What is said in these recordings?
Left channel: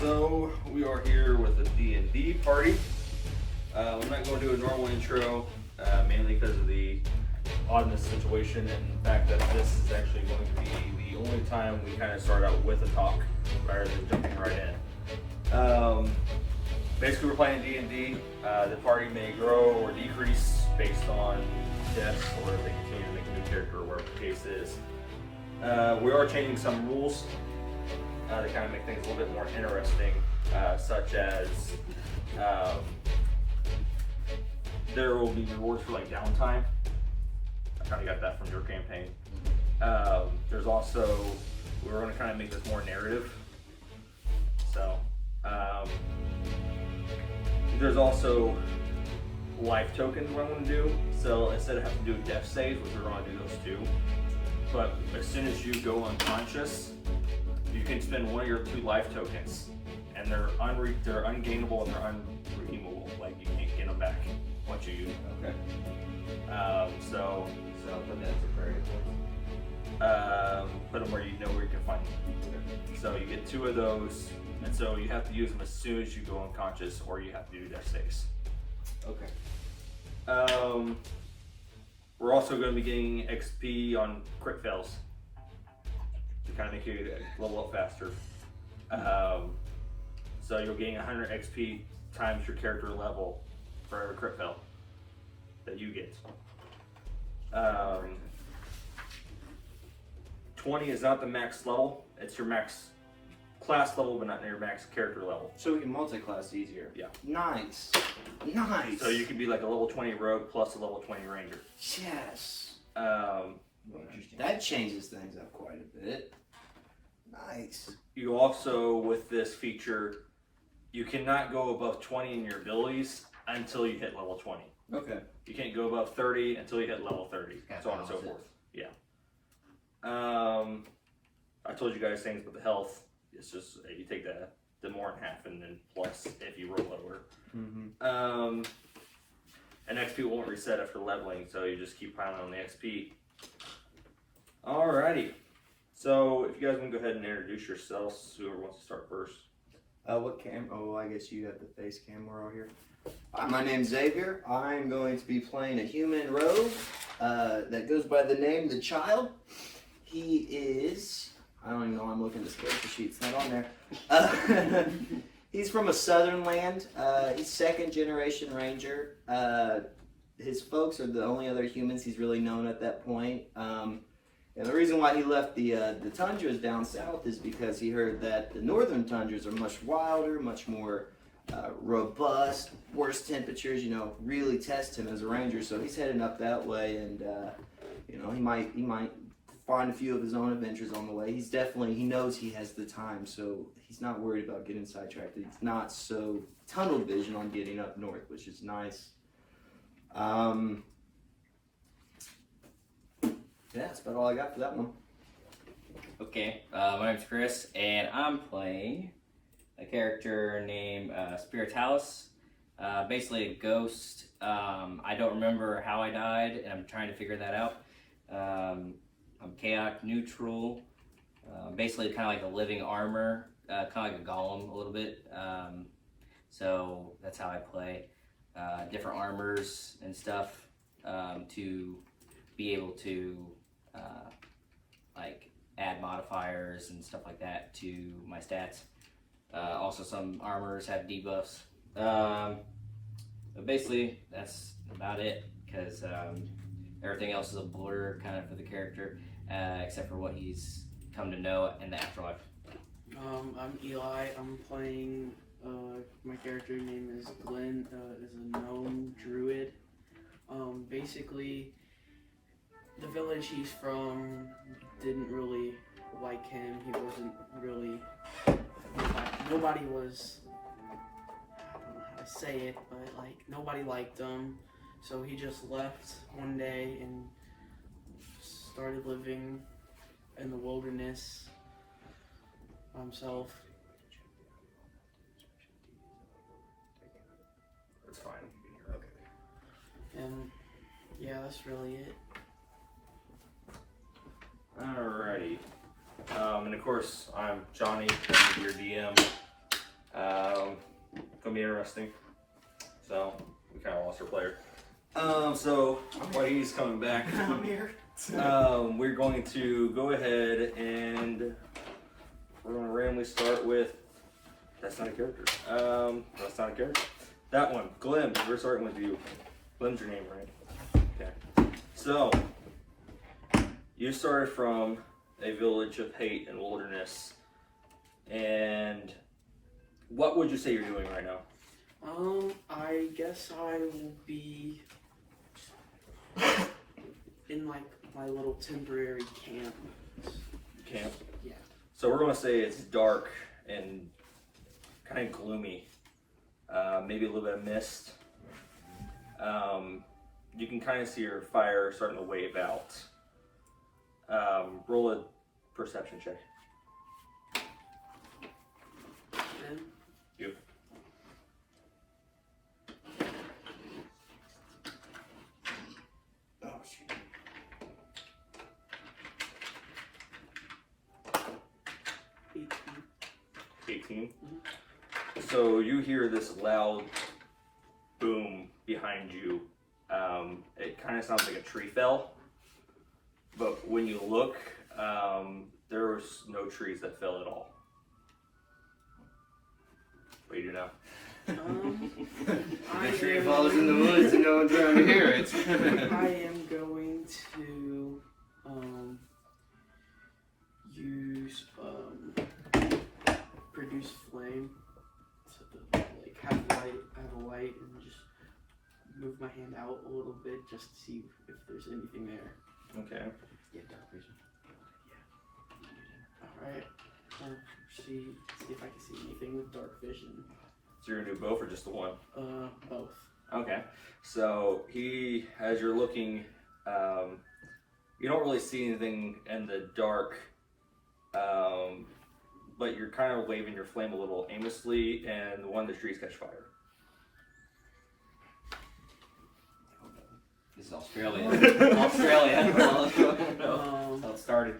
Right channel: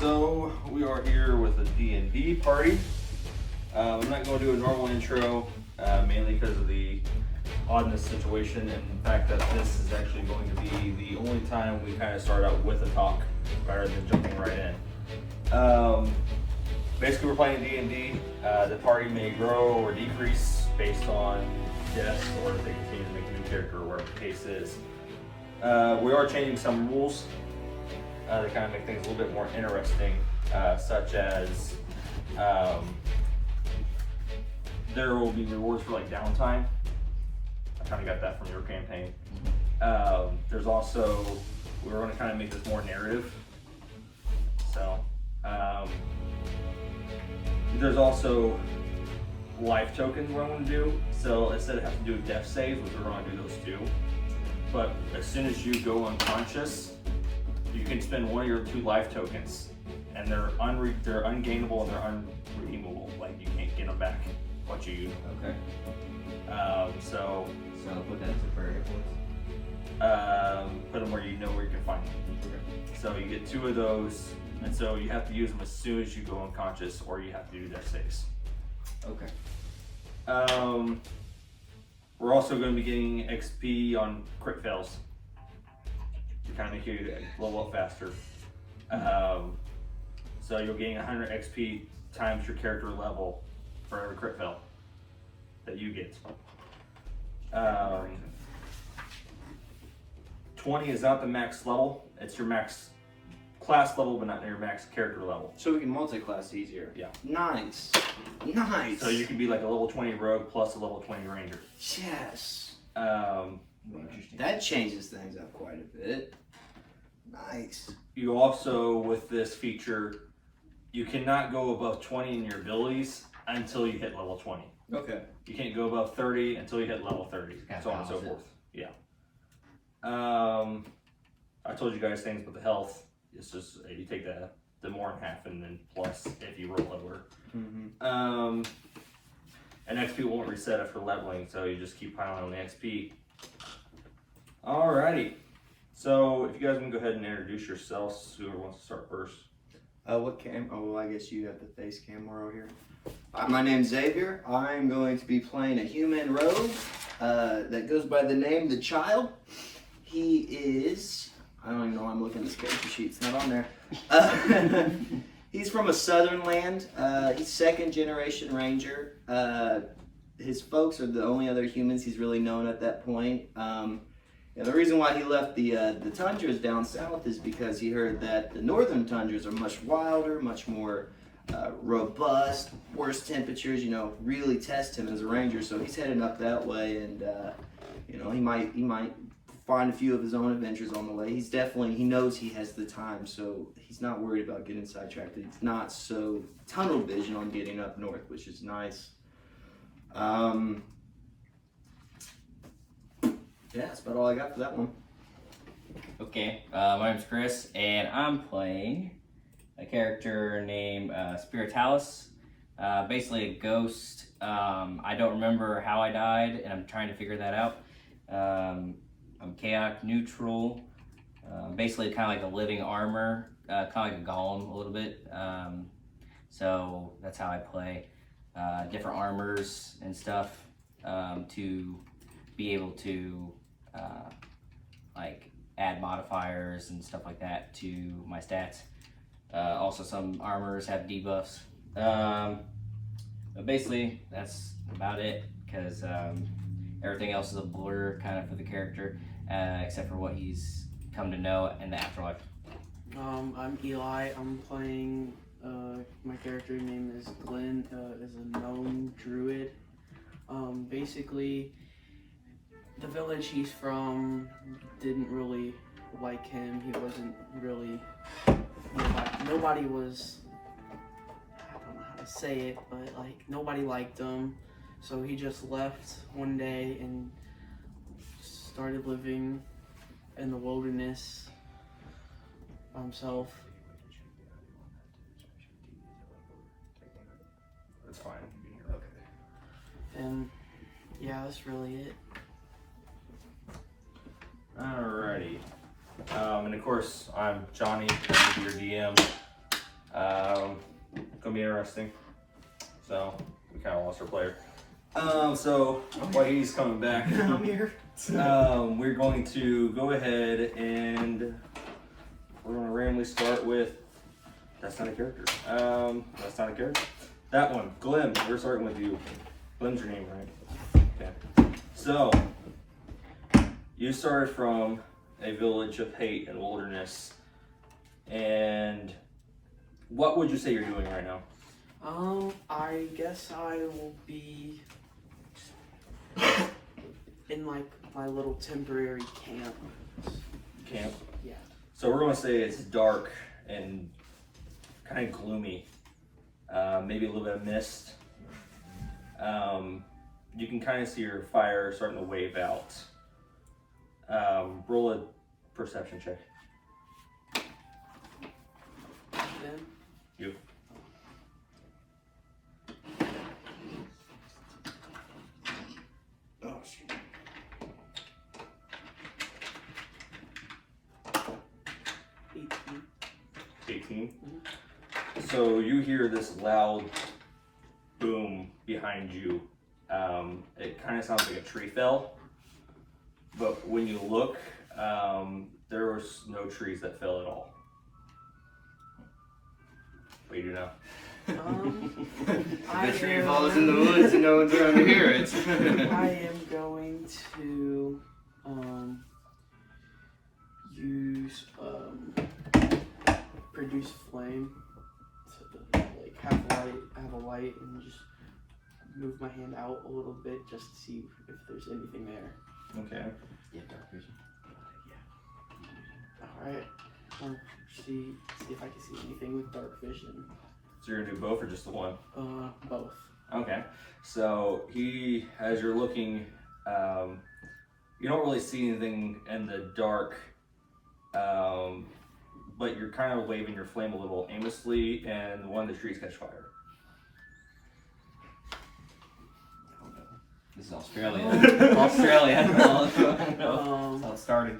So we are here with a D&D party. I'm not going to do a normal intro, mainly because of the oddness situation and the fact that this is actually going to be the only time we kind of start out with a talk rather than jumping right in. Basically, we're playing D&D. The party may grow or decrease based on deaths, or if they continue to make a new character, or whatever the case is. We are changing some rules to kind of make things a little bit more interesting, such as there will be rewards for like downtime. I kind of got that from your campaign. There's also, we're going to kind of make this more narrative. So there's also life tokens what I want to do. So instead of having to do death saves, which we're going to do those too. But as soon as you go unconscious, you can spend one of your 2 life tokens, and they're ungainable and they're unredeemable. Like you can't get them back once you use them. Okay. So put them to prayer points. Put them where you know where you can find them. So you get 2 of those, and so you have to use them as soon as you go unconscious, or you have to do death saves. Okay. We're also going to be getting XP on crit fails to kind of make you level up faster. So you're getting 100 XP times your character level for every crit fail that you get. 20 is not the max level. It's your max class level, but not your max character level. So we can multi-class easier. Yeah. Nice. Nice. So you can be like a level 20 rogue plus a level 20 ranger. Yes. Interesting. That changes things up quite a bit. Nice. You also, with this feature, you cannot go above 20 in your abilities until you hit level 20. Okay. You can't go above 30 until you hit level 30, so on and so forth. Yeah. I told you guys things about the health. It's just you take the more in half, and then plus if you roll lower. Mm-hmm. And XP won't reset after leveling, so you just keep piling on the XP. Alrighty. So if you guys want to go ahead and introduce yourselves, whoever wants to start first. What cam? Oh, well, I guess you have the face camera over here. My name's Xavier. I'm going to be playing a human rogue that goes by the name The Child. He is, I don't even know why I'm looking at this character sheet, it's not on there. He's from a southern land. He's 2nd generation ranger. His folks are the only other humans he's really known at that point. And the reason why he left the tundras down south is because he heard that the northern tundras are much wilder, much more robust, worse temperatures, really test him as a ranger. So he's heading up that way, and he might find a few of his own adventures on the way. He knows he has the time, so he's not worried about getting sidetracked. He's not so tunnel vision on getting up north, which is nice. Yeah, that's about all I got for that one. Okay, my name's Chris, and I'm playing a character named Spiritalis. Basically a ghost. I don't remember how I died, and I'm trying to figure that out. I'm chaotic neutral. Basically kind of like a living armor, kind of like a golem a little bit. So that's how I play. Different armors and stuff to be able to like add modifiers and stuff like that to my stats. Also some armors have debuffs. But basically that's about it, because everything else is a blur kind of for the character, except for what he's come to know in the afterlife. I'm Eli. I'm playing, my character name is Glenn, is a gnome druid. Basically, the village he's from didn't really like him. He wasn't really, nobody was, I don't know how to say it, but like nobody liked him. So he just left one day and started living in the wilderness by himself. It's fine. Okay. And yeah, that's really it. Alrighty. And of course, I'm Johnny, your DM. Gonna be interesting. So we kind of lost our player. So while he's coming back, I'm here. we're going to go ahead and we're gonna randomly start with. That's not a character. That's not a character. That one, Glim. We're starting with you. Glim's your name, right? Yeah. So you started from a village of hate and wilderness, and what would you say you're doing right now? I guess I will be in like my little temporary camp. Camp. Yeah. So we're going to say it's dark and kind of gloomy. Maybe a little bit of mist. You can kind of see your fire starting to wave out. Roll a perception check. Then You. Oh, shoot. 18. 18. So you hear this loud boom behind you. It kind of sounds like a tree fell, but when you look, there was no trees that fell at all. What do you do now? The tree falls in the woods and no one's around to hear it. I am going to use produce flame to like have a light and just move my hand out a little bit just to see if there's anything there. Okay. Yeah, dark vision. Alright. See if I can see anything with dark vision. So you're gonna do both or just the one? Both. Okay. So as you're looking, you don't really see anything in the dark, but you're kind of waving your flame a little aimlessly, and one of the trees catch fire. This is Australia. Australia. No. That's how it started.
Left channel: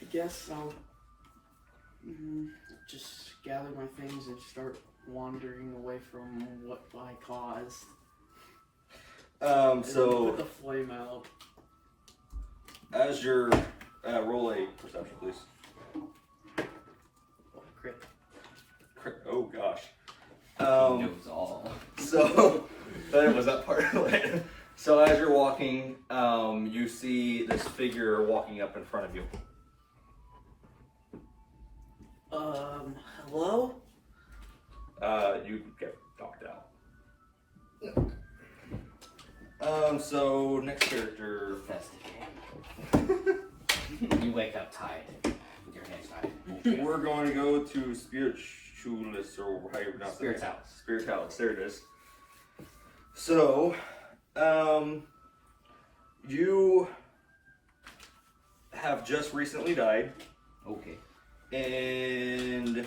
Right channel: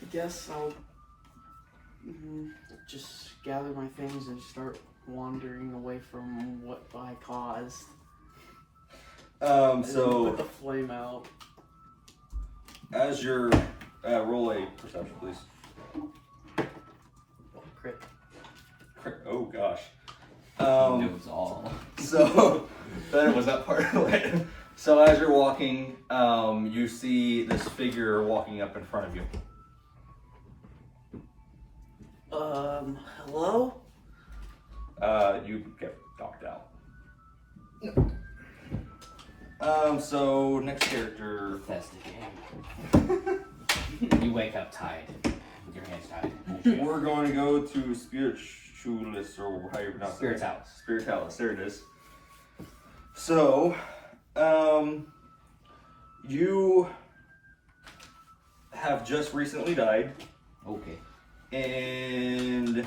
I guess I'll just gather my things and start wandering away from what I caused. And then So put the flame out. as you're roll a perception, please. Oh, crit. Oh gosh. He knows all. So that was that part of it. So as you're walking, you see this figure walking up in front of you. Hello? You get knocked out. So next character. Festive. You wake up tied. With your hands tied. We're going to go to Spiritualist, or how you pronounce it? Spiritualist. Spiritualist, there it is. So, you have just recently died, Okay. and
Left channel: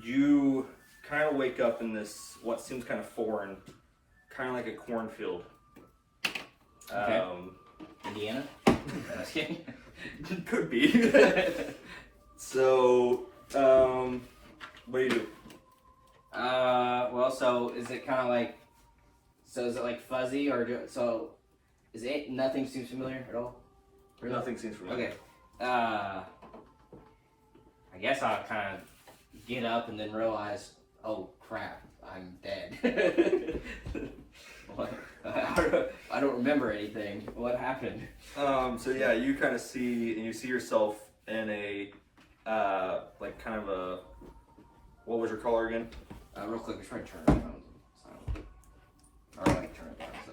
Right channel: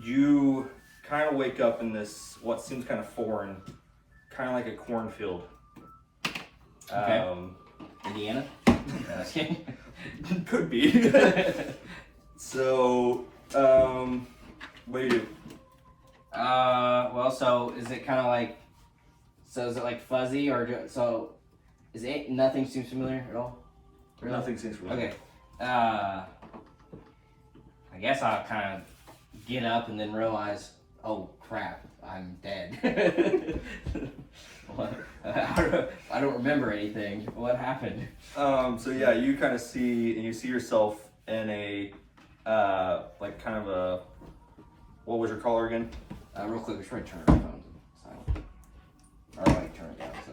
you kind of wake up in this, what seems kind of foreign, kind of like a cornfield. Okay. Indiana? Just kidding. Could be. So, what do you do? Well, so is it kind of like, so is it like fuzzy or so? Is it nothing seems familiar at all? Really? Nothing seems familiar. Okay. I guess I'll kind of get up and then realize, oh crap, I'm dead. What? I don't remember anything. What happened? So yeah, you kind of see, and you see yourself in a, like kind of a, what was your color again? Real quick, just trying to turn our phones. So, or like turn it down. So.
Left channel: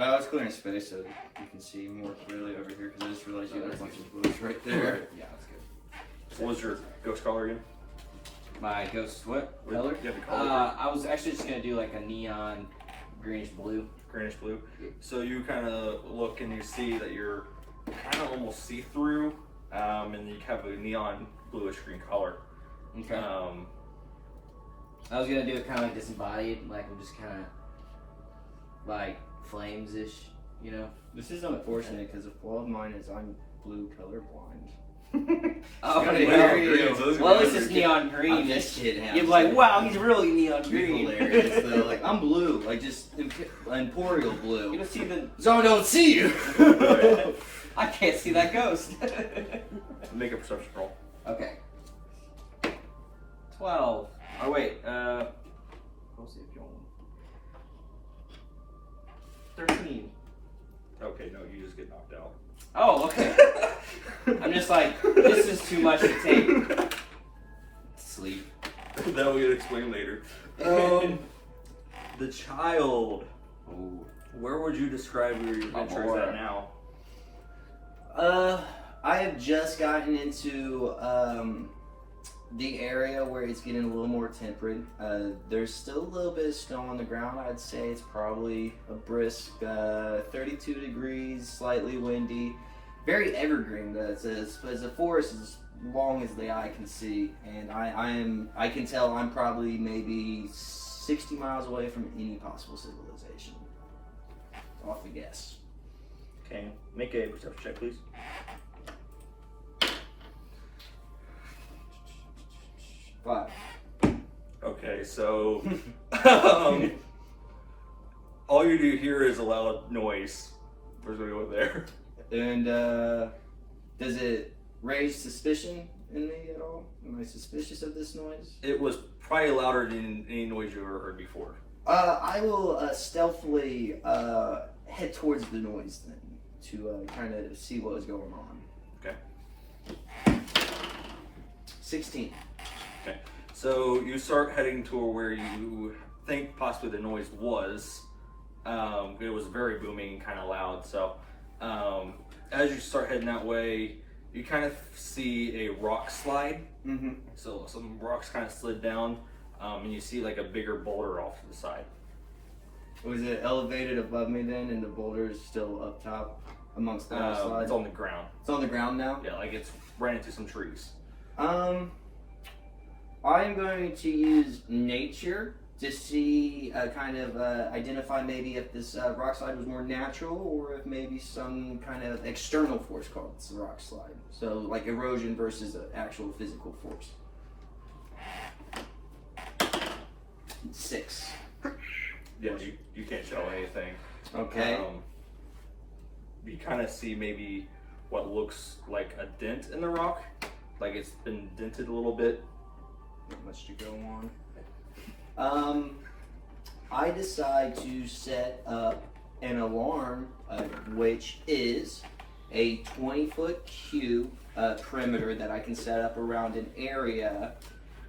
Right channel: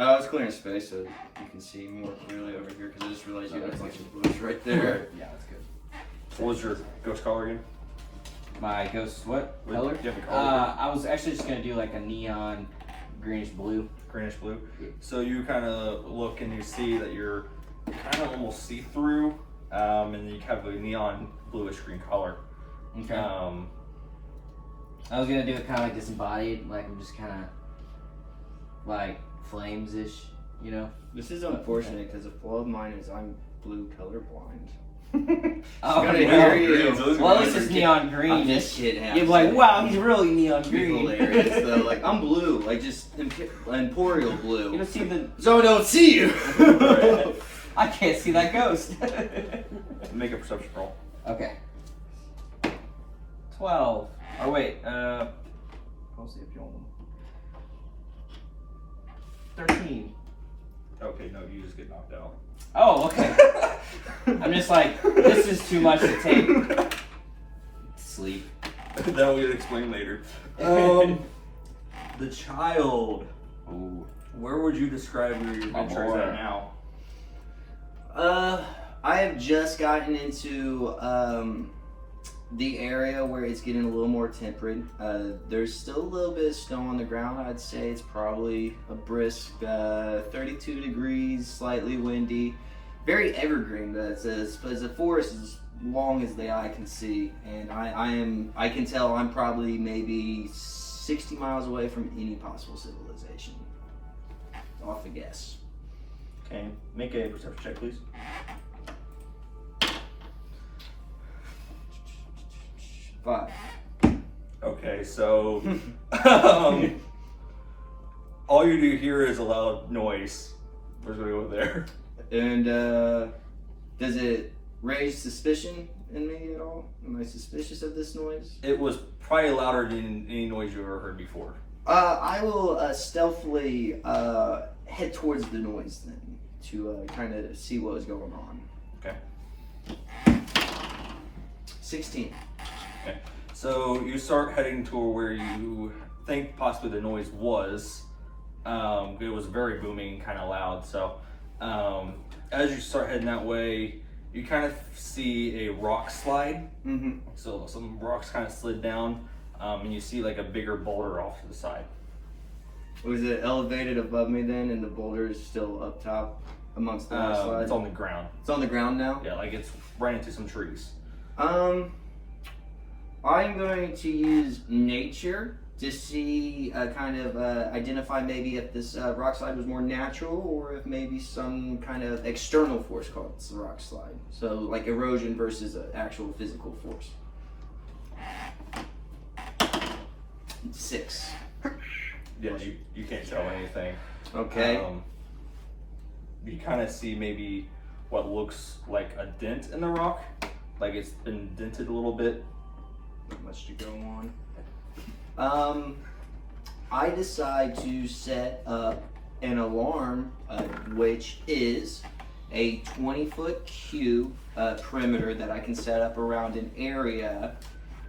I was clearing space so you can see more clearly over here because I just realized you had a bunch of blues right there. Yeah, that's good. What was your ghost color again? My ghost, what? What- Color? you have a color? I was actually just gonna do like a neon greenish blue. Greenish blue. So you kind of look and you see that you're kind of almost see-through, and you have a neon bluish green color. Okay. I was gonna do it kind of like disembodied, like I'm just kind of like flames-ish, you know? This is unfortunate because a flaw of mine is I'm blue colorblind. Oh, Gonna yeah. hear you. Well, at least it's neon green. This kid has. You're like, wow, he's really neon Be green. hilarious though. Like I'm blue, like just imperial You blue. don't see the. So I don't see you. I can't see that ghost. Make a perception roll. Okay. 12. Oh wait. I'll see if you want. 13. Okay, no, you just get knocked out. Oh, okay. I'm just like, this is too much to take. Sleep. That we'll explain later. The child. Ooh. Where would you describe your My adventures lord. at now? I have just gotten into the area where it's getting a little more temperate. There's still a little bit of snow on the ground. I'd say it's probably a brisk 32 degrees, slightly windy, very evergreen. It's a forest as long as the eye can see, and I can tell I'm probably maybe 60 miles away from any possible civilization. Off a guess. Okay, make a perception check, please. 5. Okay, so all you do here is a loud noise. We're gonna go there. And does it raise suspicion in me at all? Am I suspicious of this noise? It was probably louder than any noise you ever heard before. I will stealthily head towards the noise then to kind of see what was going on. Okay. 16. So you start heading to where you think possibly the noise was. It was very booming, kind of loud. So as you start heading that way, you kind of see a rock slide. Mm-hmm. So some rocks kind of slid down, and you see like a bigger boulder off to the side. Was it elevated above me then, and the boulder is still up top amongst the slide? It's on the ground. It's on the ground now? Yeah, like it's ran into some trees. I'm going to use nature to see, kind of identify maybe if this rock slide was more natural or if maybe some kind of external force caused the rock slide. So like erosion versus an actual physical force. 6. Yeah, you can't tell anything. Okay. You kind of see maybe what looks like a dent in the rock, like it's been dented a little bit. Not much to go on. I decide to set up an alarm, which is a 20-foot cube perimeter that I can set up around an area,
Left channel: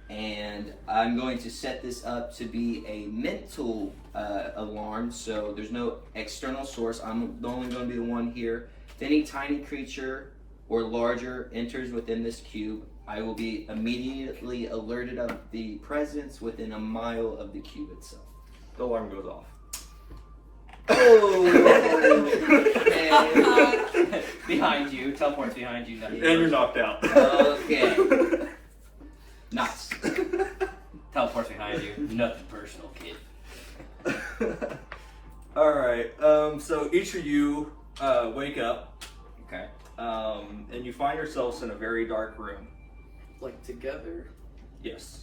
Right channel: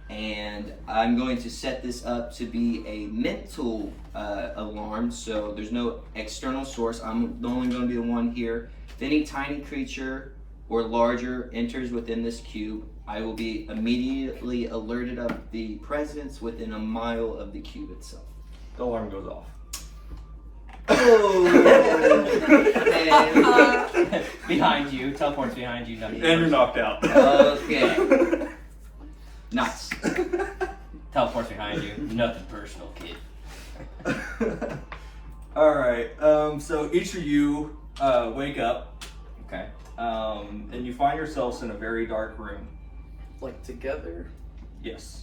and I'm going to set this up to be a mental alarm, so there's no external source. I'm only going to be the one here. If any tiny creature or larger enters within this cube, I will be immediately alerted of the presence within a mile of the cube itself. The alarm goes off. Oh! Behind you, teleports behind you. And you're knocked out. Okay. Nice. Teleports behind you. Nothing personal, kid. Alright, so each of you wake up, Okay. and you find yourselves in a very dark room. Like together. Yes.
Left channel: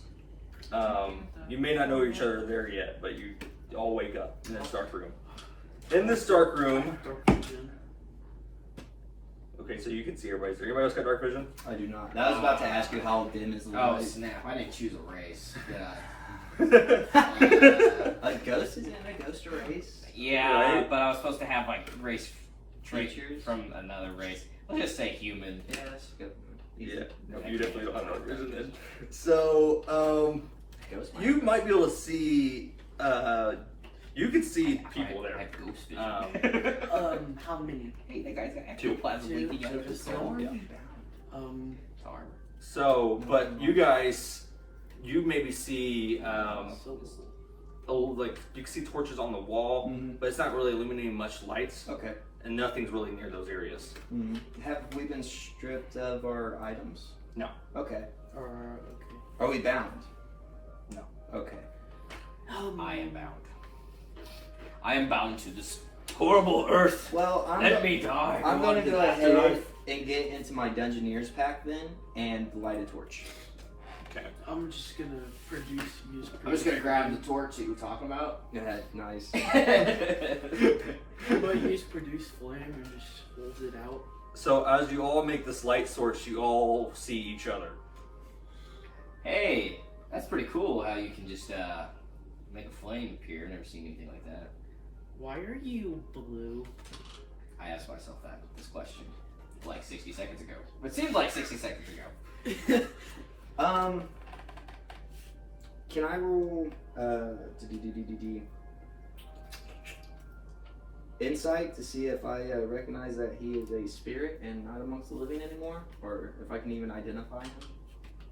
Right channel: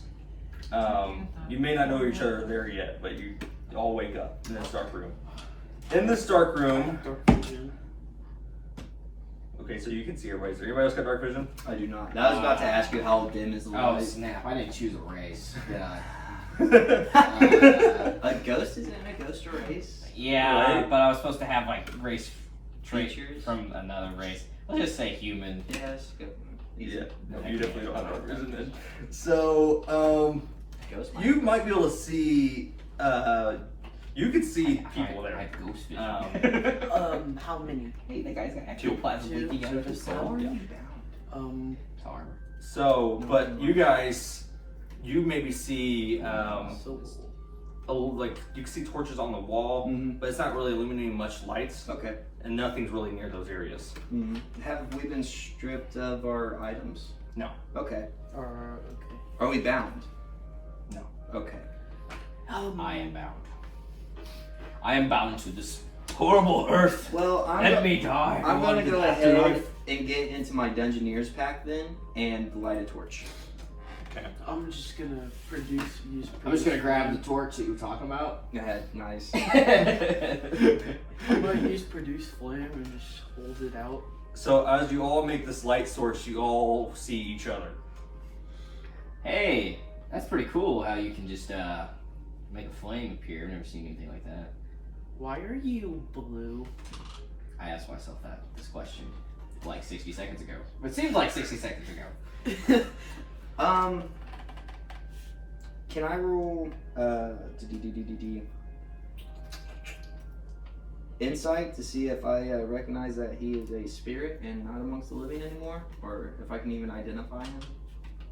You may not know each other there yet, but you all wake up in this dark room. In this dark room, Dark vision. okay, so you can see everybody's there. Anybody else got dark vision? I do not. I was about to ask you how dim is the Oh light. snap! I didn't choose a race. Did I? A ghost is in a ghost race? Yeah, Right. but I was supposed to have like race traits Features? from another race. We'll just say human. Yes. Go. Yeah, no, you definitely don't have dark vision then. So, Ghost you might be able to see, you can see people I there. had ghost vision. How many? Hey, that guy's got Two. ectoplasm Two. leaking out of his So skull. just It's hard. So, but you guys, you maybe see, So like, you can see torches on the wall, Mhm. but it's not really illuminating much lights, Okay. and nothing's really near those areas. Have we been stripped of our items? No. Okay. okay. Are we bound? No. Okay. I am bound. I am bound to this Horrible Earth. Well, Let me die. I'm going to go Afterlife. ahead and get into my Dungeoneer's pack then and light a torch. Okay. I'm just gonna use. I'm just gonna grab the torch that you were talking about. Yeah, nice. I'm gonna use produce flame and just hold it out. So as you all make this light source, you all see each other. Hey, that's pretty cool how you can just make a flame appear. I've never seen anything like that. Why are you blue? I asked myself this question like 60 seconds ago. It seemed like 60 seconds ago. Can I roll insight to see if I recognize that he is a spirit and not amongst the living anymore, or if I can even identify him,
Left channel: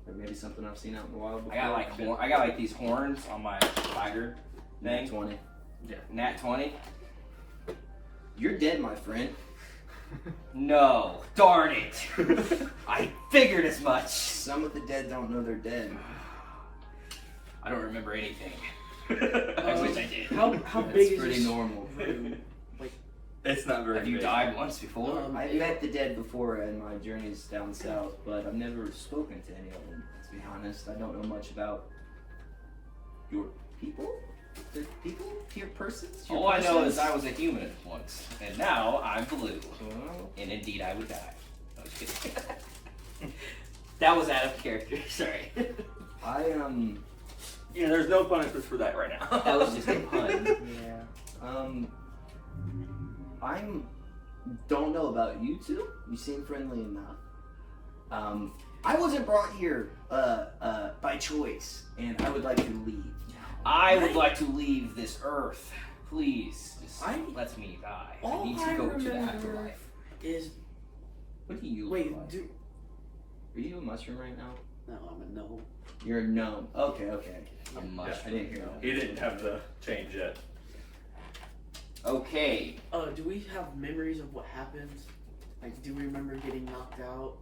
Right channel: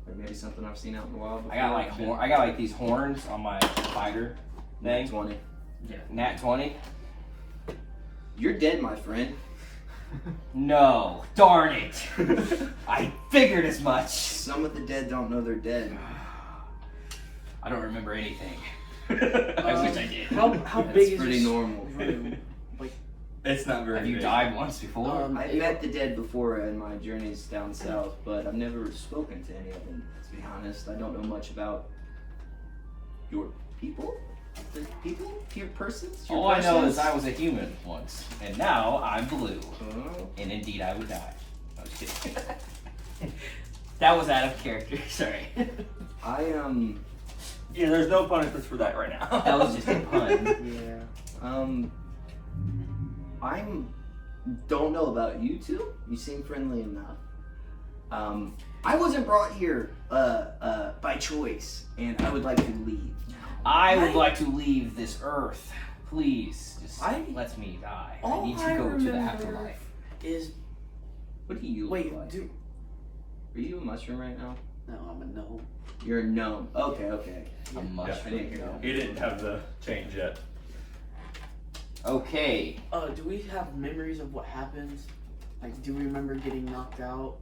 or maybe something I've seen out in the wild before? I got like these horns on my spider Nat thing. 20. Yeah. Nat 20. You're dead, my friend. No, darn it! I figured as much. Some of the dead don't know they're dead. I don't remember anything. I wish I did. How That's big is pretty this normal. room? It's not very Have you big. died once before? I've met the dead before in my journeys down south, but I've never spoken to any of them. To be honest, I don't know much about your people. Your persons. Your All I know persons? is I was a human once, and now I'm blue. Oh. And indeed, I would die. I was kidding. That was out of character. Sorry. Yeah, there's no punishments for that right now. That was just a pun. Yeah. Don't know about you two. You seem friendly enough. I wasn't brought here by choice, and I would like to leave now. I would like to leave this earth. Please, just I- let me die. all I need to I go to the remember- afterlife. Is What do you wait, look like? do Are you a mushroom right now? no, I'm a gnome. You're a gnome. Okay. A I mushroom. didn't hear that. He didn't have the change yet. Okay. Do we have memories of what happened? Like, do we remember getting knocked out?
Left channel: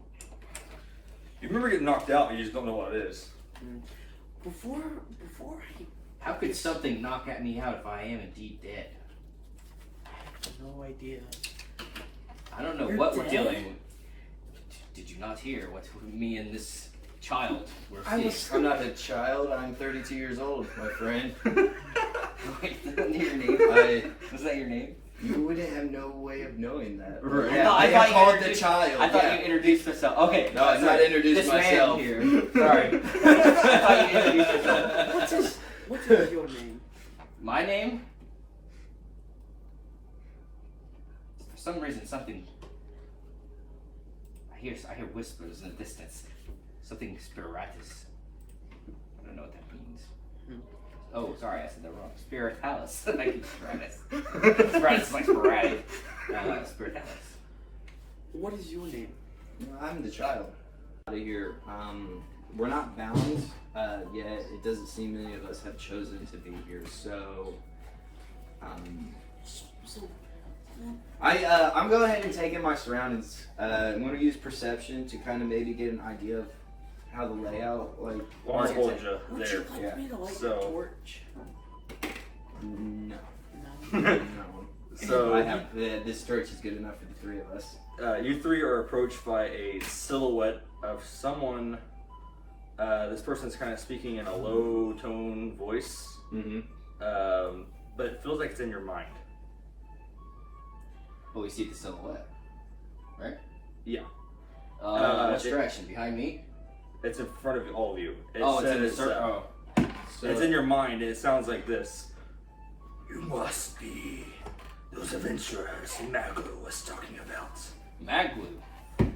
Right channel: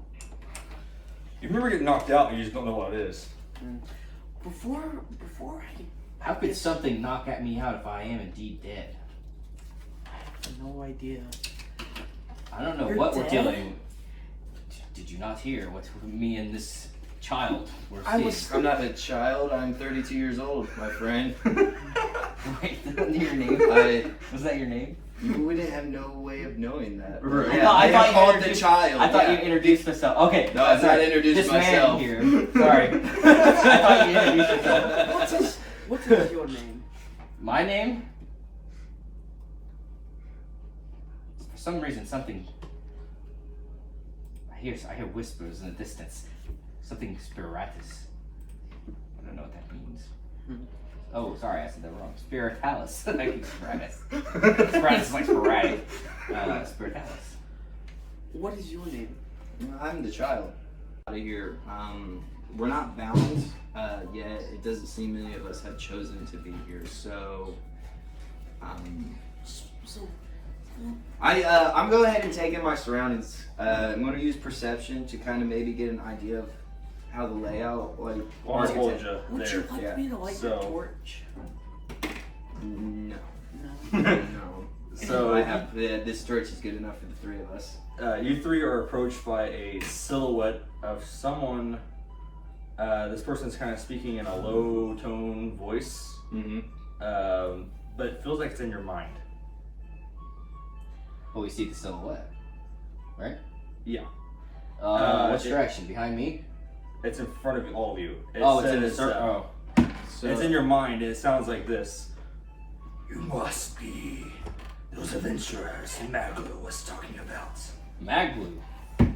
You remember getting knocked out, you just don't know what it is. Before How could something knock at me out if I am indeed dead? no idea. I don't know You're what we're dead? dealing with. Did you not hear what me and this child were I seeing? was- I'm not a child. I'm 32 years old, my friend. Wait, your name? Was that your name? You wouldn't have no way of knowing that. Right. Yeah, I I thought you called the introduced- child. I thought yeah. you introduced yourself. Okay. No, I've sorry. not introduced this myself. Man here. Sorry. I thought you introduced yourself. What is your name? My name? For some reason, something. I hear whispers in the distance. Something spiritus. I don't know what that means. Oh, sorry, I said that wrong. Spiritalis. I keep spiritus. Spiritus is like sporadic. Spiritalis. What is your name? I'm the child. Out of here. We're not bound yet. It doesn't seem any of us have chosen to be here. So, So I'm going ahead and taking my surroundings. I'm going to use perception to kind of maybe get an idea of how the layout, like. Well, I told you would there. you like Yeah. me to light your So- torch? No. No. No. So I have this torch is good enough for the three of us. you three are approached by a silhouette of someone. This person's kind of speaking in a low tone voice, Mm-hmm. but it feels like it's in your mind. Well, we see the silhouette, right? Yeah. Which direction? Behind me? It's in front of all of you. It Oh, it's in the says, circle. So it's in your mind, and it sounds like this. You must be those adventurers Maglo was talking about. Maglu.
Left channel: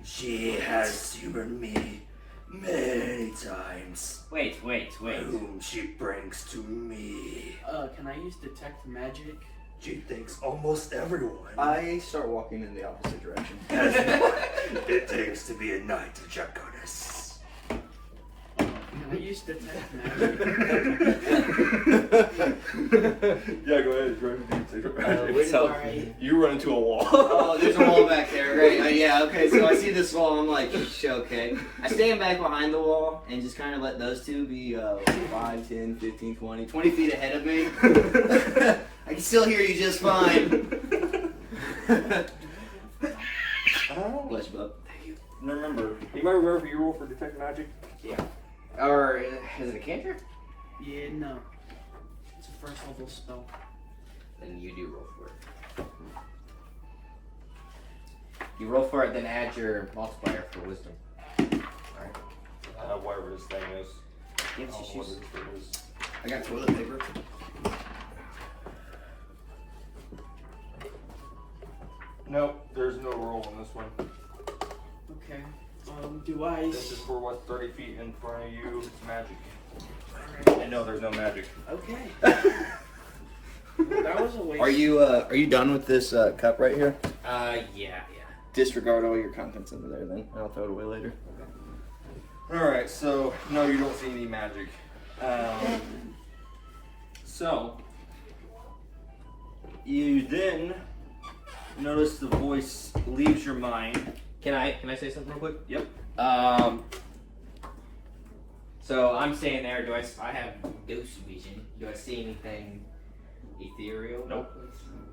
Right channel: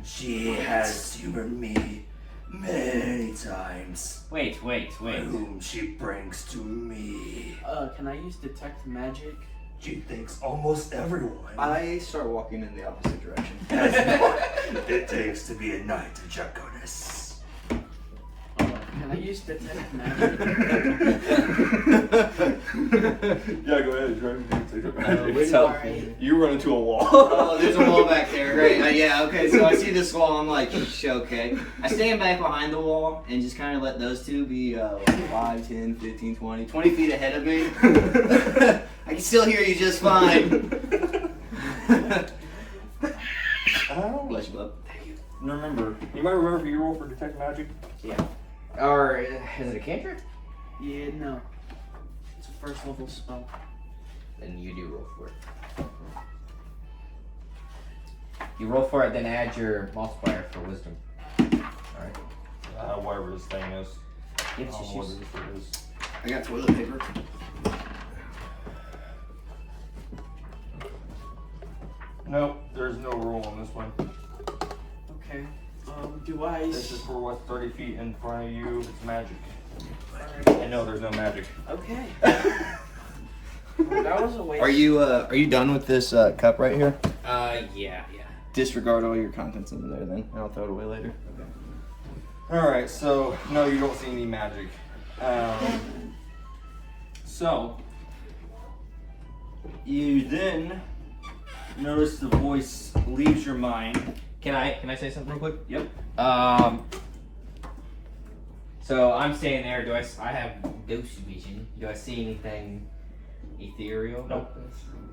She has humored me many times. Wait. Whom she brings to me. Can I use detect magic? She thinks almost everyone I start walking in the opposite direction. has what it takes to be a knight of Draconis. Can I use detect magic? Yeah, go ahead. Wait, Sorry. You run into a wall. Oh, there's a wall back there. Great. Yeah, okay. So I see this wall. I'm like, okay. I stand back behind the wall and just kind of let those two be 5, 10, 15, 20 feet ahead of me. I can still hear you just fine. Bless you, bub. Anybody remember your roll for detect magic? Or is it a cantrip? Yeah, no. It's a first level spell. Then you do roll for it. You roll for it, then add your multiplier for wisdom. Alright. Whatever this thing is. Give I don't know what it is. I got toilet paper. Nope, there's no roll on this one. Okay. Do I? This is for what's 30 feet in front of you. It's magic. Alright. And no, there's no magic. Okay. Well, that was a waste. Are you done with this cup right here? Yeah. Disregard all your contents in there then. I'll throw it away later. Alright, so no, you don't see any magic. So you then notice the voice leaves your mind. Can I say something real quick? Yep. So I'm staying there. I have ghost vision? Do I see anything ethereal? Nope.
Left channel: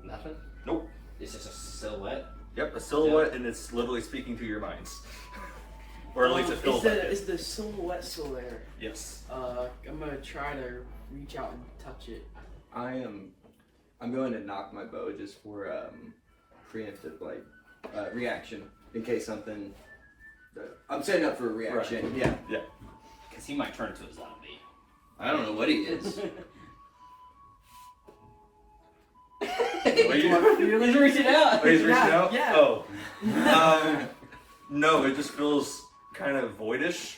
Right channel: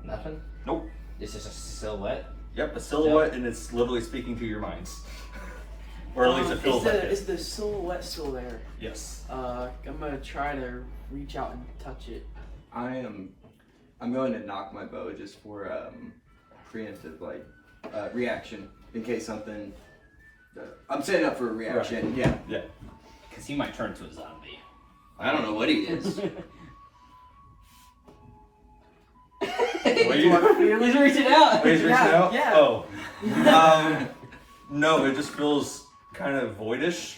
Nothing? Nope. It's just a silhouette. Yep, a silhouette, and it's literally speaking to your minds. Or at least it feels like it. Is the silhouette still there? Yes. I'm gonna try to reach out and touch it. I'm going to knock my bow just for preemptive reaction in case something. I'm setting up for a reaction. Right. Yeah. Because he might turn into a zombie. I don't know what he is. He's reaching out. He's reaching out? Yeah. Oh. No, it just feels kind of voidish.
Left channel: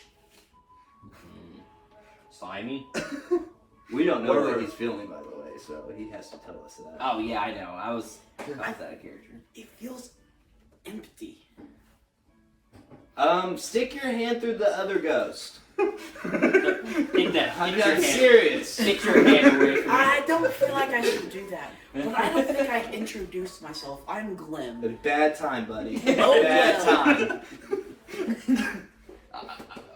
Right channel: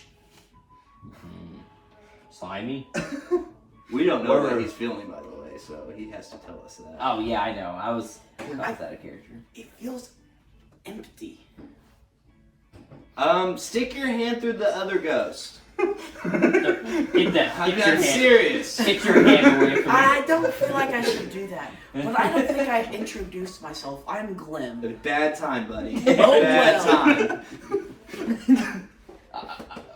Slimy. We don't know Whatever. what he's feeling, by the way, so he has to tell us that. Oh yeah, I know. I was out of character. It feels empty. Stick your hand through the other ghost. Get that. I'm serious. Get your hand away from me. I don't feel like I should do that. But I don't think I've introduced myself. I'm Glim. A bad time, buddy. Oh, Bad well. time.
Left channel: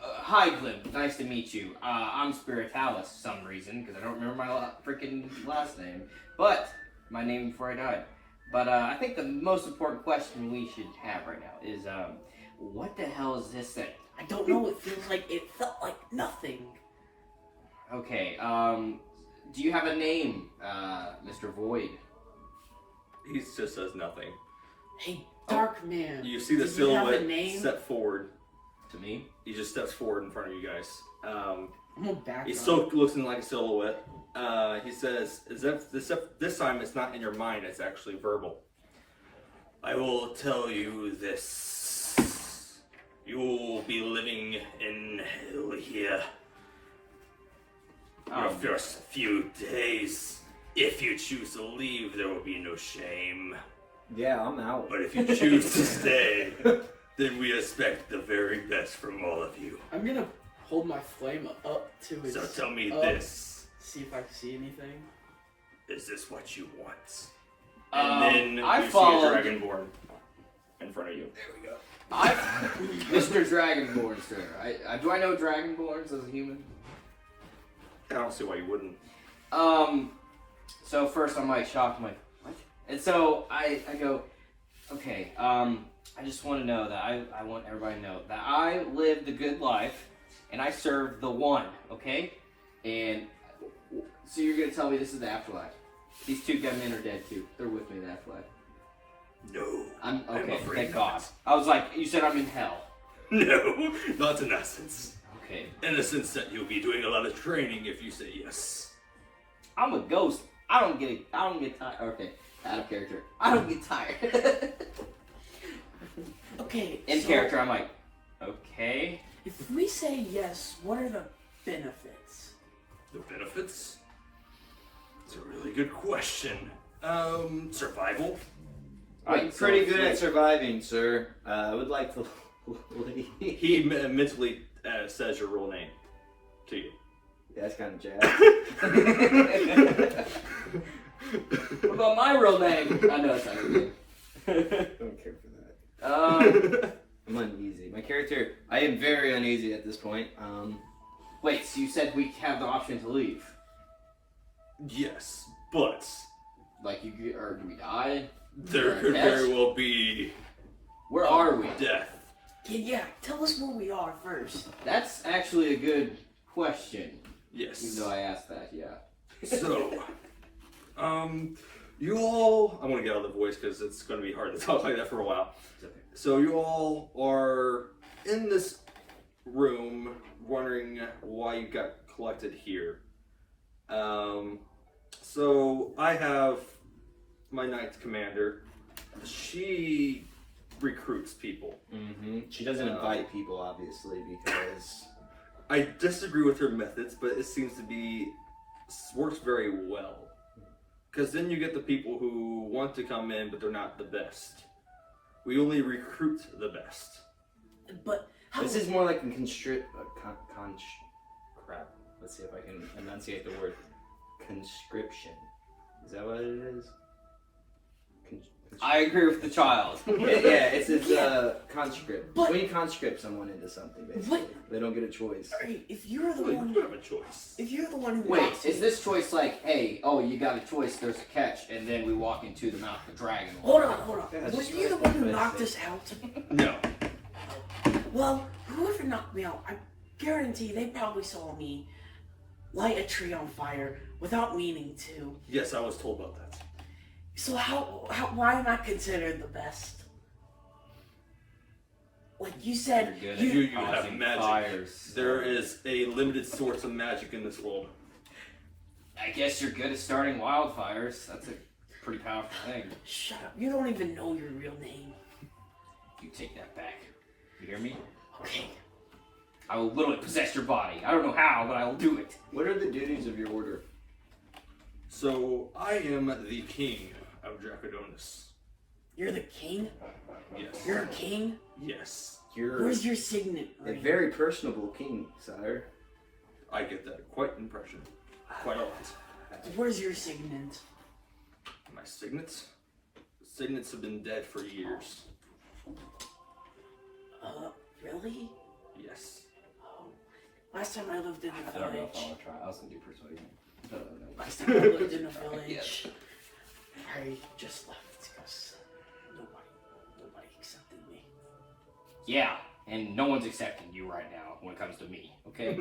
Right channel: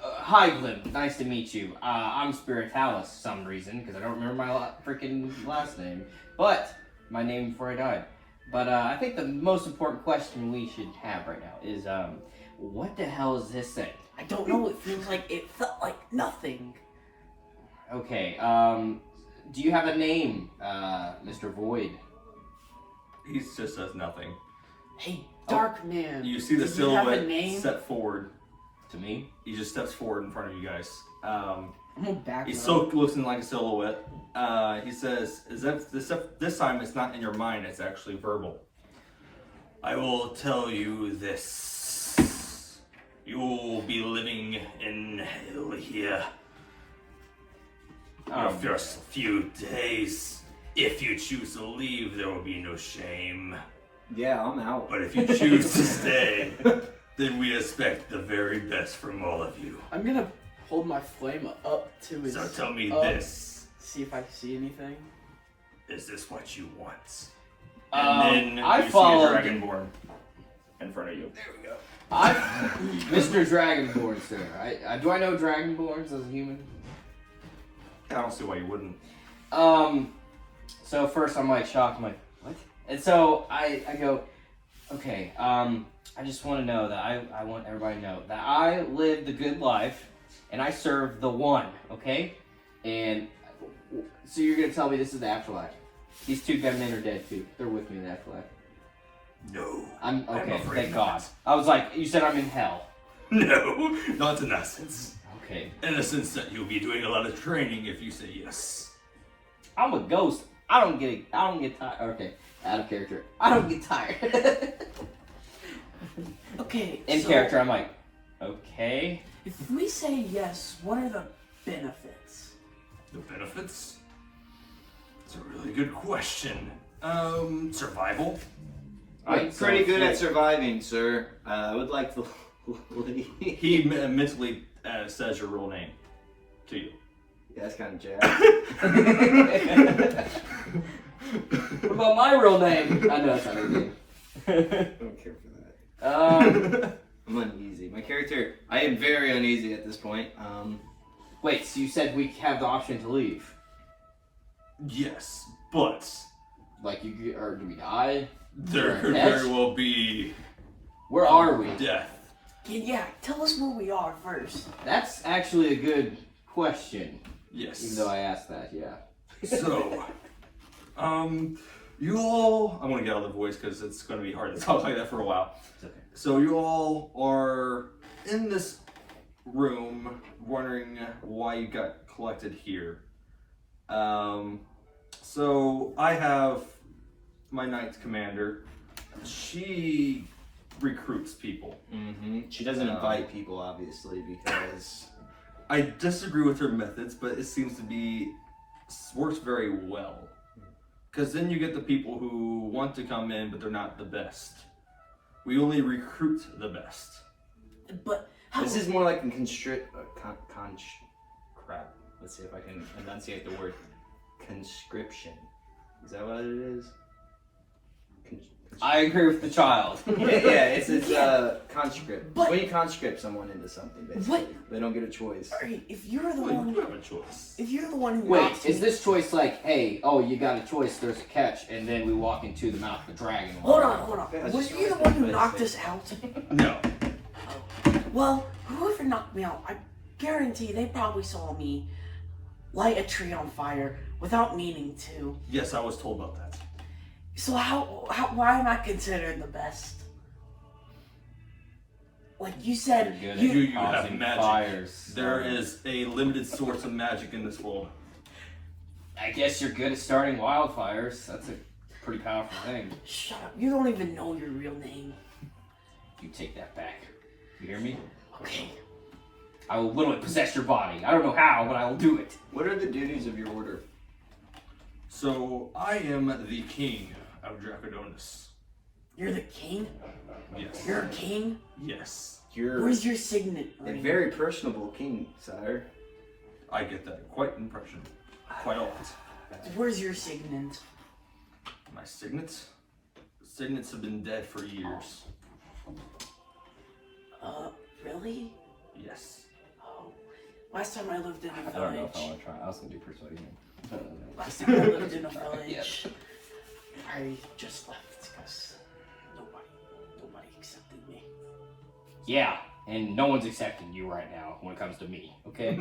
Hi, Glim. Nice to meet you. I'm Spiritalis for some reason, because I don't remember my freaking last name. But, my name before I died. But I think the most important question we should have right now is, what the hell is this thing? I don't know. It felt like nothing. Okay, do you have a name, Mr. Void? He just says nothing. Hey, Dark Man. You see the did you have a silhouette name? step forward. To me? He just steps forward in front of you guys. I'm gonna back He's up. still looking like a silhouette. He says, this time it's not in your mind, it's actually verbal. I will tell you this. You will be living in hell here. Your first few days. If you choose to leave, there will be no shame. Yeah, I'm out. But if you choose to stay, then we expect the very best from all of you. I'm gonna hold my flame up to his. So tell me up, this. See if I can see anything. Is this what you want? I And then you see a followed- dragonborn in front of you. There we go. Mr. Dragonborn, sir. Do I know Dragonborns as a human? I don't see why you wouldn't. So first I'm like shocked, I'm like, what? And so I go, okay, I just want to know that I want everybody to know that I live the good life and I serve the one, okay? And so you're going to tell me this is the afterlife. These two gunmen are dead too. They're with me in the afterlife. No. I'm okay, afraid thank not. God. I was like, you said I'm in hell. No, not in essence. Okay. In a sense that you'll be doing a lot of training if you say yes. I'm a ghost. I don't get tired. Okay, out of character. I don't get tired. Okay. In so character, I'm like, okay. If we say yes, what are the benefits? The benefits? It's a really good question. Survival. I'm pretty good at surviving, sir. I would like to leave. He mentally says your real name to you. Yeah, that's kind of jazz. What about my real name? I know that's not real name. I don't care for that. I'm uneasy. My character, I am very uneasy at this point. Wait, so you said we have the option to leave? Yes, but Like, do we die? there could Yes. very well be Where are we? death. Yeah, tell us where we are first. That's actually a good question. Yes. Even though I asked that, yeah. So, you all, I'm gonna get out of the voice because it's gonna be hard to talk like that for a while. It's okay. So you all are in this room wondering why you got collected here. So I have my Knight Commander. She recruits people. Mm-hmm. She doesn't invite people, obviously, because... I disagree with her methods, but it seems to be works very well. Because then you get the people who want to come in, but they're not the best. We only recruit the best. But how? This is more like a crap. Let's see if I can enunciate the word conscription. Is that what it is? I agree with the child. It's conscript. But- When you conscript someone into something, basically, What? they don't get a choice. Alright, if you're the Well, one, you have a choice. if you're the one who Wait, knocks is me- this choice like, hey, oh, you got a choice, there's a catch, and then we walk into the mouth of the dragon? Hold on. That's Was just you the what one who I knocked say. us out? No. Well, whoever knocked me out, I guarantee they probably saw me light a tree on fire without meaning to. Yes, I was told about that. So why am I considered the best? Like you said, You're good You at have causing magic. fires. There is a limited source of magic in this world. I guess you're good at starting wildfires. That's a pretty powerful thing. Shut up. You don't even know your real name. You take that back. You hear me? Okay. I will literally possess your body. I don't know how, but I will do it. What are the duties of your order? So, I am the king of Dracodonis. You're the king? Yes. You're a king? Yes. You're Where's your signet a ring? very personable king, sire. I get that quite impression. Quite a lot. Where's your signet? My signets? Signets have been dead for years. Really? Yes. Oh. Last time I lived in a I don't know if I village. want to try. I was gonna do persuasion. Last time I lived in a village. I just left because nobody accepted me. Yeah, and no one's accepting you right now when it comes to me, okay?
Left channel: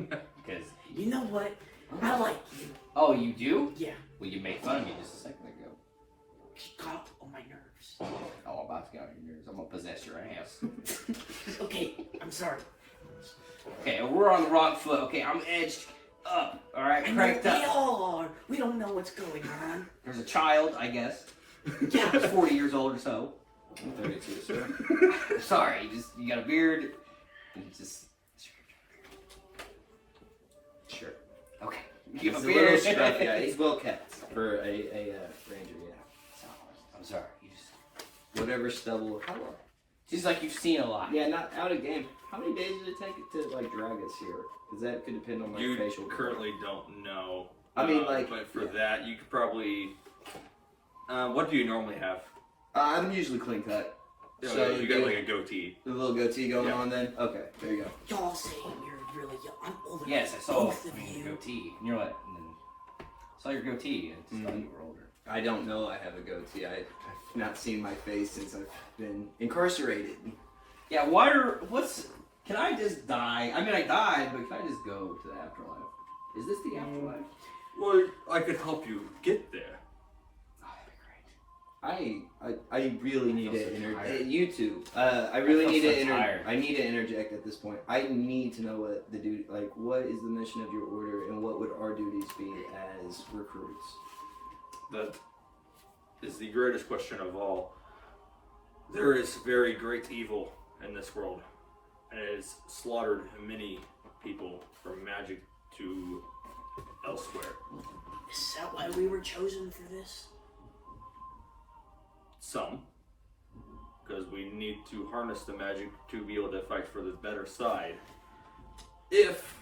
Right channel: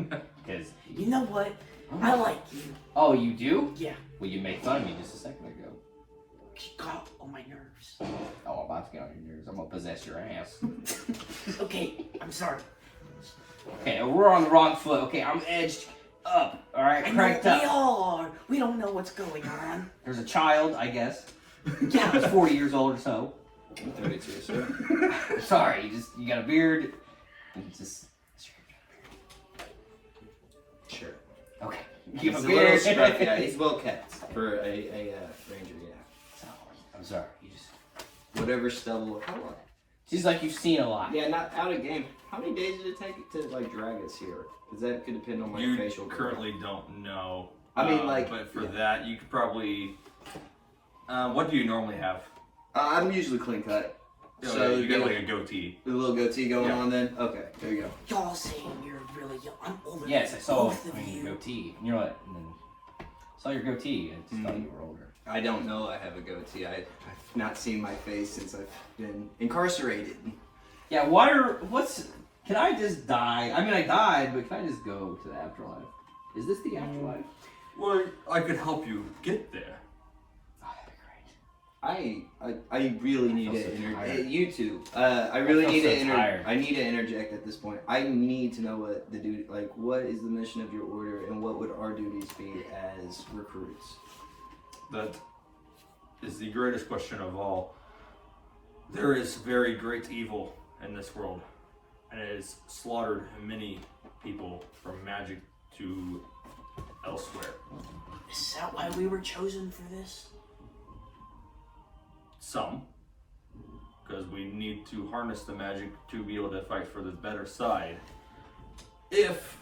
Because You know what? I like you. oh, you do? Yeah. Well, you made fun of me just a second ago. She got on my nerves. Oh, I'm about to get on your nerves. I'm gonna possess your ass. Okay, I'm sorry. Okay, we're on the wrong foot. Okay, I'm edged up. All right, I know cranked we up. all are. We don't know what's going on. There's a child, I guess. Yeah. He's 40 years old or so. I'm 32, so. Sorry, you got a beard. You just Sure. okay. You have He's a a little beard. scruffy. Yeah, he's well kept for a ranger, yeah. I'm sorry. You just Whatever stubble. How long? seems like you've seen a lot. Yeah, not out of game. How many days did it take to like drag us here? Because that could depend on my You facial. currently don't know. I mean, like, But for yeah. that, you could probably. What do you normally have? I'm usually clean cut. So you got like a goatee. a little goatee going Yeah. on then? Okay, there you go. Y'all saying you're really young. I'm older Yes, I than saw both of your you. goatee. You know what? And then saw your goatee and just thought you were older. I don't know I have a goatee. I've not seen my face since I've been incarcerated. Yeah, can I just die? I mean, I died, but can I just go to the afterlife? Is this the afterlife? Well, I could help you get there. Oh, that'd be great. I really need feel to so interject. tired. You too. I really feel need so to tired. I need to interject at this point. I need to know what the duty, like, what is the mission of your order, and what would our duties be as recruits? That is the greatest question of all. There is very great evil in this world, and it has slaughtered many people from magic to elsewhere. Is that why we were chosen for this? Some, because we need to harness the magic to be able to fight for the better side. If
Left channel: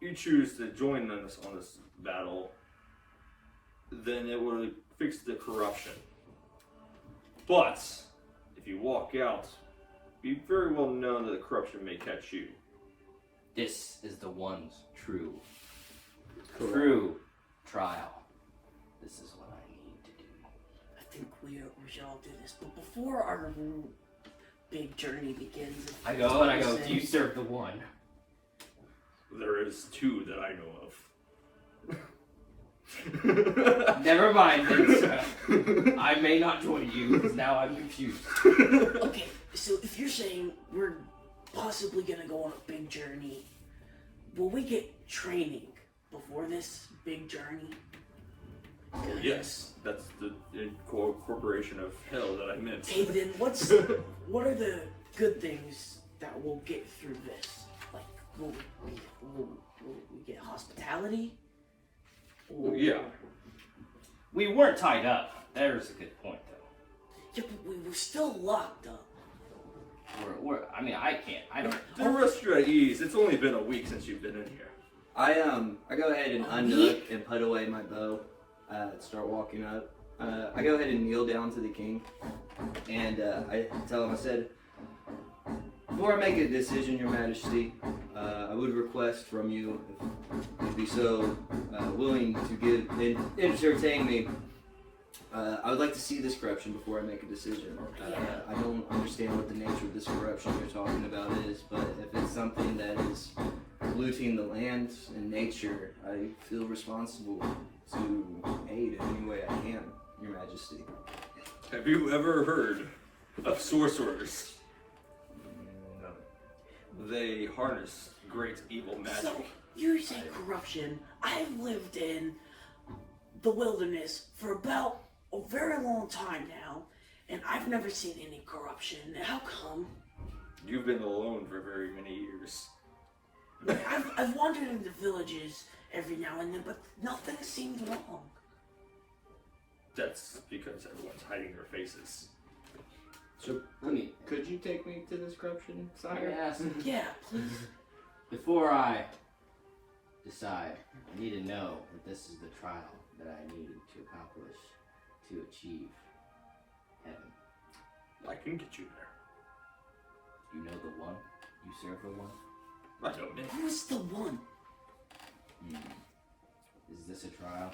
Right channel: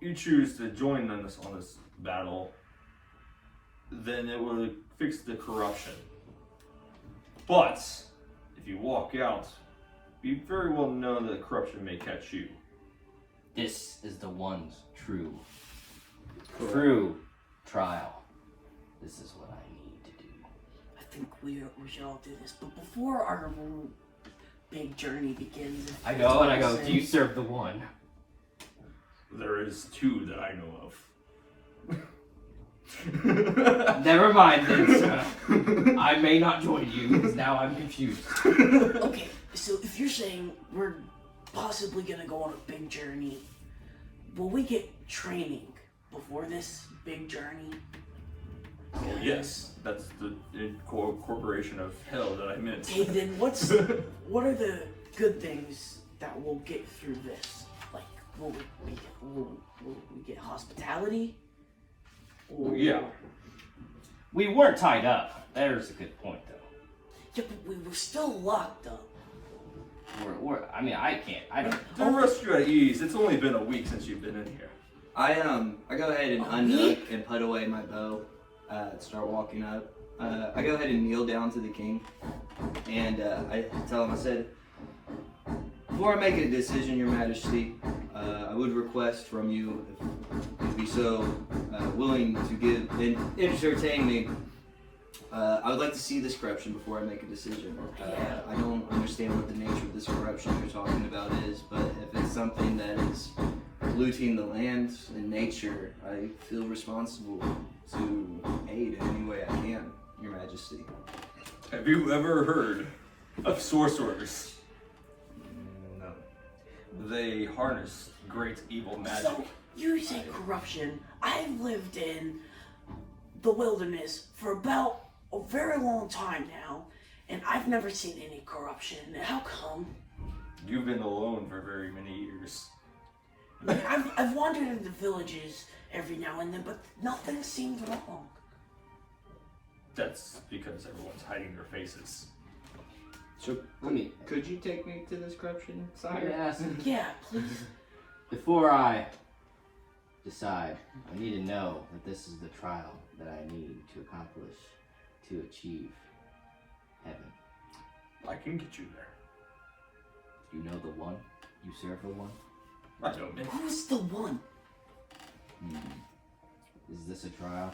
you choose to join us on this battle, then it will fix the corruption. But if you walk out, be very well known that the corruption may catch you. This is the one's true trial. This is what I need to do. I think we should all do this. But before our big journey begins. I go and I go, do you serve the one? There is 2 that I know of. Never mind then, sir. I may not join you, because now I'm confused. Okay, so if you're saying we're possibly gonna go on a big journey, will we get training before this big journey? Yes, that's the corporation of hell that I meant. Okay, then what are the good things that we'll get through this? Like, will we get hospitality? Or, Yeah. We weren't tied up. There's a good point, though. Yeah, but we were still locked up. I mean, I can't. I don't. To rest you at ease. It's only been a week since you've been in here. I go ahead and unhook and put away my bow. Start walking up. I go ahead and kneel down to the king, and I tell him, I said, before I make a decision, Your Majesty, I would request from you, if you'd be so willing to give and entertain me. I would like to see this corruption before I make a decision. I don't understand what the nature of this corruption you're talking about is, but if it's something that is polluting the land and nature, I feel responsible to aid in any way I can, Your Majesty. Have you ever heard of sorcerers? No. They harness great evil magic. So, you say corruption. I've lived in the wilderness for about a very long time now, and I've never seen any corruption. How come? You've been alone for very many years. Like, I've wandered into villages every now and then, but nothing seemed wrong. That's because everyone's hiding their faces. So, could you take me to this corruption, sire? Yes. Yeah, please. Before I decide, I need to know that this is the trial that I need to accomplish to achieve heaven. I can get you there. You know the one? You serve the one? I don't know. Who's the one? Is this a trial?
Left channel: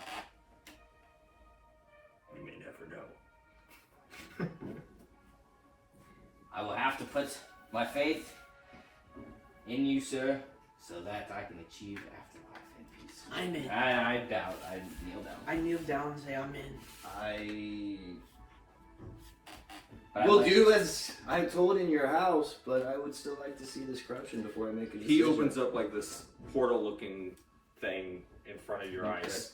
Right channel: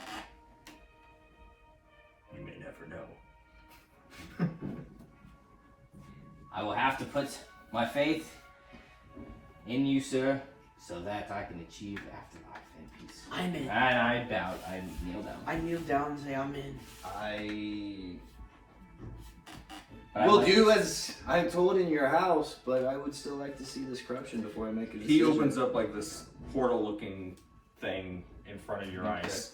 You may never know. I will have to put my faith in you, sir, so that I can achieve afterlife in peace. I'm in. I doubt. I kneel down. I kneel down and say I'm in. I will do as I'm told in your house, but I would still like to see this corruption before I make a decision. He opens up like this portal-looking thing in front of your eyes.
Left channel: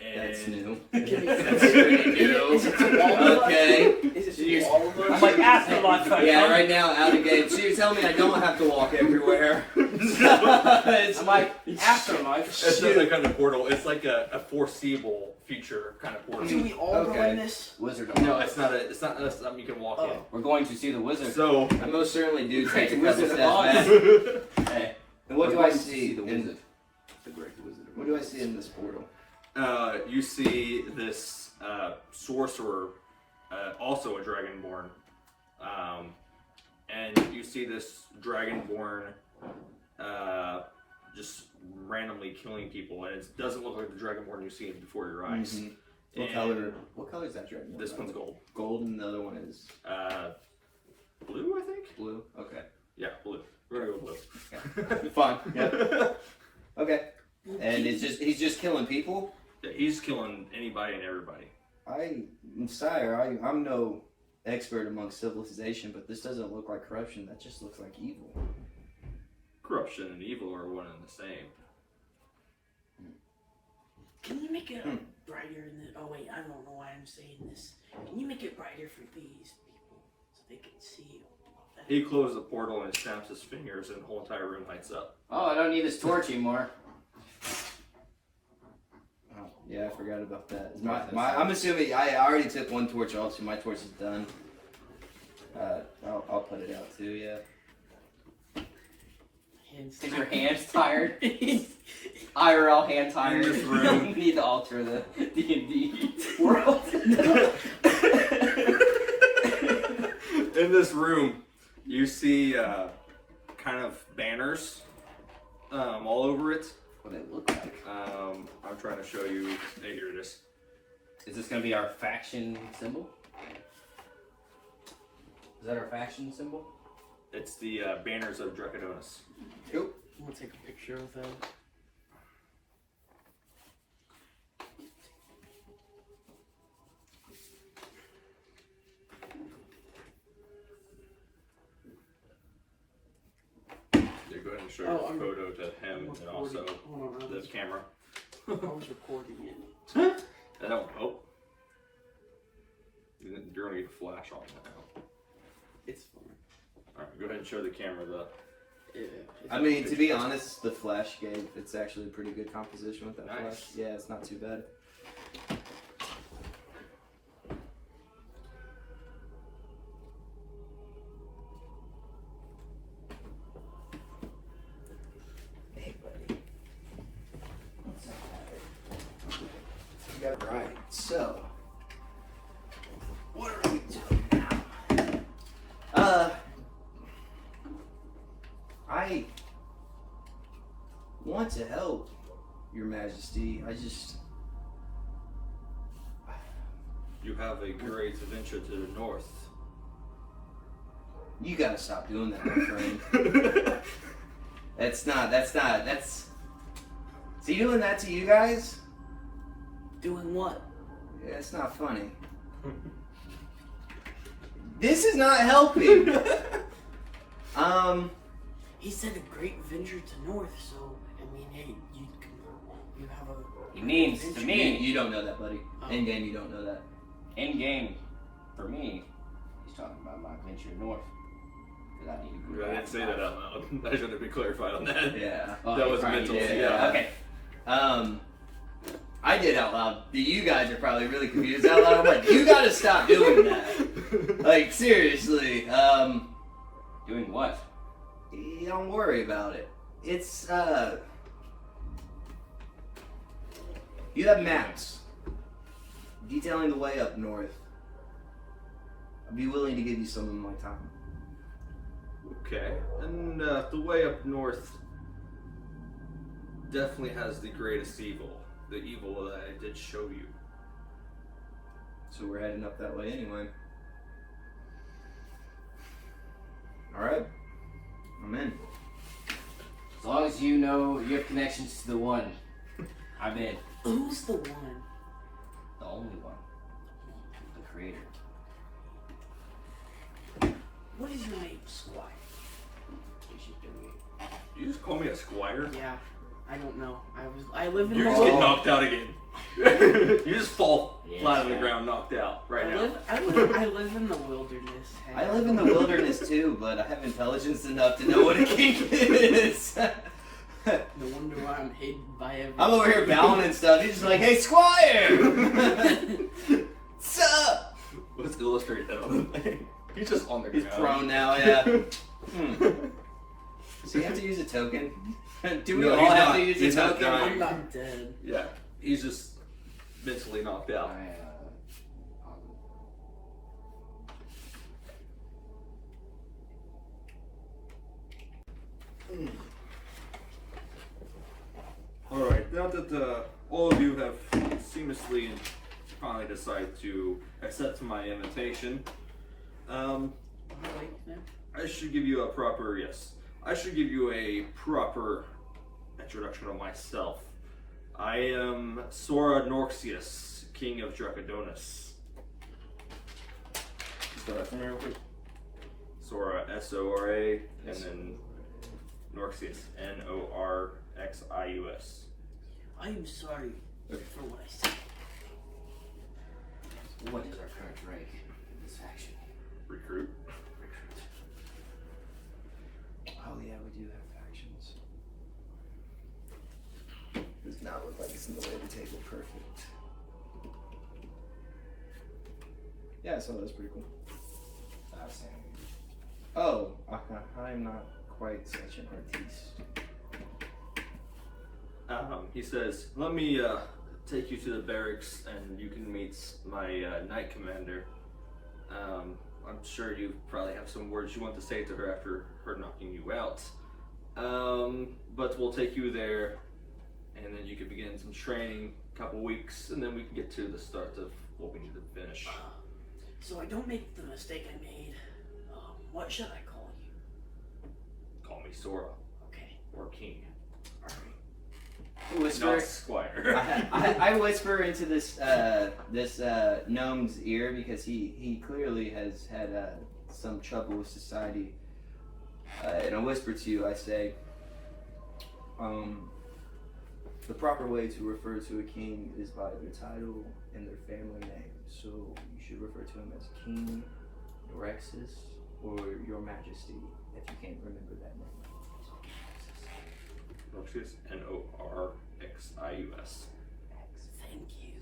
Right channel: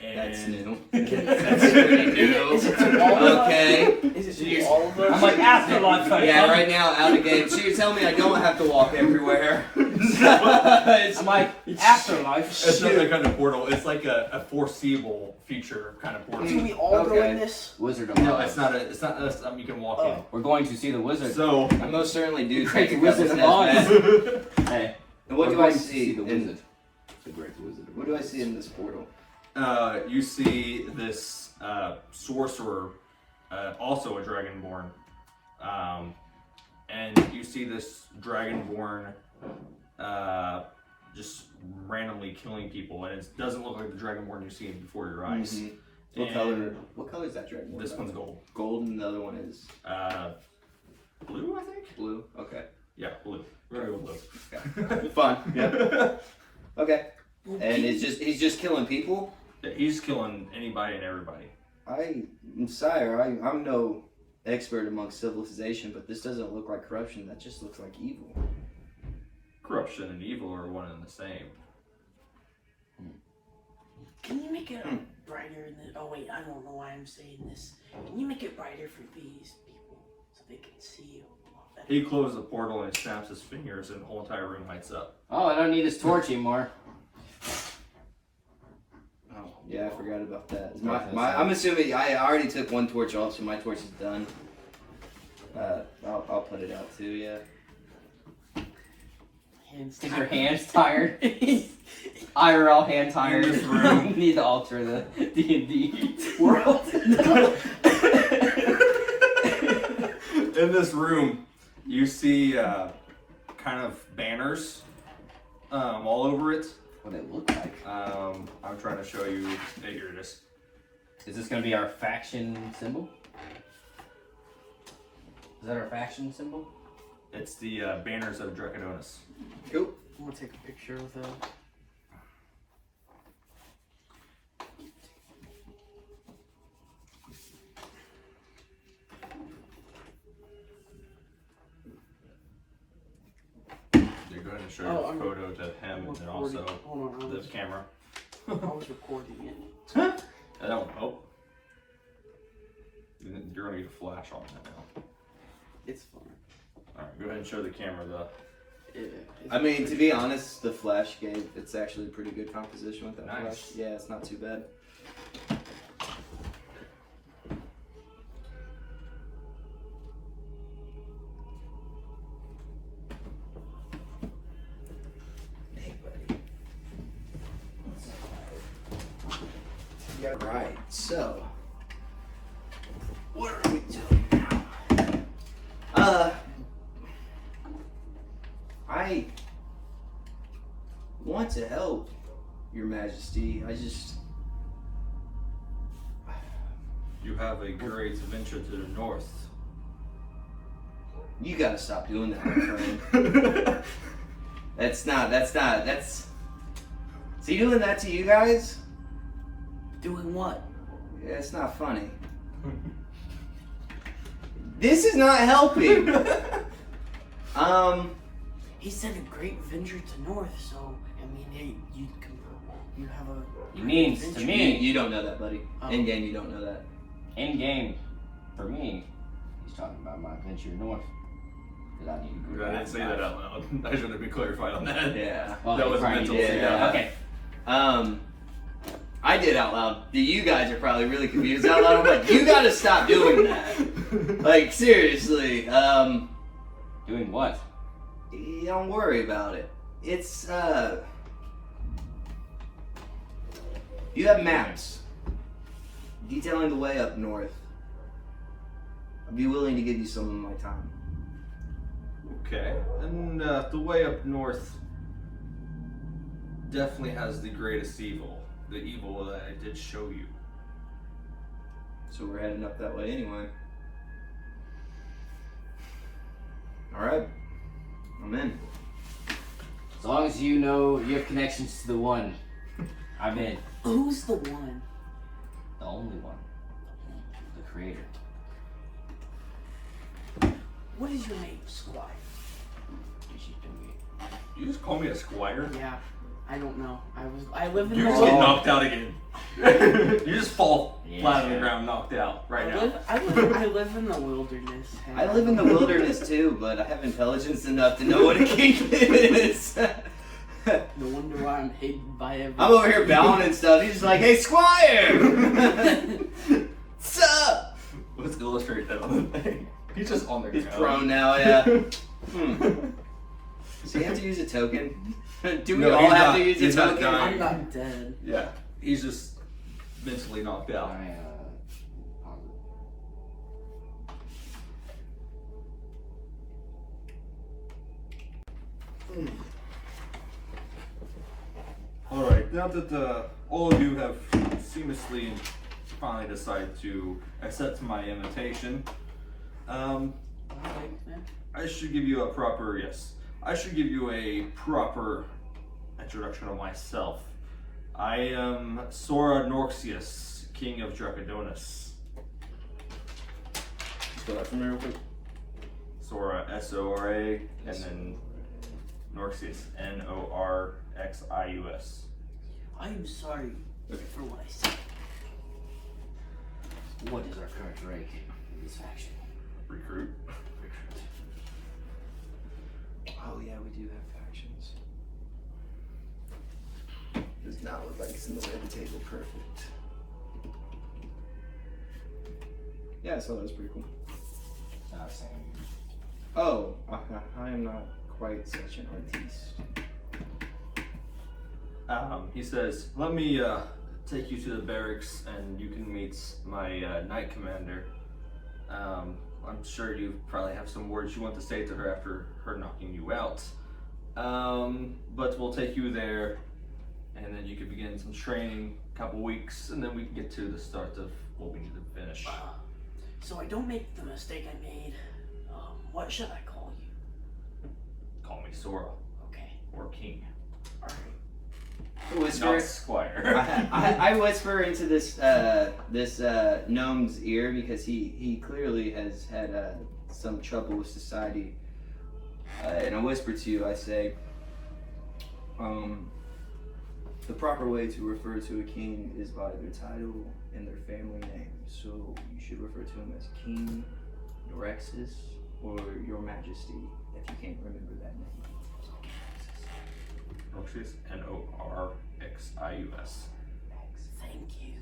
And That's new. That's new. Is it to all of us? Okay. Is it to all of us? I'm like, afterlife, honey. Yeah, right now, out of game. So you're telling me I don't have to walk everywhere? It's my afterlife. It's not that kind of portal. It's like a foreseeable future kind of portal. Do we all go Okay. in this? Wizard. No, it's not. It's not. You can walk in. We're going to see the wizard. So I most certainly do take a Great couple Wizard steps of Oz. back. Hey, And what we're do I going to see? the in, wizard. The great wizard. what do I see in this portal? you see this sorcerer, also a dragonborn, and you see this dragonborn just randomly killing people, and it doesn't look like the dragonborn you see before your eyes. Mhm. What And color? What color is that dragon? This one's gold. Gold, and the other one is Blue, I think. blue. Okay. Yeah, blue. We're gonna go blue. Fun. Yep. Okay. Well, And he's just killing people. Yeah, he's killing anybody and everybody. Sire, I'm no expert among civilization, but this doesn't look like corruption. That just looks like evil. Corruption and evil are one and the same. Can you make it brighter in the... Oh wait, I don't know why I'm saying this. Can you make it brighter for these people so they can see you? He closes the portal and snaps his fingers, and the whole entire room lights up. Oh, I don't need this torch anymore. Oh, yeah, I forgot about that. I'm assuming I already took one torch off, so my torch is done. I'll put it out too. Yeah. Hands Is your hands tired? IRL hand tired. In this room. We need to alter the D&D world. In this room, you see kind of banners all over it. What it look like? I'm trying to show you. Hey, here it is. Is this gonna be our faction symbol? Is that our faction symbol? It's the banners of Dracodonis. Cool. I'm gonna take a picture with them. You're going to show Oh, your I'm- photo to him and also Hold on, the camera. I was recording it. That won't help. You're gonna get a flash on that now. It's fine. Alright, go ahead and show the camera I mean, to be honest, the flash it's actually a pretty good composition with that Nice. flash. Yeah, it's not too bad. Hey, buddy. Yeah, right. So, what are we doing now? I want to help, Your Majesty. You have a great adventure to the north. You gotta stop doing that, my friend. That's. Is he doing that to you guys? Doing what? Yeah, it's not funny. This is not helping. He said a great venture to north, so I mean, hey, you have a. He means great to venture. me. You don't know that, buddy. Oh. In game, you don't know that. In game, for me, he's talking about my adventure north. That I need to I didn't say that out loud. I should have been clarified on that. Yeah. Well, That he was probably mental. did. Yeah. Okay. I did out loud. You guys are probably really confused out loud. I'm like, you gotta stop doing that. Like, seriously. Doing what? Don't worry about it. It's, you have maps detailing the way up north. I'd be willing to give you some of my time. Okay, and the way up north definitely has the greatest evil. The evil that I did show you. So we're heading up that way anyway. Alright. I'm in. As long as you know you have connections to the one, I'm in. Who's the one? The only one. The creator. What is your name, Squire? You just call me a squire? Yeah, I don't know. I live in You the just get world. knocked out again. You just fall Yeah. flat on the ground, knocked out right now. I live in the wilderness. Hey. I live in the wilderness too, but I have intelligence enough to know what a king is. No wonder why I'm hated by everyone. I'm over here bowing and stuff. He's just like, hey, Squire! What's up? Let's illustrate that on the thing. He's just on the He's ground. prone now, yeah. Does he have to use a token? Do we No, all he's have not- to use he's a not token? dying. I'm not dead. Yeah, he's just mentally knocked out. Alright, now that all of you have seamlessly finally decided to accept my invitation, I should give you a proper, I should give you a proper introduction of myself. I am Sora Norxius, King of Dracodonis. Spell that for me real quick. Sora, S-O-R-A, and then Norxius, N-O-R-X-I-U-S. I am sorry Okay. for what I said. What is our current rank in this faction? Recruit. Oh yeah, we do have factions. Does not look like it's in the way of the table. Perfect. Yeah, I saw that was pretty cool. Oh, I'm not quite such an artiste. He says, let me take you to the barracks and you can meet my knight commander. I'm sure you probably have some words you want to say to her after her knocking you out. But we'll take you there and then you can begin some training, a couple weeks, and then we can get to the start of what we need to finish. So I don't make the mistake I made. What should I call you? Sora Okay. or king, Whisper. not squire. I whisper into this gnome's ear because he clearly has had some trouble with society. And I whisper to you, I say, the proper way to refer to a king is by their title and their family name. So you should refer to him as King Norexus or Your Majesty if you can't remember that name. Norexus, Norxius. Thank you.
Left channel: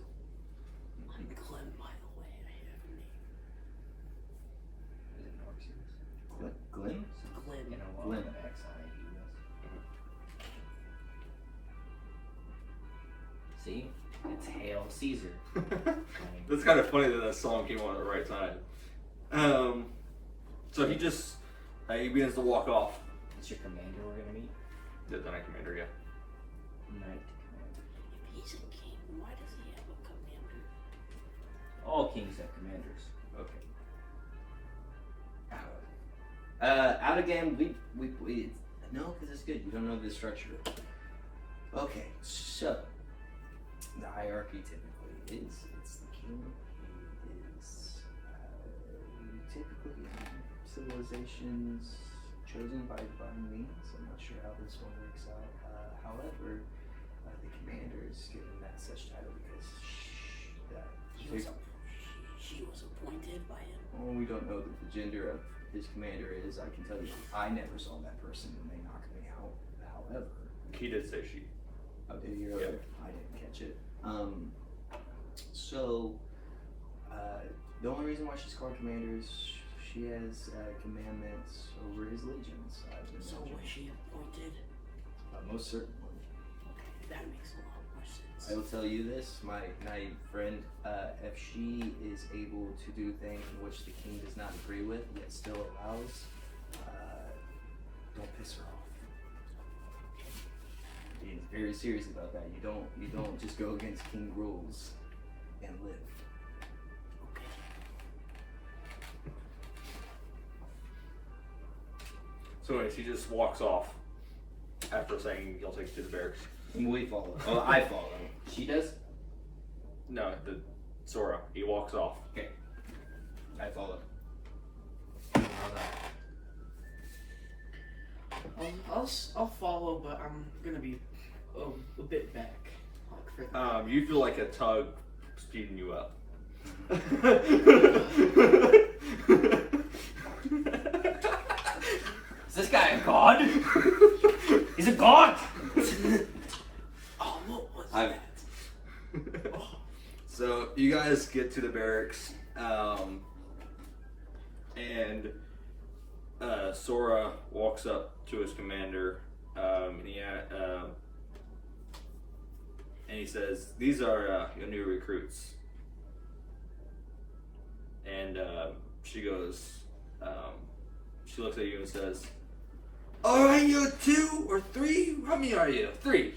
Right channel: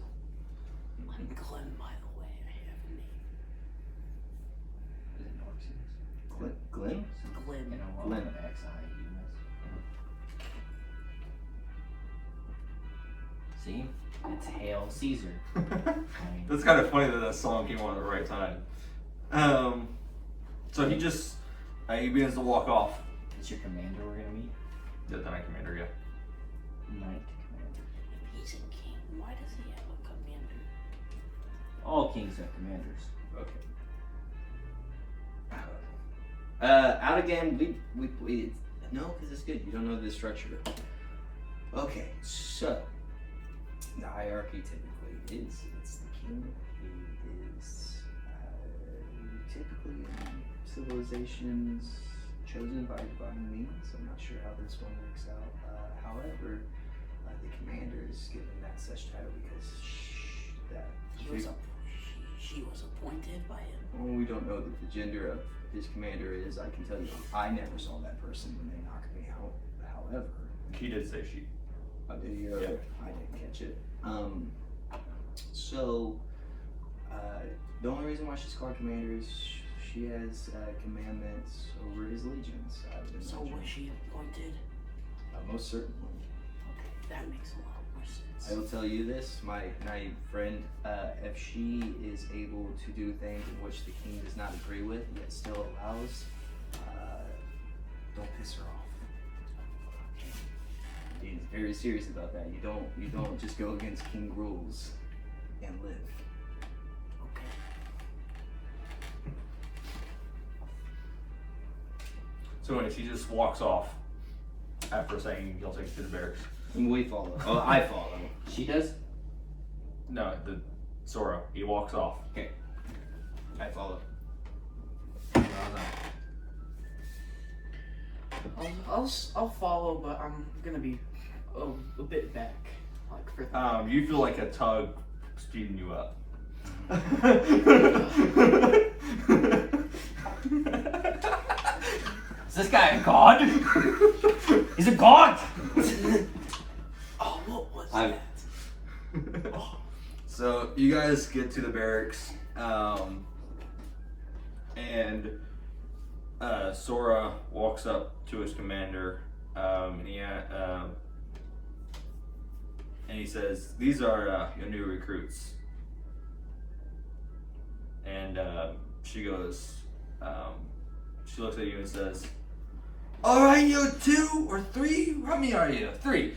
I'm Glenn, by the way. I have a name. Is it Norxius? Glenn? Glenn. Glenn. X-I-U-S. See? It's Hail Caesar. That's kind of funny that that song came on at the right time. So he just he begins to walk off. It's your commander we're gonna meet? The Knight Commander, yeah. Knight commander. If he's a king, why does he have a commander? All kings have commanders. Okay. Out again. We no, because it's good. You don't know the structure. Okay, so the hierarchy typically is it's the king. He is typically civilizations chosen by divine means. I'm not sure how this one works out. However, the commander is given that such title because She was appointed by him. well, we don't know that the gender of his commander is. I can tell you, I never saw that person when they knocked me out. However, He did say she. I did hear it. I didn't catch it. So the only reason why she's called commander is she has commandments over his legions. So was she appointed? Most certainly. Okay, that makes a lot more sense. I will tell you this, my friend, if she is able to do things in which the king does not agree with, yet still allows, don't piss her off. He's very serious about that. You don't just go against king rules and live. Okay. So anyway, she just walks off after saying you'll take it to the barracks. And we follow. Oh, I follow. She does? No, the Sora. He walks off. I follow. I'll follow, but I'm gonna be a bit back, like for that. You feel like a tug speeding you up. Is this guy a god? He's a god! Oh, what was I'm- that? So you guys get to the barracks, and Sora walks up to his commander, and he says, "These are your new recruits." And she goes, she looks at you and says, "All right, you're 2 or 3. How many are you? 3.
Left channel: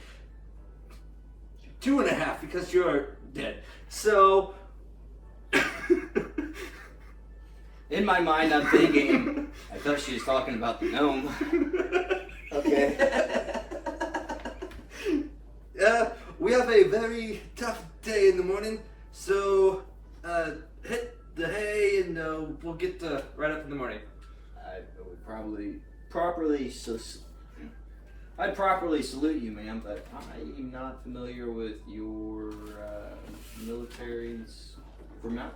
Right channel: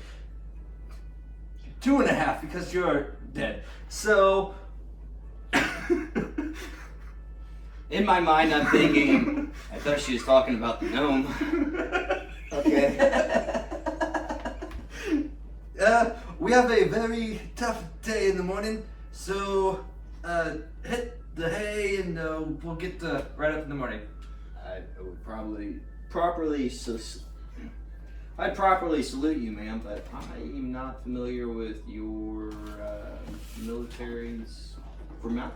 2.5 because you're dead." So, In my mind, I'm thinking, I thought she was talking about the gnome. Okay. We have a very tough day in the morning, so hit the hay and we'll get right up in the morning. I would I'd properly salute you, ma'am, but I'm not familiar with your military's Formality.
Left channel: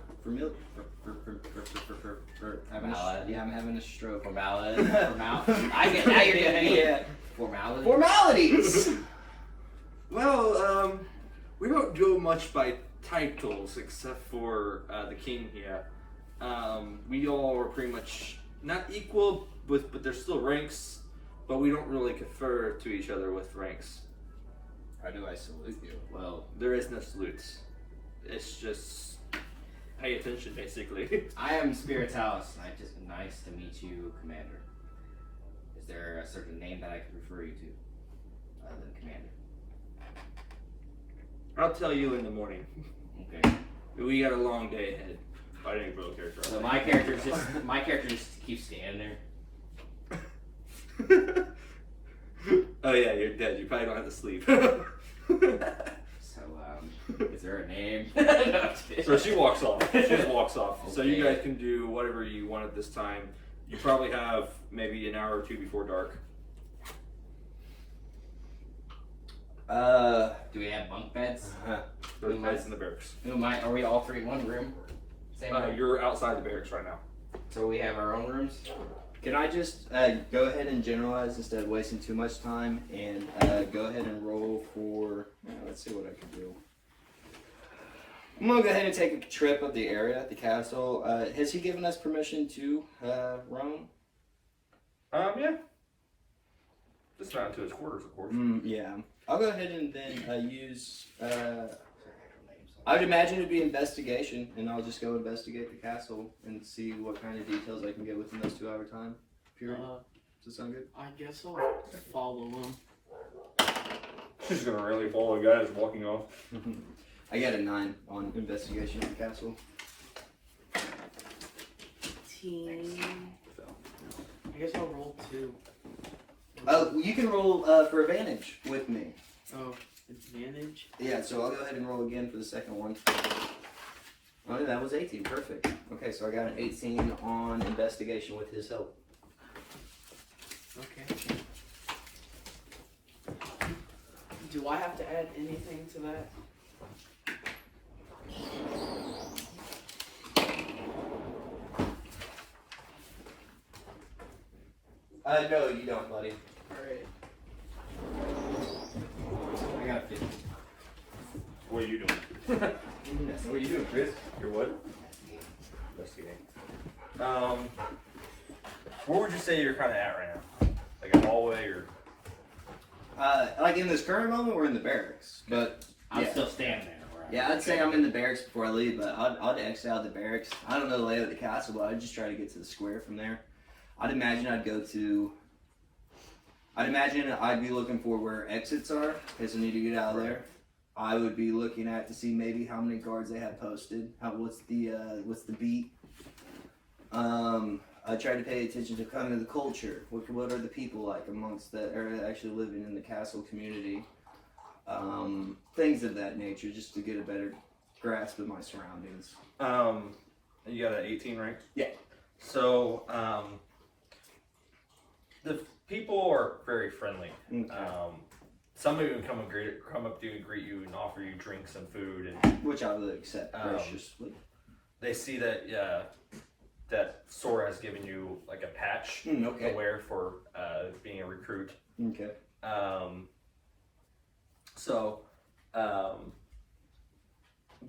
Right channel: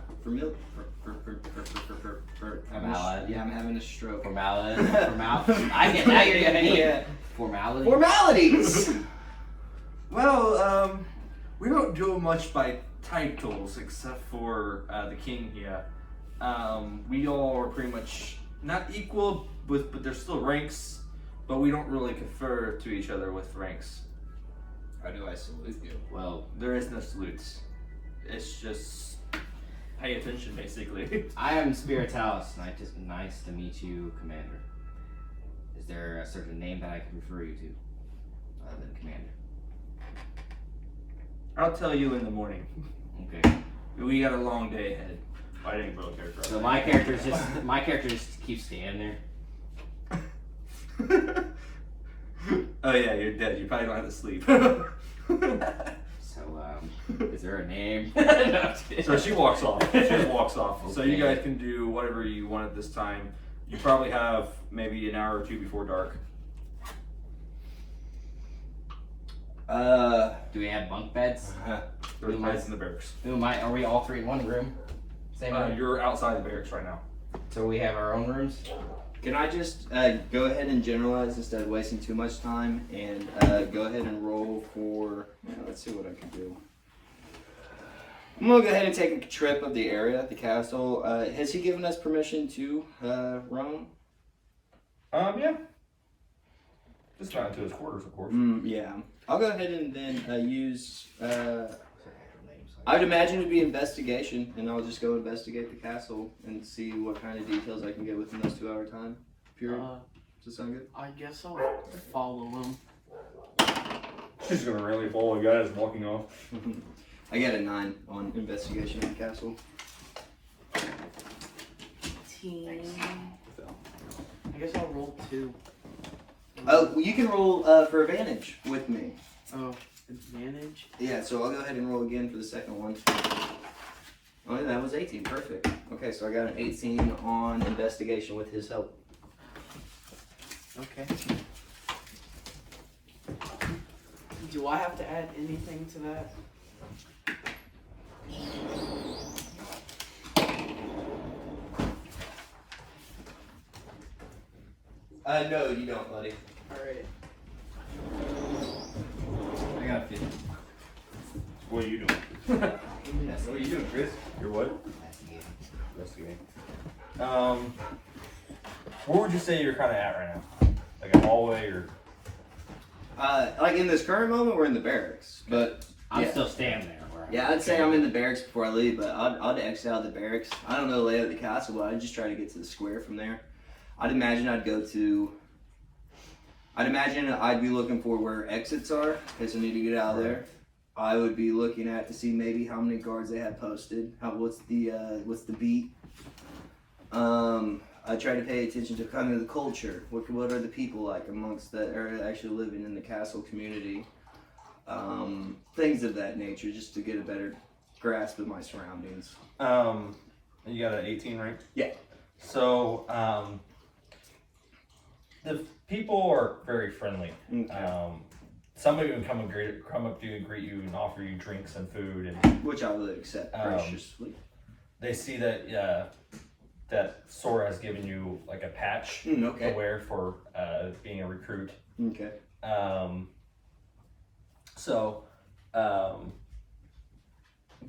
yeah, I'm having a stroke. Formality. I get now you're getting it. Yeah. Formality. Formalities. Well, we don't go much by titles except for the king here. We all are pretty much not equal, but there's still ranks, but we don't really confer to each other with ranks. How do I salute you? Well, There is no salutes. It's just pay attention, basically. I am Spiritalis, and just nice to meet you, Commander. Is there a certain name that I can refer you to, other than Commander? I'll tell you in the morning. Okay. We got a long day ahead. I didn't build a character. So my character just keeps standing there. Oh yeah, you're dead. You probably don't have to sleep. So, is there a name? No, I'm kidding. So she walks off. She just walks off. So you Okay. guys can do whatever you want at this time. You probably have maybe an hour or two before dark. Do we have bunk beds? There's beds in the barracks. Are we all three in one room? Same room? You're outside the barracks right now. So we have our own rooms? Can I just go ahead and generalize instead of wasting too much time and go ahead and roll for, let's see what I can do. I'm going to go ahead and take a trip of the area, the castle. Has he given us permission to roam? Yeah. Just not into his quarters, of course. Yeah. I'll go ahead and then use, I would imagine it'd be investigation, and I'll just go investigate the castle and see what kind of details I can get within those 2 hour time period. Does that sound good? I guess I'll follow him. He's gonna really follow a guy that's walking off. I got a 9 on investigation of the castle. 18. I guess I'll roll 2. Oh, well, you can roll for advantage with me. Oh, advantage? Yeah, so I'll go ahead and roll again for the second one. Oh, that was 18. Perfect. Okay, so I got an 18 on investigation with his help. Okay. Do I have to add anything to that? No, you don't, buddy. Alright. I got 50. What are you doing? What are you doing, Chris? You're what? Investigating. Where would you say you're kind of at right now? Like a hallway or? Like in this current moment, we're in the barracks, but I'm yeah. still standing there. Where Yeah, I'd say I'm in the barracks before I leave, but I'd exit out the barracks. I don't know the layout of the castle, but I'd just try to get to the square from there. I'd imagine I'd be looking for where exits are, in case I need to get out of there. I would be looking at to see maybe how many guards they have posted. What's the beat? I try to pay attention to kind of the culture. What are the people like amongst that are actually living in the castle community? Things of that nature, just to get a better grasp of my surroundings. You got an 18, right? Yeah. So, the people are very friendly. Okay. Somebody would come up to you and greet you and offer you drinks and food, and Which I would accept graciously. they see that that Sora has given you like a patch Okay. to wear for being a recruit. Okay.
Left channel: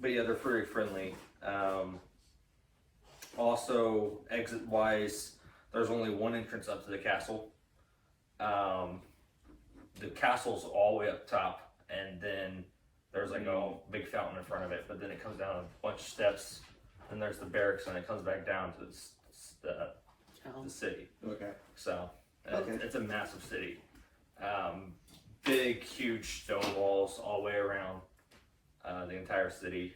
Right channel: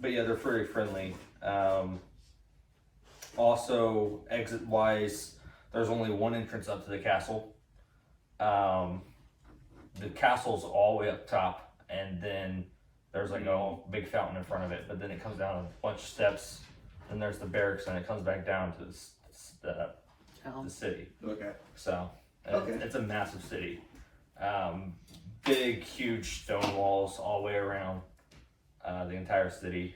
But yeah, they're very friendly. Also, exit wise, there's only one entrance up to the castle. The castle's all the way up top, and then there's like a big fountain in front of it, but then it comes down a bunch of steps, then there's the barracks, and it comes back down to the city. Okay. So, Okay. it's a massive city. Big, huge stone walls all the way around the entire city.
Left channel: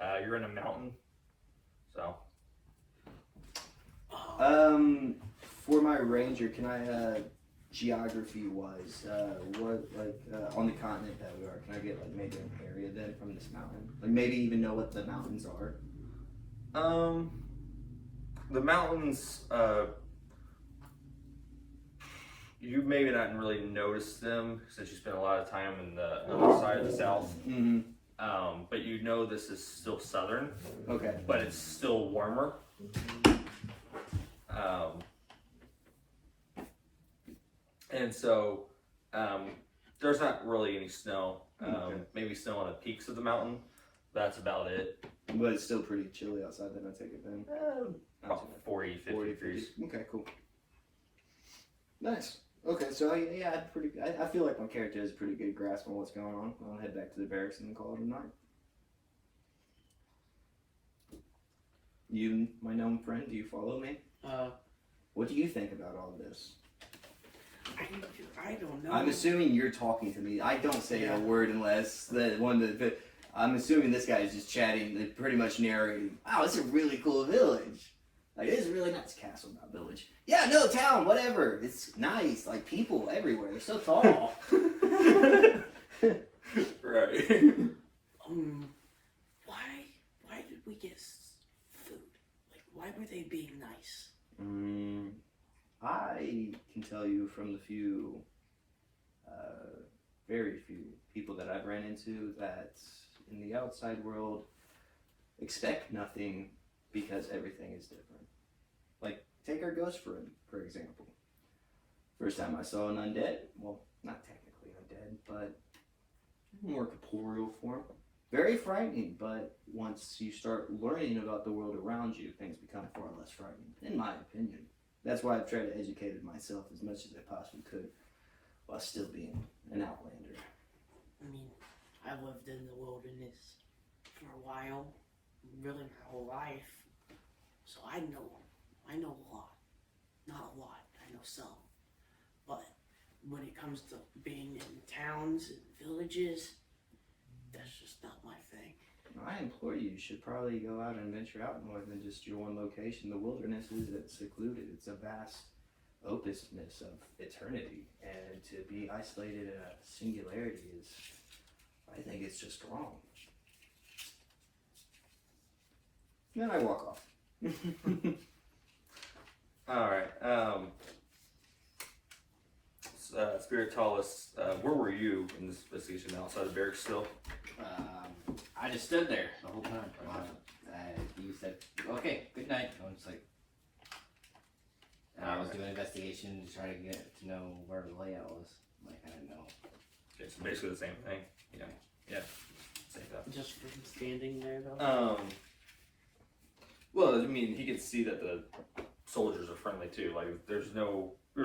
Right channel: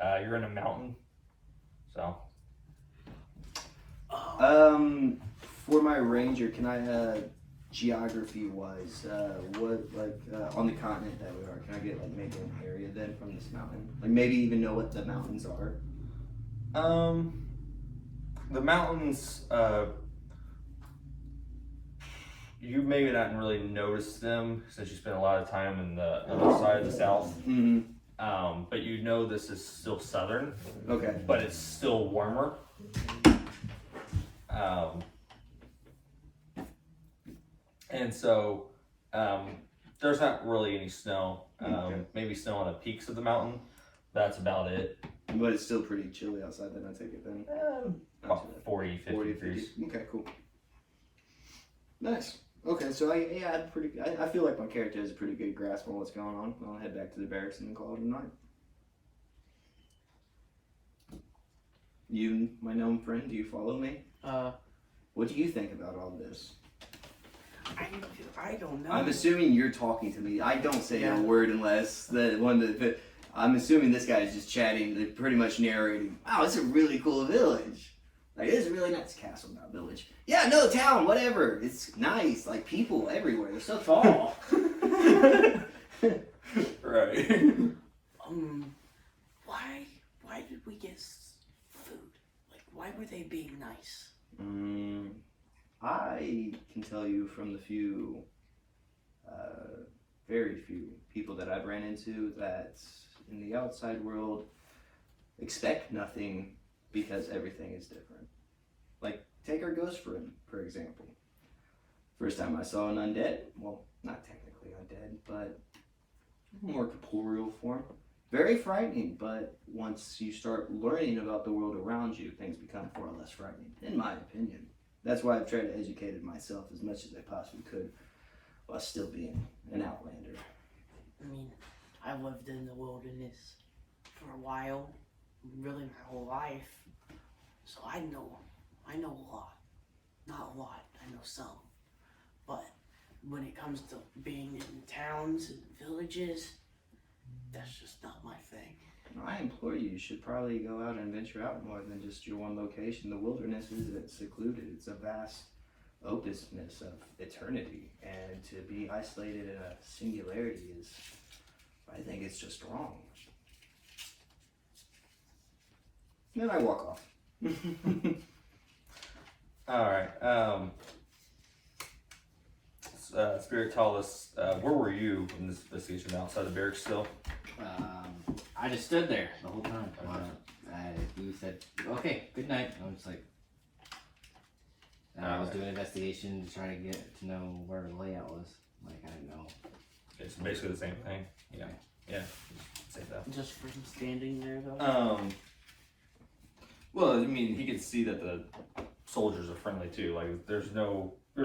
You're in a mountain, so. For my ranger, can I, geography wise, on the continent that we are, can I get like maybe an area then from this mountain? Like maybe even know what the mountains are? The mountains, you maybe not really notice them since you spend a lot of time in the other side of the south. Mm-hmm. But you know this is still southern, Okay. but it's still warmer. And so there's not really any snow. Okay. Maybe snow on the peaks of the mountain. That's about it. But it's still pretty chilly outside then, I take it then. About 40, 50 40, degrees. 50. Okay, cool. Nice. Okay, so I feel like my character has a pretty good grasp on what's going on. I'll head back to the barracks and then call it a night. You, my gnome friend, do you follow me? What do you think about all this? I don't know. I'm assuming you're talking to me. I don't say Yeah. a word unless the one that. I'm assuming this guy is just chatting, pretty much narrating. Wow, it's a really cool village. Like, it is really nice. Castle, not village. Yeah, no, town, whatever. It's nice. Like, people everywhere. They're so tall. Right. Why did we get food? Like, why were they being nice? I can tell you from the very few people that I've ran into that in the outside world expect nothing because everything is different. Like, take our ghost friend, for example. First time I saw an undead, well, not technically undead, but more corporeal form. Very frightening, but once you start learning about the world around you, things become far less frightening, in my opinion. That's why I've tried to educate myself as much as I possibly could while still being an outlander. I mean, I lived in the wilderness for a while, really my whole life, so I know a lot. Not a lot, I know some. But when it comes to being in towns and villages, that's just not my thing. I implore you should probably go out and venture out more than just your one location. The wilderness isn't secluded. It's a vast openness of eternity. And to be isolated in a singularity is, I think it's just wrong. Then I walk off. Alright, Spiritalis, where were you in this investigation? Outside the barracks still? I just stood there the whole time. You said, okay, good night. I'm just like, I was doing an investigation to try to get to know where the layout was. Like, I didn't know. It's basically the same thing. Yeah. Same thing. Just from standing there, though? Well, I mean, he could see that the soldiers are friendly too. Like, there's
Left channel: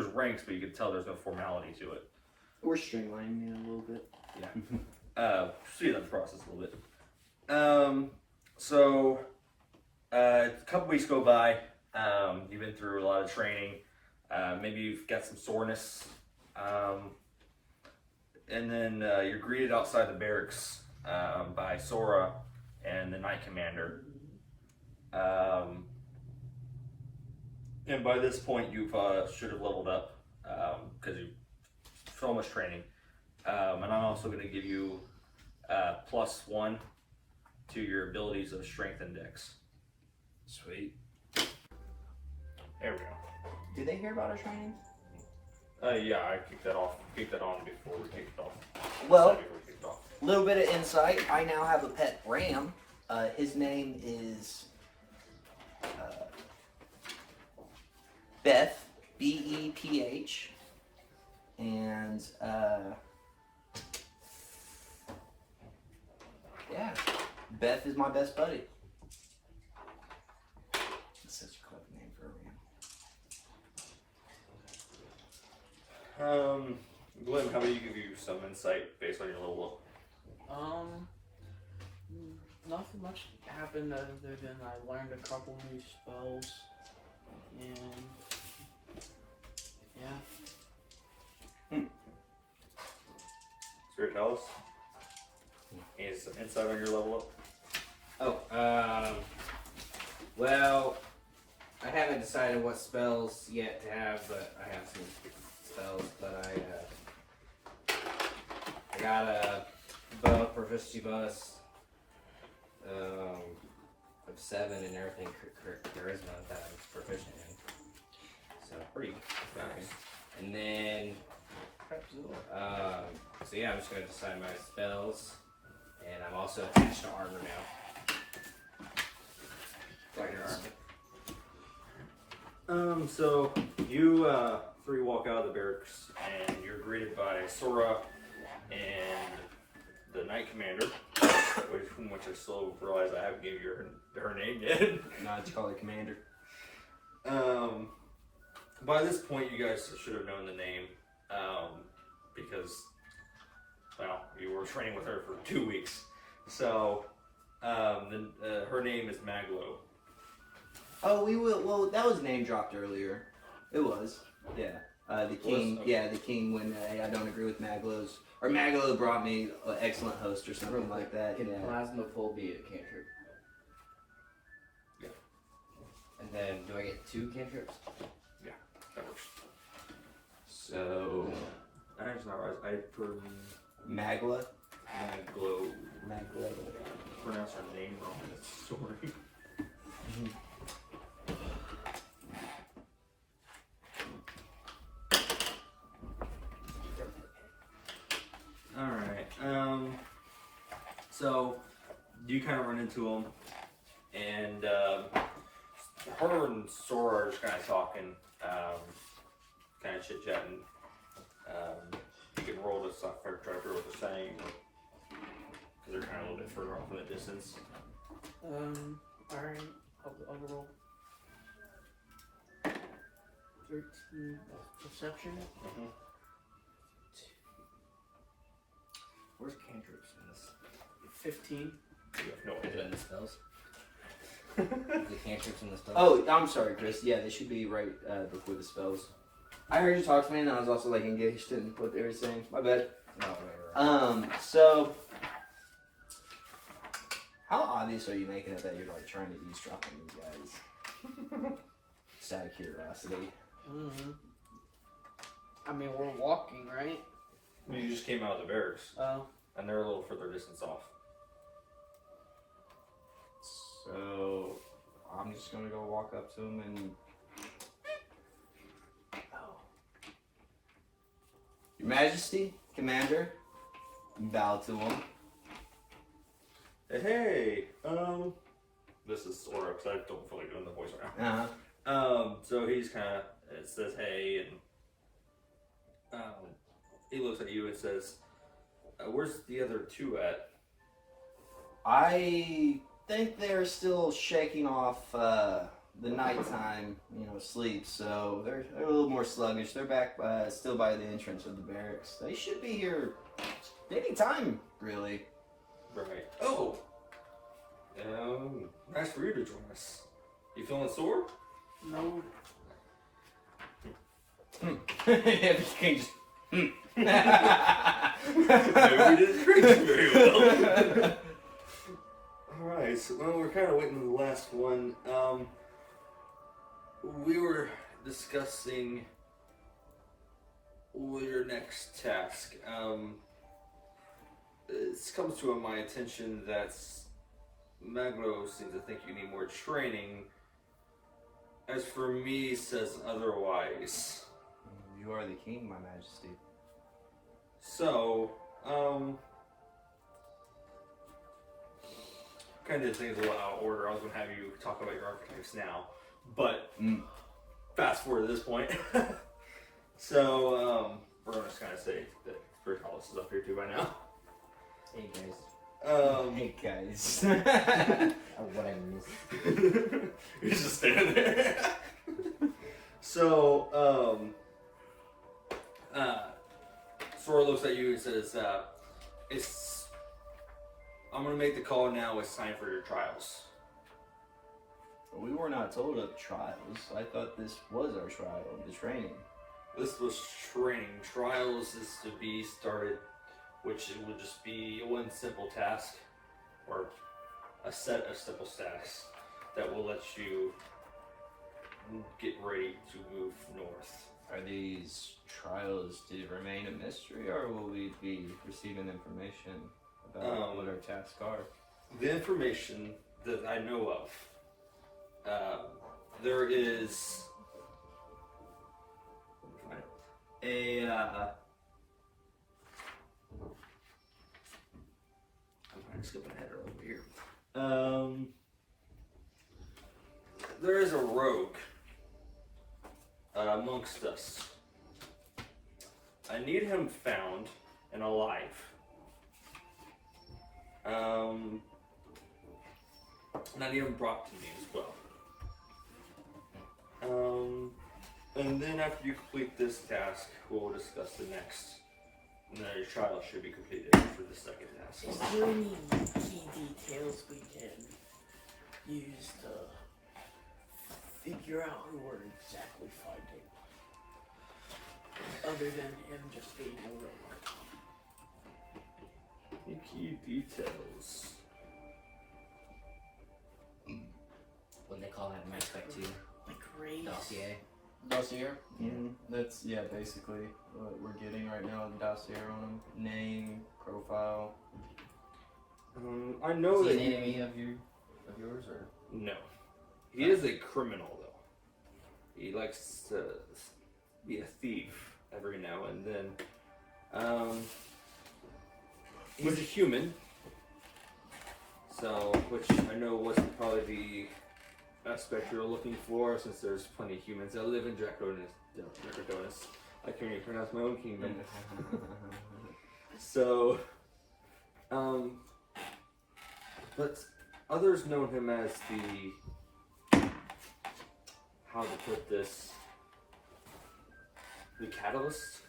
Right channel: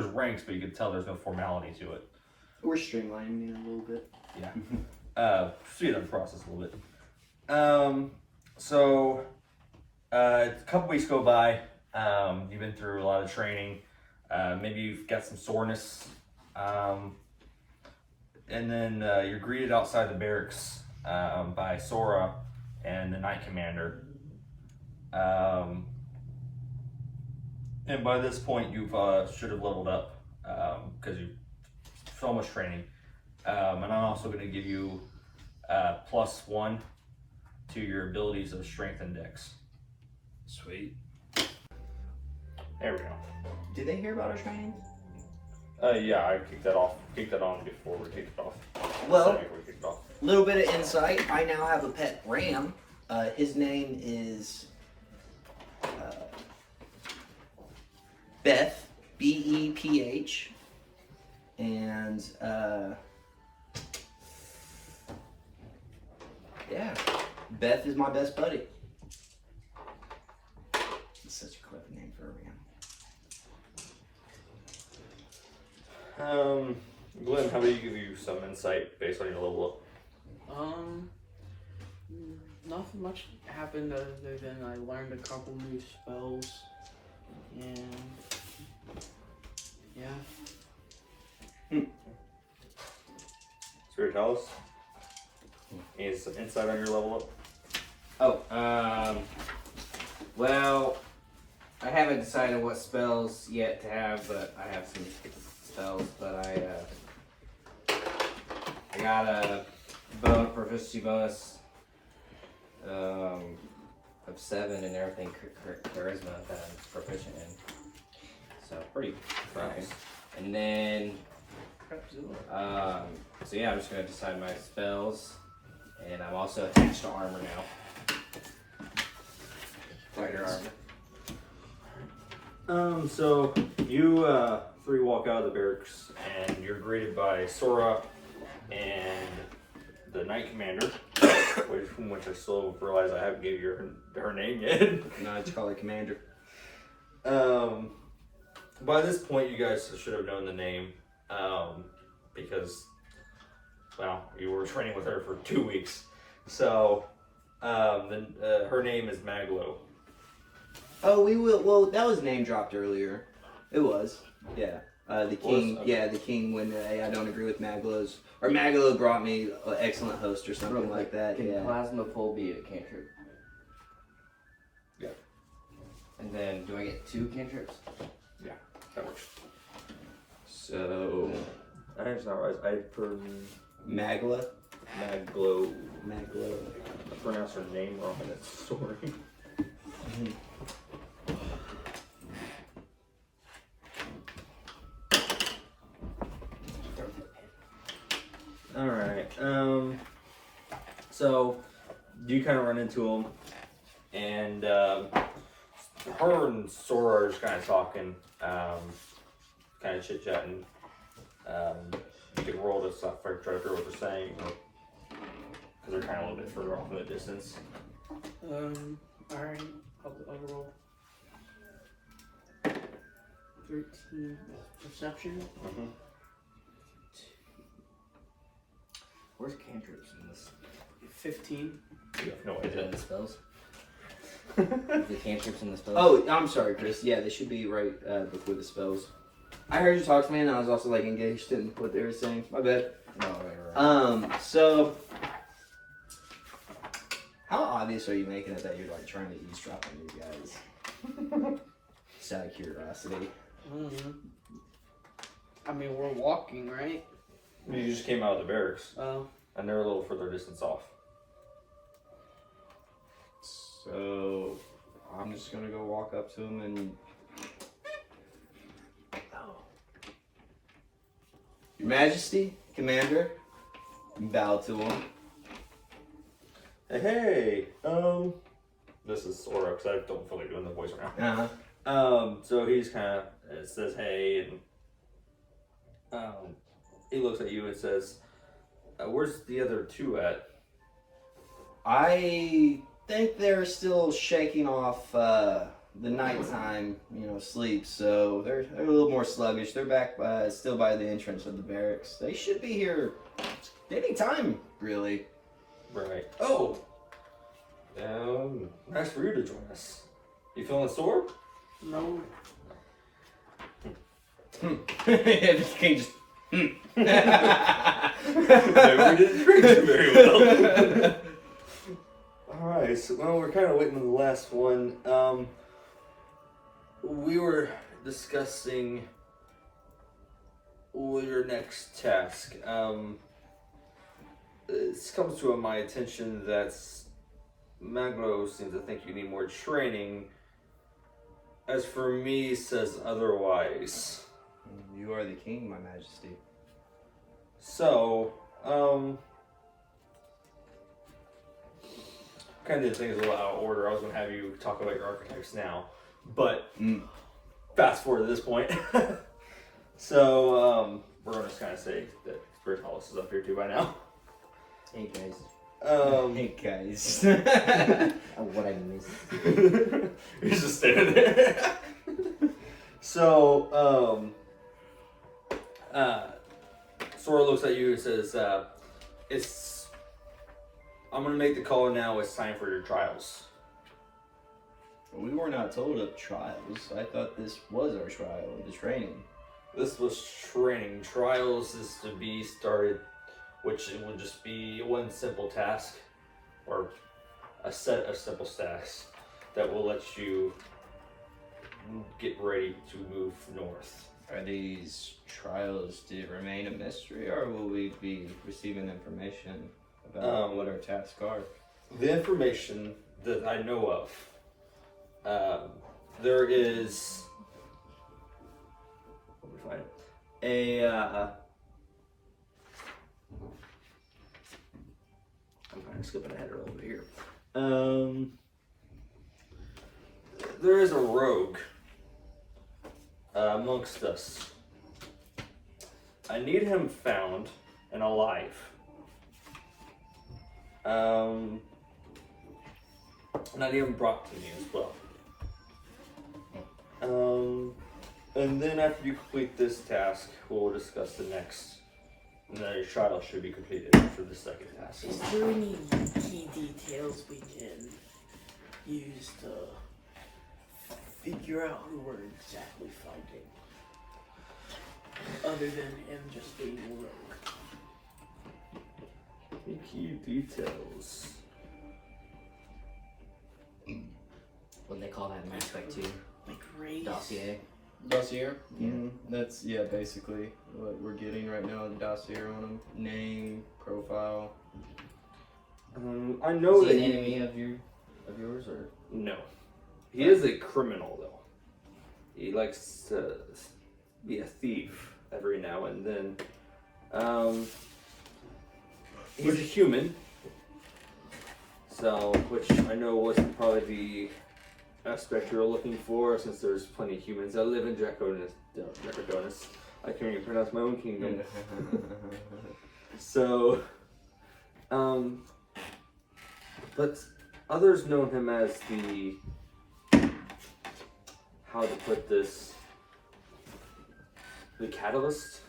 ranks, but you could tell there's no formality to it. We're streamlining it a little bit. Yeah. Speed up the process a little bit. A couple weeks go by. You've been through a lot of training. Maybe you've got some soreness. And then you're greeted outside the barracks by Sora and the Knight Commander. And by this point, you should have leveled up because you've so much training. And I'm also going to give you +1 to your abilities of strength and dex. Sweet. There we go. Did they hear about our training? Yeah, I kicked that on before we kicked it off. Well, a little bit of insight. I now have a pet ram. His name is Beth, Beph, and yeah, Beth is my best buddy. It's such a clever name for a ram. Glenn, how about you give you some insight based on your level up? Nothing much happened other than I learned a couple new spells, and yeah. Spiritalis? Any insight on your level up? Oh, well, I haven't decided what spells yet to have, but I have some spells, but I got a proficiency bonus of 7 and everything charisma that I'm proficient in. So pretty nice. And then so yeah, I'm just gonna decide my spells, and I'm also attached to armor now. Fighter armor. So you 3 walk out of the barracks and you're greeted by Sora and the Knight Commander, which I still realize I haven't gave you her name yet. No, it's called a commander. By this point, you guys should have known the name, because, well, you were training with her for 2 weeks. So, her name is Maglo. Oh, we will. Well, that was name dropped earlier. It was. Yeah. The king. Okay. Yeah, the king. When I don't agree with Maglo's, or Maglo brought me an excellent host or something like that. Can Yeah. plasma pull be a cantrip? And then, do I get 2 cantrips? That works. So That's not right. I Magla. Maglo. Maglo. I pronounced her name wrong in that story. Alright, so you kind of run into him, and her and Sora are just kind of talking, kind of chit-chatting. You can roll to stop try to figure what they're saying, because they're kind of a little bit further off in the distance. Alright, I'll roll 13 perception. Where's cantrips in this? 15. You have no Is it idea. in the spells? Is the cantrips in the spells? Oh, I'm sorry, Chris. Yeah, they should be right before the spells. I heard you talk to me, and I was also like engaged in what they were saying. My bad. No, right. So how obvious are you making it that you're like trying to eavesdrop on these guys? Just out of curiosity. Mm-hmm. I mean, we're walking, right? I mean, you just came out of the barracks, Oh. and they're a little further distance off. So I'm just gonna go walk up to him and. Your Majesty, Commander, bow to him. Hey, this is Sora, because I don't feel like doing the voice right now. So he's kind of says hey, and he looks at you and says, "Where's the other 2 at?" I think they're still shaking off the nighttime, sleep. So they're a little more sluggish. They're back still by the entrance of the barracks. They should be here any time, really. Right. Oh, nice for you to join us. You feeling sore? No. If you can just. Maybe we didn't drink very well. Alright, so we're kind of waiting on the last one. We were discussing your next task. It comes to my attention that Maglo seems to think you need more training. As for me, says otherwise. You are the king, my majesty. So, kind of things a little out of order. I was going to have you talk about your archetypes now, but fast forward to this point. So, we're going to just kind of say that Spirit Hollis is up here too by now. Hey guys. Hey guys. What I missed. He's just standing there. So, Sora looks at you and says, I'm going to make the call now. It's time for your trials. We were not told of trials. I thought this was our trial, the training. This was training. Trials is to be started, which would just be one simple task, or a set of simple tasks that will let you get ready to move north. Are these trials to remain a mystery, or will we be receiving information about what our tasks are? The information that I know of, there is I'm kind of skipping ahead a little bit here. There is a rogue amongst us. I need him found and alive. And I need him brought to me as well. And then after you complete this task, we'll discuss the next. And then your trial should be completed for the second task. Is there any key details we can use to figure out who we're exactly fighting? Other than him just being a rogue. Any key details? What they call that in Mass Effect 2. Like race. Dossier. Dossier? Yeah. That's, basically what we're getting right now, the dossier on him. Name, profile. I know Is that he an enemy of yours, or? No. He is a criminal, though. He likes to be a thief every now and then. He's a human. So, which I know wasn't probably the aspect you're looking for, since there's plenty of humans that live in Draconis. I can't even pronounce my own kingdom. So, but others know him as the, how to put this, the catalyst,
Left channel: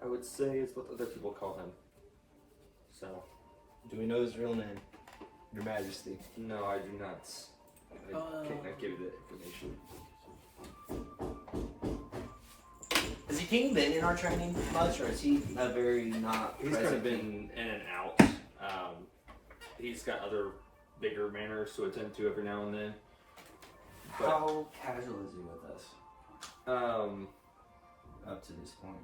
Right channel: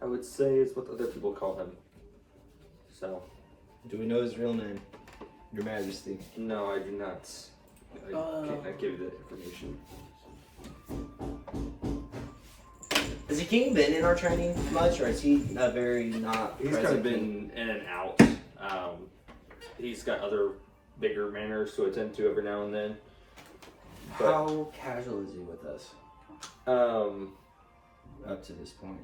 I would say, is what other people call him. So. Do we know his real name? Your Majesty. No, I do not. I cannot give you that information. Has the king been in our training much, or is he very not He's present? kind of been in and out. He's got other bigger manners to attend to every now and then. But, How casual is he with us up to this point?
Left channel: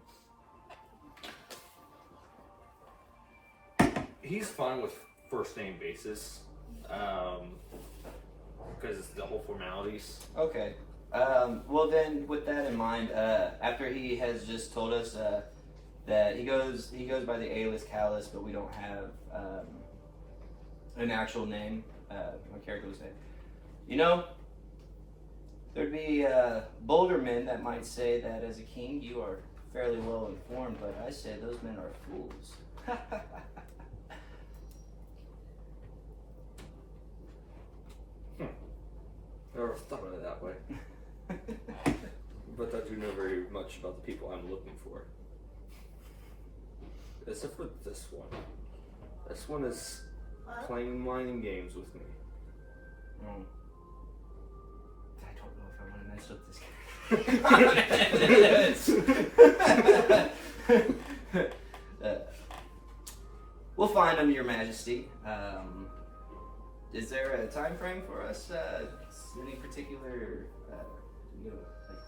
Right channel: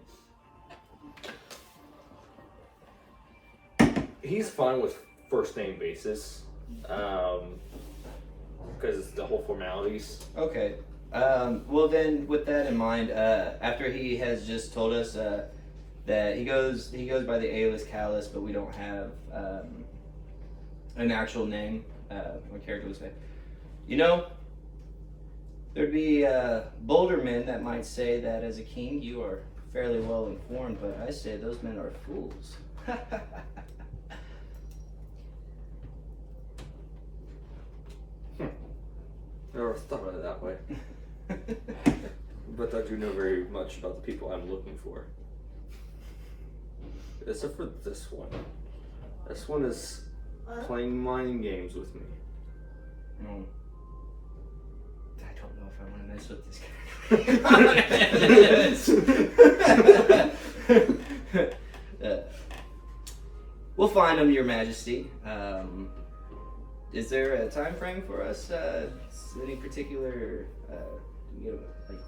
He's fine with first name basis, because it's the whole formalities. Okay. Well then, with that in mind, after he has just told us that he goes by the alias Callus, but we don't have an actual name. My character would say, there'd be bolder men that might say that as a king you are fairly well informed, but I say those men are fools. Never thought of it that way. But I do know very much about the people I'm looking for. Except for this one. This one is playing mind games with me. I don't know if I want to mess with this guy. We'll find him, Your Majesty. Is there a time frame for us? Any particular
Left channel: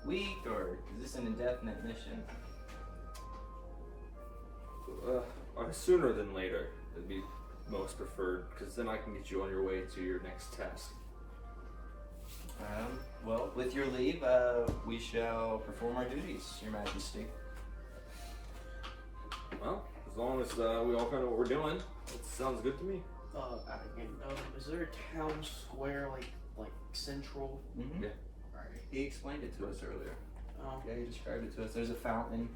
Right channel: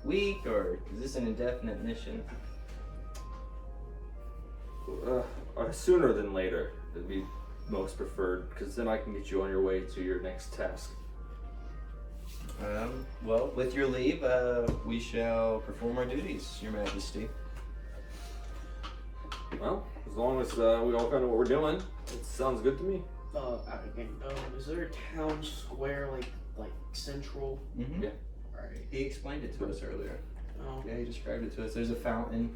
week, or is this an indefinite mission? Sooner than later would be most preferred, because then I can get you on your way to your next task. Well, with your leave, we shall perform our duties, Your Majesty. Well, as long as we all kind of know what we're doing, it sounds good to me. Is there a town square like central? Mm-hmm. Yeah. Alright. He explained it to us earlier. Oh. Yeah, he described it to us. There's a fountain.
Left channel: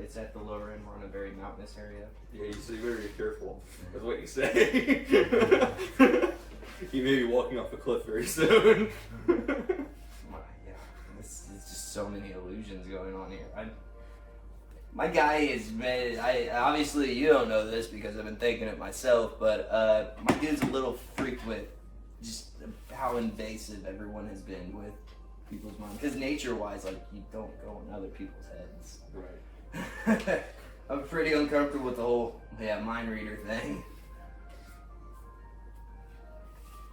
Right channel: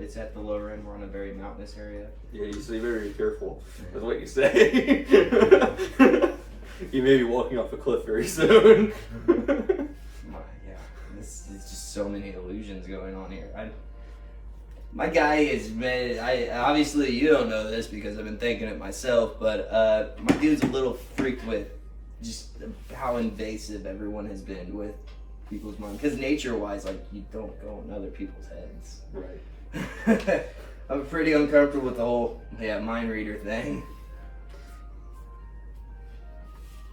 It's at the lower end. We're on a very mountainous area. Yeah, you say very careful with what you say. You may be walking off a cliff very soon. Yeah, this is just so many illusions going on here. My guy is, man, obviously you don't know this because I've been thinking it myself, but my dude's a little freaked with just how invasive everyone has been with people's minds. Because nature-wise, you don't go in other people's heads. Right. I'm pretty uncomfortable with the whole, mind reader thing.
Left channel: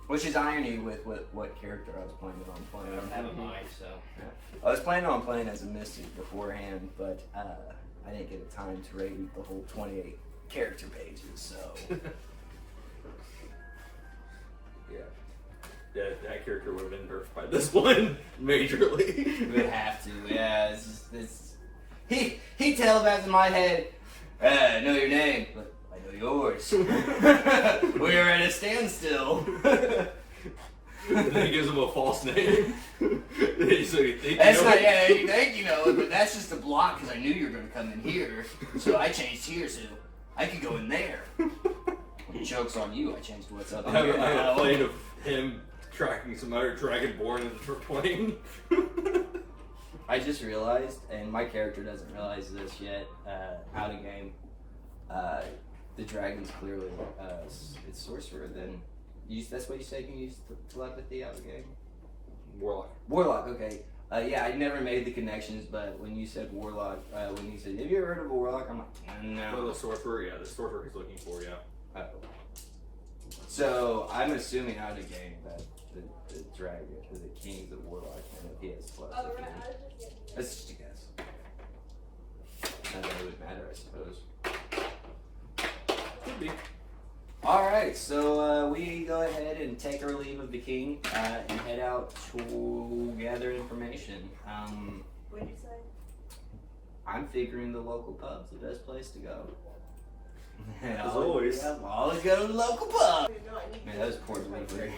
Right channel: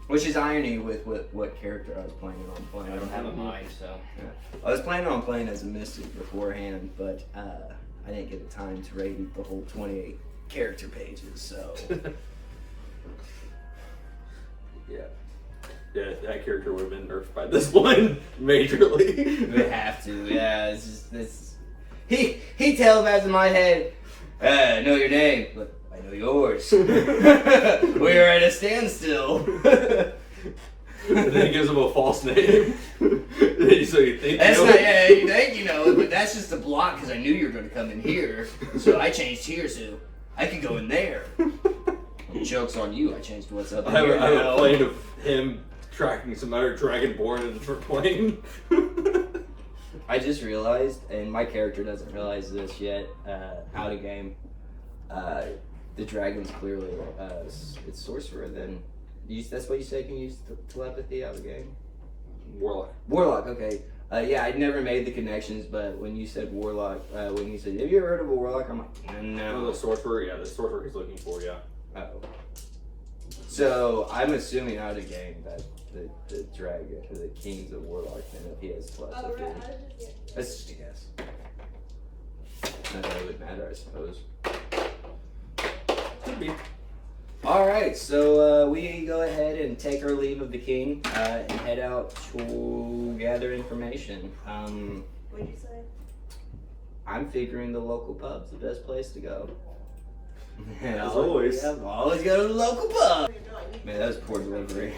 Which is irony with what character I was planning on playing. I don't have a mind, so. I was planning on playing as a mystic beforehand, but I didn't get the time to read the whole 28 character pages, so. Yeah, that character would have been nerfed by this one majorly. We have to, yeah. It's just this. He telepaths in my head. I know your name, but I know yours. We're at a standstill. And then he gives him a false name. So you think That's you know not, it? you think you know it, but that's just a block because I knew you were going to come in here. So I changed here so I could go in there. Well, joke's on you. I changed to what's up in I here have now. a plane of him tracking some other dragonborn in a plane. I just realized, and my character doesn't realize this yet, out of game, the dragon's clearly it's sorcerer. Then that's what you say can use telepathy out of game. Warlock, okay. Yeah, I'd never made the connections, but when you said warlock, when you said, have you ever heard of a warlock? I'm like, Oh, no. the sorcerer, yeah, the sorcerer he's looking for, yeah. Oh. So I'm assuming out of game that the dragon, the king's a warlock, and if he has telepathy. That's just a guess. Not that it would matter, I suppose. Could be. Alright, so we go ahead and take our leave of the king and head out to gather information. What'd you say? I'm figuring the local pub's the best place to go. And As always. Yeah, we'll always go to the local pub. Man, that was poor delivery.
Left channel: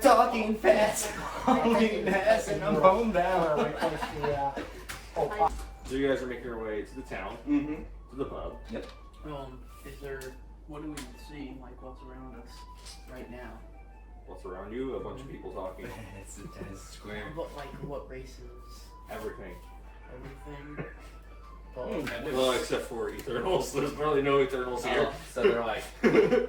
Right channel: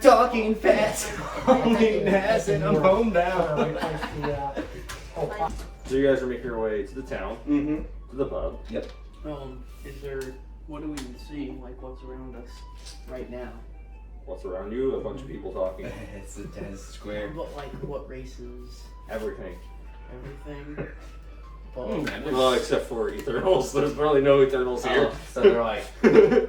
Talking fast, hauling ass, and I'm homebound. So you guys are making your way to the town, Mm-hmm. to the pub. Is there, what do we see, like what's around us right now? What's around you? A bunch of people talking. It's a tennis square. But like what races? Everything. Everything? Well, except for Eternals. There's really no Eternals here. Oh, so they're like, I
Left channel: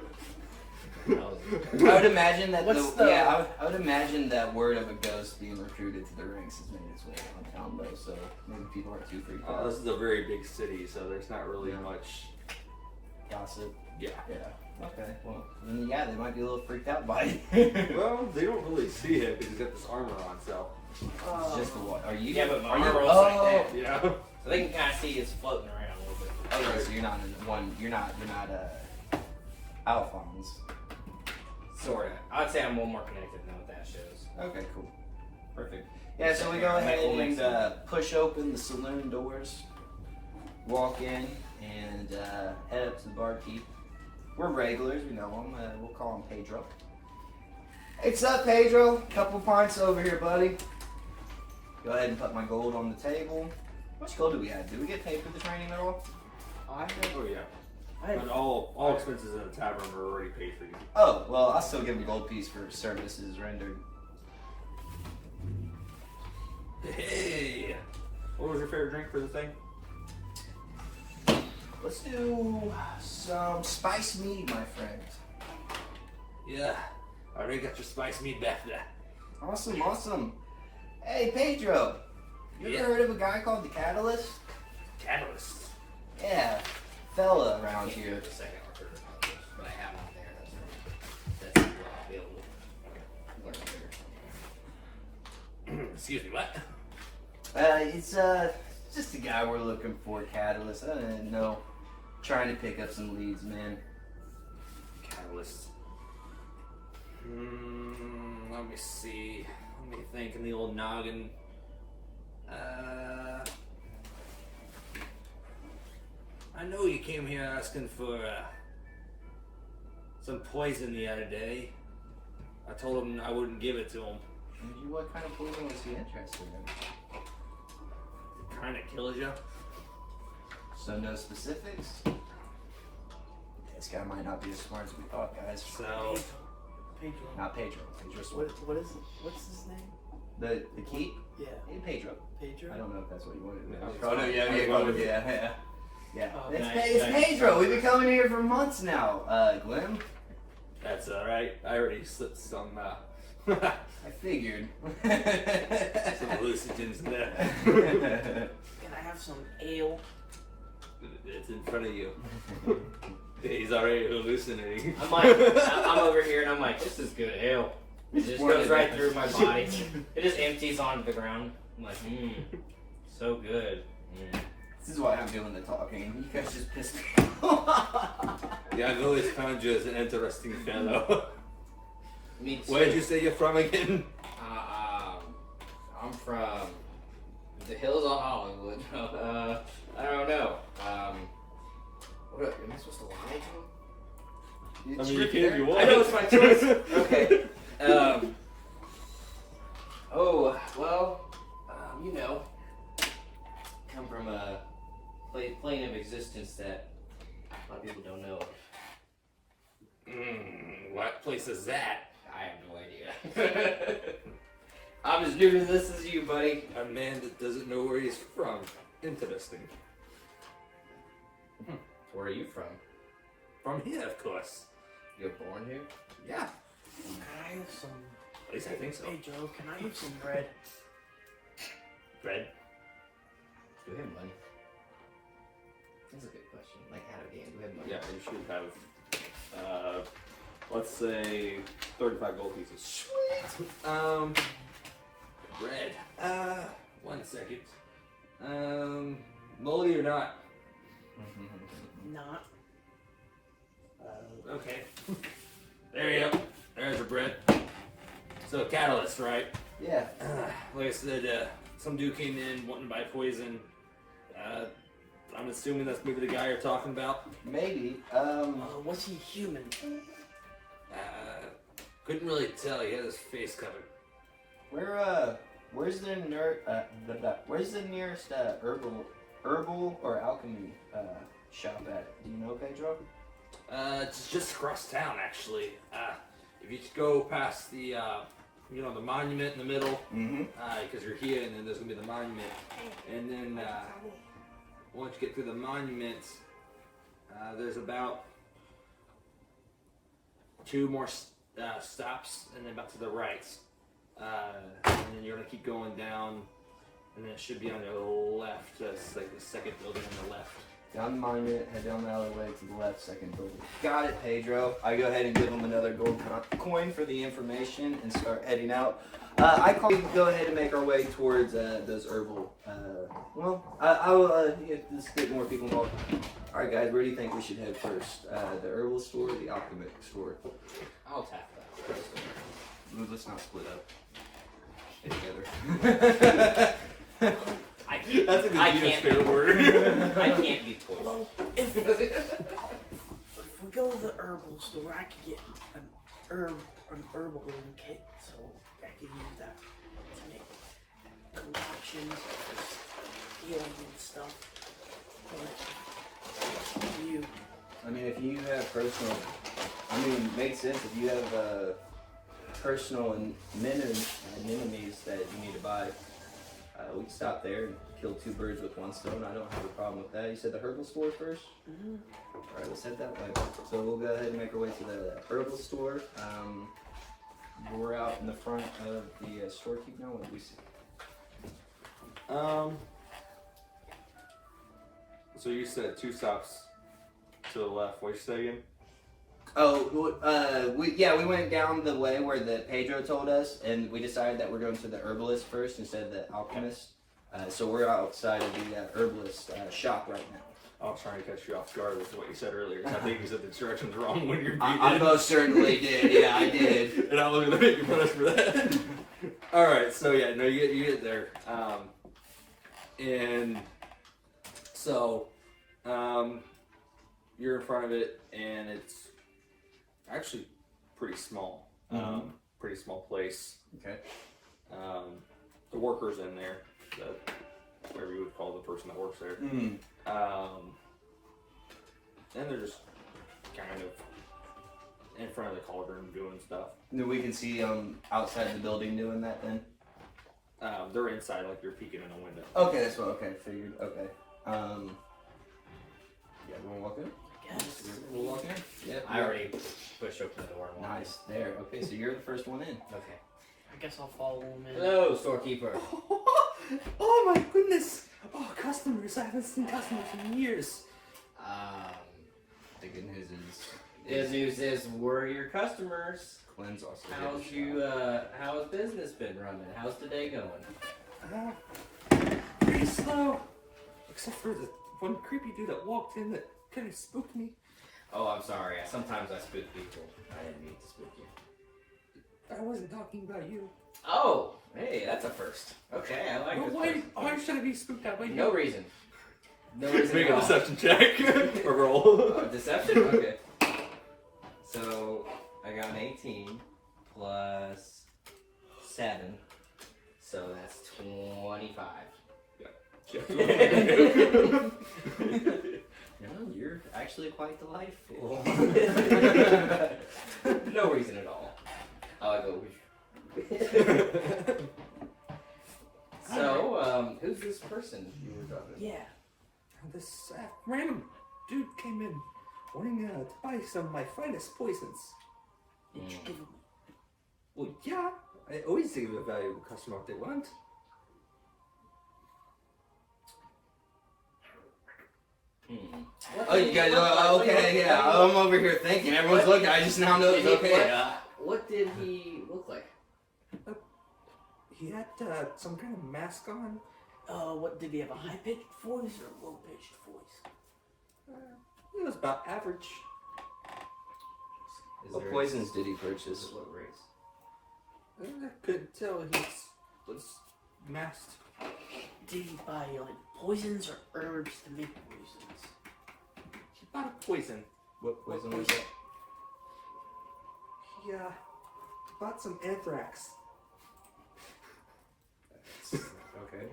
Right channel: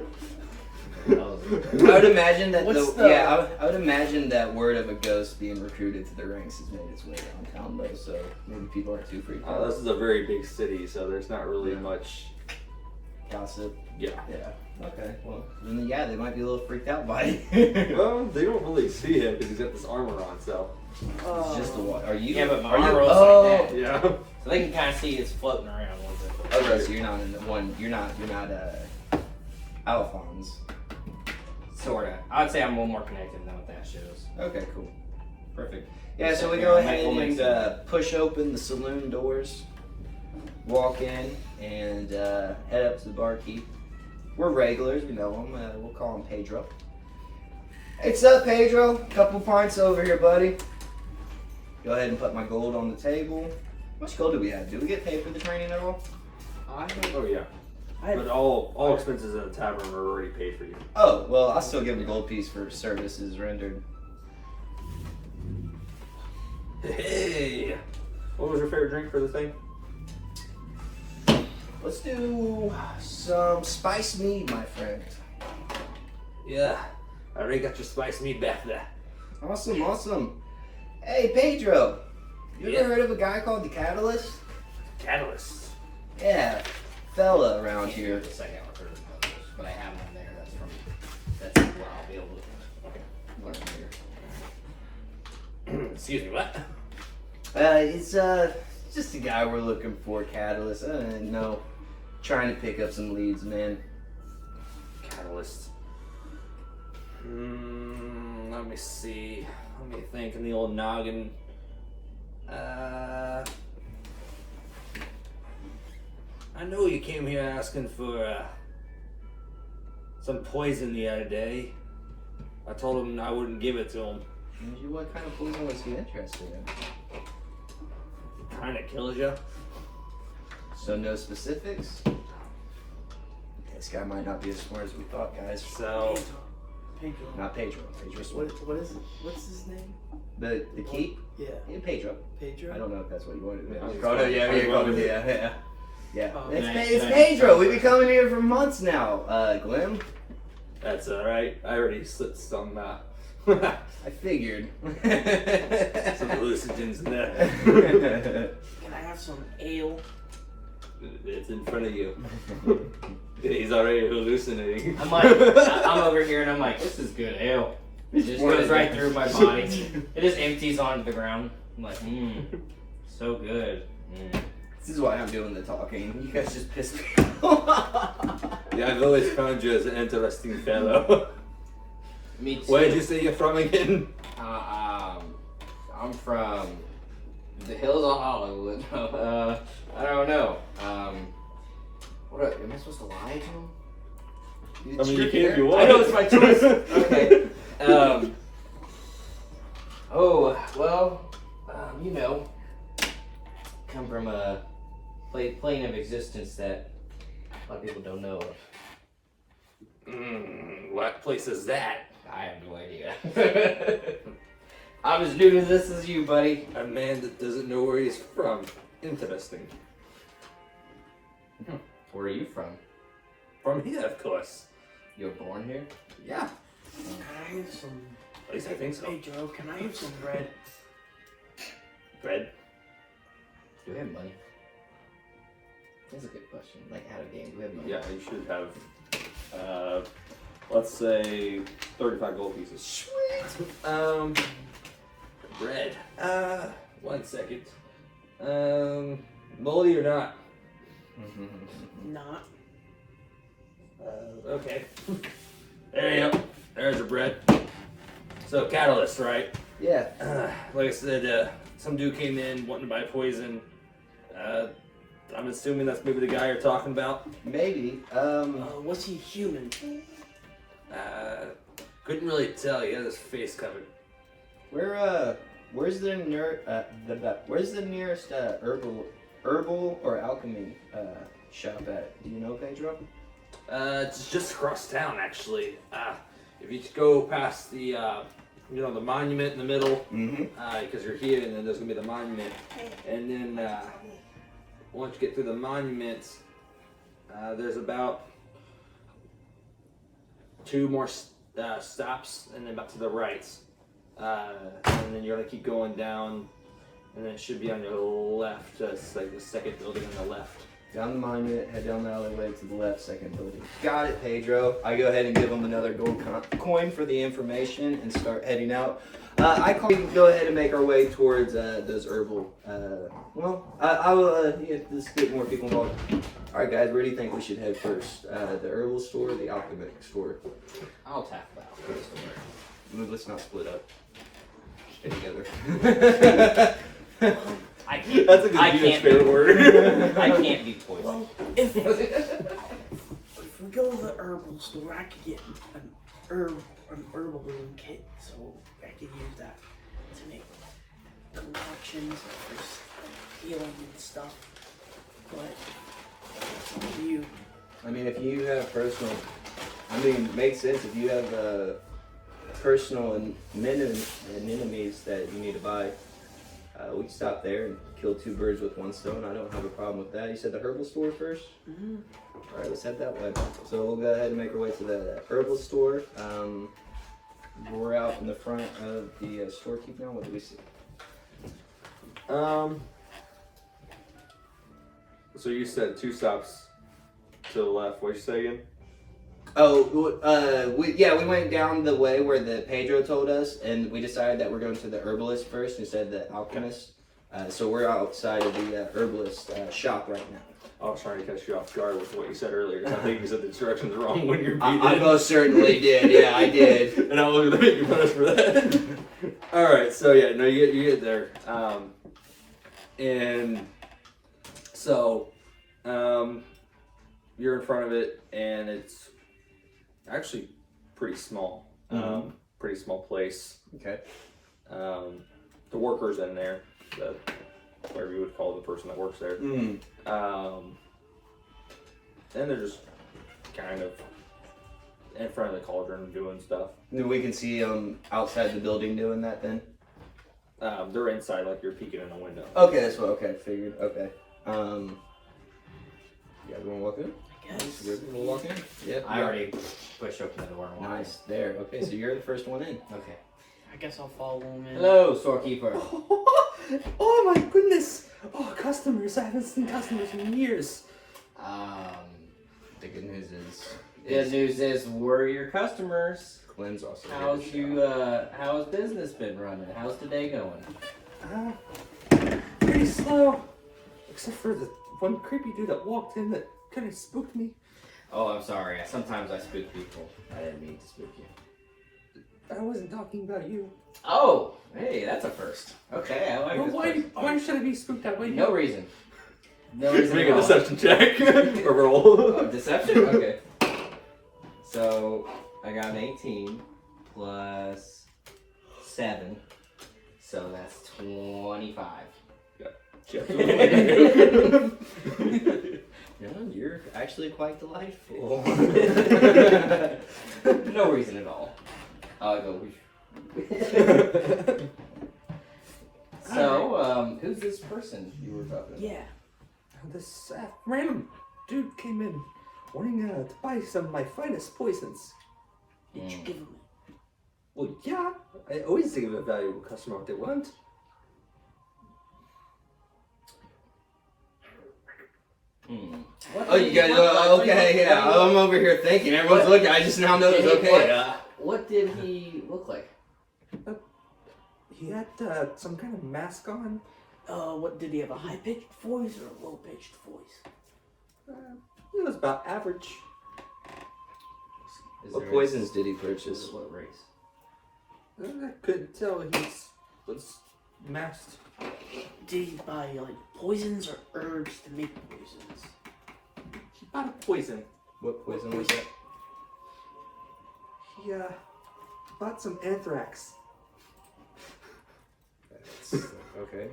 would imagine that What's I would imagine that word of a ghost being recruited to the ranks has made its way around town though, so maybe people aren't too freaked out. This is a very big city, so there's not really much. Gossip. Yeah. Yeah. Okay. Well, then yeah, they might be a little freaked out by it. Well, they don't really see him because he's got this armor on, so. It's just the what? Are you? yeah, but my are you? armor Oh. looks like that. Yeah. So they can kind of see it's floating around a little bit. Okay, so you're not in the one. You're not. Alphonse. Sorta. I'd say I'm a little more connected than what that shows. Okay. Cool. Perfect. Yeah. So we Yeah, go we'll ahead make and push open the saloon doors, walk in, and head up to the barkeep. We're regulars. We know him. We'll call him Pedro. What's up, Pedro? Couple pints over here, buddy. Go ahead and put my gold on the table. How much gold do we have? Do we get paid for the training at all? I Oh yeah. But all expenses in the tavern are already paid for you. Oh, well, I'll still give him a gold piece for services rendered. Hey. What was your favorite drink for the thing? Let's do some spice mead, my friend. Yeah. I already got your spice meat back there. Awesome, awesome. Hey, Pedro. You Yeah. ever heard of a guy called the Catalyst? Catalyst. Yeah, fella around Can't do here. the second or third levels, but I have one there. That's where I'll be able to. Excuse me, what? It's just a guy we're looking for, Catalyst. I don't know. Trying to pick up some leads, man. Catalyst. Let me see. Let me think in the old noggin. I know you came here asking for some poison the other day. I told him I wouldn't give it to him. What kind of poison was he interested in? Kinda kills you. So no specifics? This guy might not be as smart as we thought, guys. So Pedro. Not Pedro. Pedro Swift. What is it? What's his name? The keep? Yeah. Yeah, Pedro. Pedro? I don't know if that's what you wanted. Yeah, Oh, no, yeah, yeah. Oh, It's Pedro. We've been coming here for months now. Glim, that's alright. I already slipped some I figured. some hallucinogens in there. Can I have some ale? It's in front of you. He's already hallucinating. I'm like, I'm over here and I'm like, this is good ale. It just goes right through my body. It just empties onto the ground. I'm like, so good. This is why I'm doing the talking. You guys just pissed me off. Yeah, I've always found you as an interesting fellow. Me too. Where did you say you're from again? I'm from the hills of Hollywood. I don't know. What am I supposed to lie to him? I mean, you can if you want. I know it's my choice. Okay. Oh well. You know, come from a plane of existence that a lot of people don't know of. What place is that? I have no idea. I'm as new to this as you, buddy. A man that doesn't know where he's from. Interesting. Where are you from? From here, of course. You were born here? Yeah. Can I have some? At least I think so. Hey Joe, can I have some bread? Bread. Do we have money? That's a good question. Like out of game, do we have money? Yeah, you should have let's say 35 gold pieces. Bread. 1 second. Moldy or not? Not. Okay. There you go. There's your bread. So catalyst, right? Yeah. Like I said, some dude came in wanting to buy poison. I'm assuming that's maybe the guy you're talking about. Maybe. Was he human? Couldn't really tell. He had his face covered. Where's the nearest herbal or alchemy shop at? Do you know, Pedro? It's just across town, actually. If you just go past the, the monument in the middle, because you're here, and then there's gonna be the monument, and then once you get through the monument, there's about 2 more stops, and then about to the right, and then you're gonna keep going down, and then it should be on your left. It's like the second building on the left. Down the monument, head down the alleyway to the left, second building. Got it, Pedro. I go ahead and give him another gold coin for the information and start heading out. I call you go ahead and make our way towards those herbal. I will just get more people involved. All right, guys, where do you think we should head first? The herbal store or the alchemic store? I'll tap the alchemist store. Let's not split up. Stay together. That's a good fair word. I can't be poisoned. Well, if we go to the herbal store, I could get an herbalism kit, so I could use that to make concoctions for healing and stuff. But you, I mean, if you have personal, makes sense. If you have personal enemies that you need to buy, we can stop there and kill 2 birds with 1 stone. I don't have a problem with that. You said the herbal store first? mm-hmm. All right, let's head that way. So we'll go ahead and make our way to the herbal store. We're out in the front of the storekeep now. What do we see? So you said 2 stops to the left. What'd you say again? Oh, we went down the way where the Pedro told us, and we decided that we're going to the herbalist first instead of the alchemist. So we're outside of the herbalist shop right now. I was trying to catch you off guard with what you said earlier. I think you said the directions wrong when you're beating. I most certainly did. Yeah, I did. And I'm looking to make you punish for that. All right, so yeah, no, you get there, and so you're in front of it, and it's actually pretty small. Pretty small place. Okay. The workers in there, whatever you would call the person that works there. And they're just kind of in front of the cauldron doing stuff. We can see outside the building doing that then? They're inside, like you're peeking in a window. Okay, that's what, okay, figured, okay. Yeah, you wanna walk in? I guess. Good, we'll walk in? Yeah. I already pushed open the door. Nice, there, okay, so you're the first one in. Okay. I guess I'll follow him in. Hello, storekeeper. Oh my goodness! Oh, customers! I haven't seen customers in years. The good news is... Good news is we're your customers. Quinn's also here to shop. How's business been running? How's today going? Pretty slow. Except for the one creepy dude that walked in that kind of spooked me. Oh, I'm sorry. Sometimes I spook people. I didn't mean to spook you. I wasn't talking about you. Oh, hey, that's a first. Okay, I like Well, this. why should I be spooked that way? No reason. No reason Make at a all. deception check. Or roll. Oh, deception? Okay. So, I got an 18 plus 7. So that's 25. No, you're actually quite delightful. No reason at all. I go, So, who's this person you were talking about? Yeah. This random dude came in wanting to buy some of my finest poisons. Did you give him? Well, yeah, I always give a valuable customer what they want. Oh, you guys, okay, yeah. I'm over here thinking. Everyone's looking. I just now know it's okay. What did he look like? He had some kind of mask on. What did he have? A high pitched voice or a low pitched voice? He was about average. What poisons did he purchase? What race? I couldn't tell. He was masked. Did he buy like poisons or herbs to make poisons? He bought a poison. What poison was that? He bought some anthrax. Okay.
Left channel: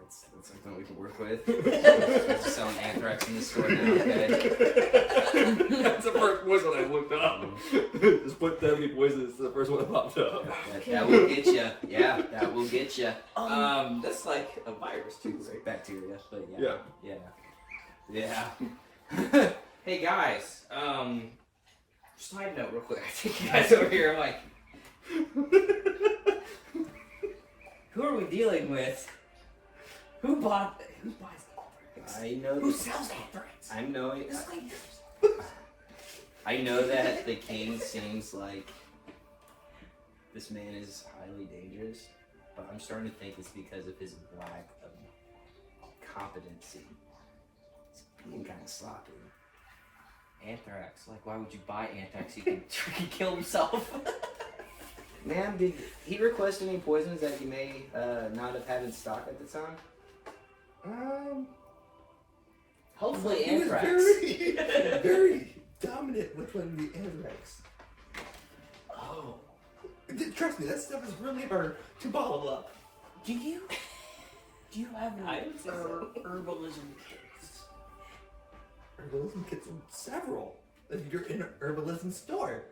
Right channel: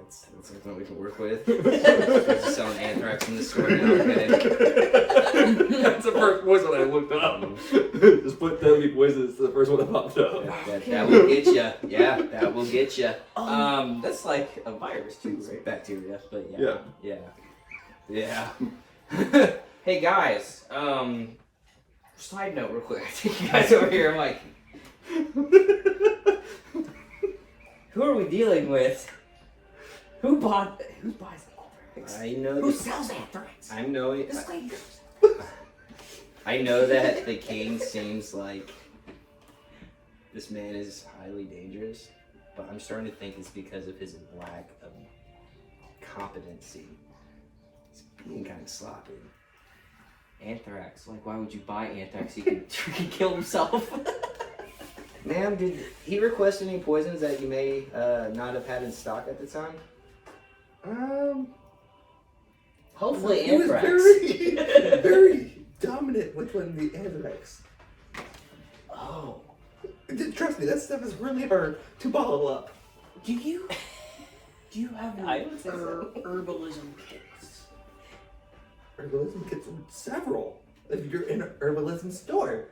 That's something we can work with. We're just selling anthrax in the store now, okay? That's the first poison I looked up. Just put deadly poison. It's the first one that popped up. That will get you. Yeah, that will get you. That's like a virus too, right? Bacteria, but yeah. Hey guys, side note real quick. I think you guys over here. I'm like, who are we dealing with? Who buys anthrax? I know. Who sells anthrax? I know it. This lady. I know that the king seems like this man is highly dangerous, but I'm starting to think it's because of his lack of competency. He's being kind of sloppy. Anthrax. Like, why would you buy anthrax? He could kill himself. Ma'am, did he request any poisons that you may not have had in stock at the time? Hopefully He was anthrax. very dominant with the anthrax. Oh. Trust me, that stuff is really hard to bottle up. Do you have I don't think so. herbalism kits? Herbalism kits with several. If you're in an herbalism store.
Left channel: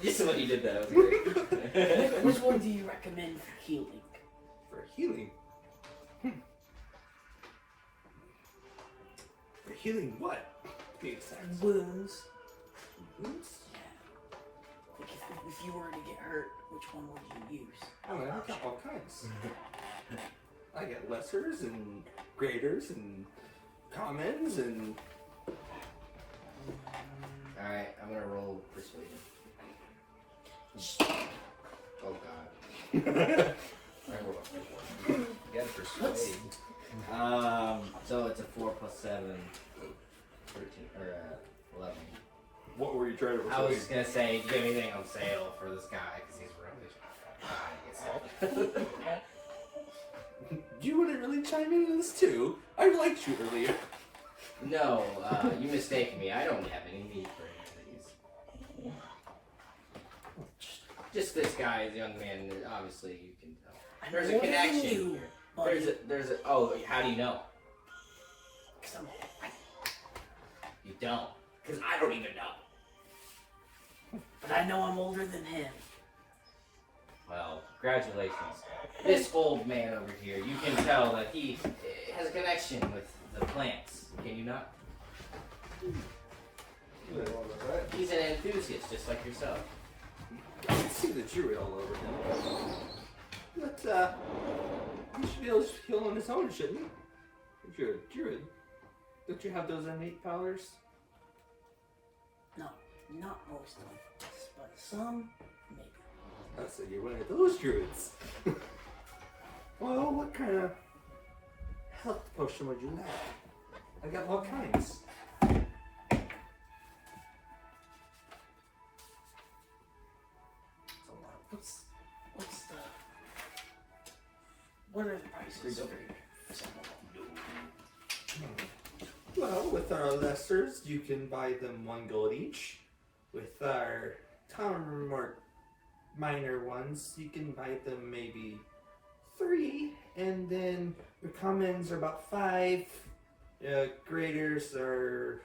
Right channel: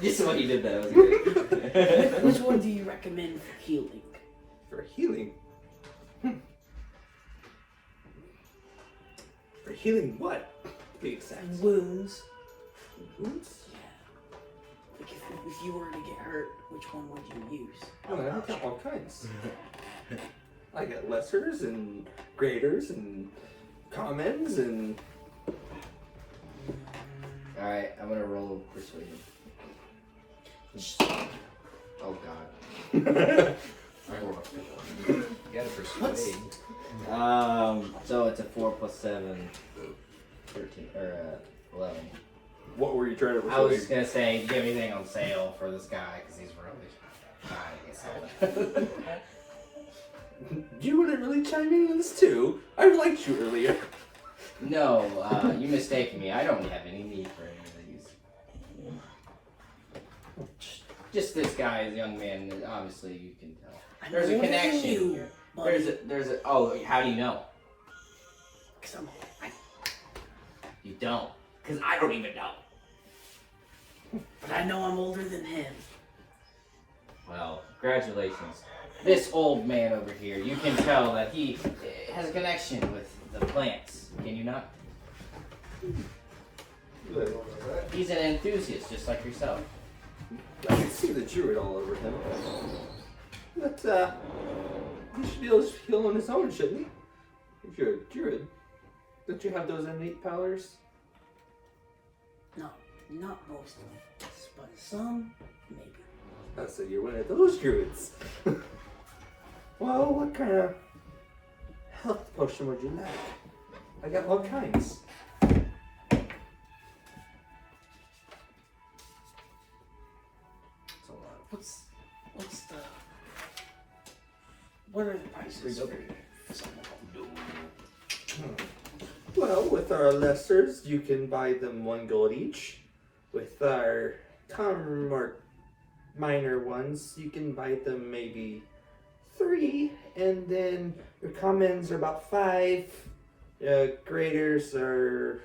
This is what you did though. That was great. Which one do you recommend for healing? For healing. For healing what? To be exact. Wounds. Wounds? Yeah. Like if you were to get hurt, which one would you use? Oh, I got all kinds. I got lessers and graders and commons and. Alright, I'm gonna roll persuasion. Oh god. I rolled a 4. You gotta persuade. So it's a 4 plus 7, 13, or 11. What were you trying to I persuade? was just gonna say, do you have anything on sale for this guy? Because he's really high. You wouldn't really chime in on this too. I liked you earlier. No, you mistaken me. I don't have any need for any of these. Just this guy is a young man. Obviously, you can tell. There's a older than connection you, here. buddy. There's a. Oh, how do you know? 'Cause You don't. Because I don't even know. but I know I'm older than him. Well, congratulations. This old man over here, you can tell that he has a connection with the plants. Can you not? He's an enthusiast, just like yourself. I can see the druid all over him. But, he should be able to heal on his own, shouldn't he? If you're a druid. Don't you have those innate powers? No, not most of them, but some maybe. Oh, so you're one of those druids. Well, what kind of health potion would you like? I got all kinds. That's a lot. What are the prices for some of them? Well, with our lessers, you can buy them 1 gold each. With our common or minor ones, you can buy them maybe 3. And then your commons are about 5. Graders are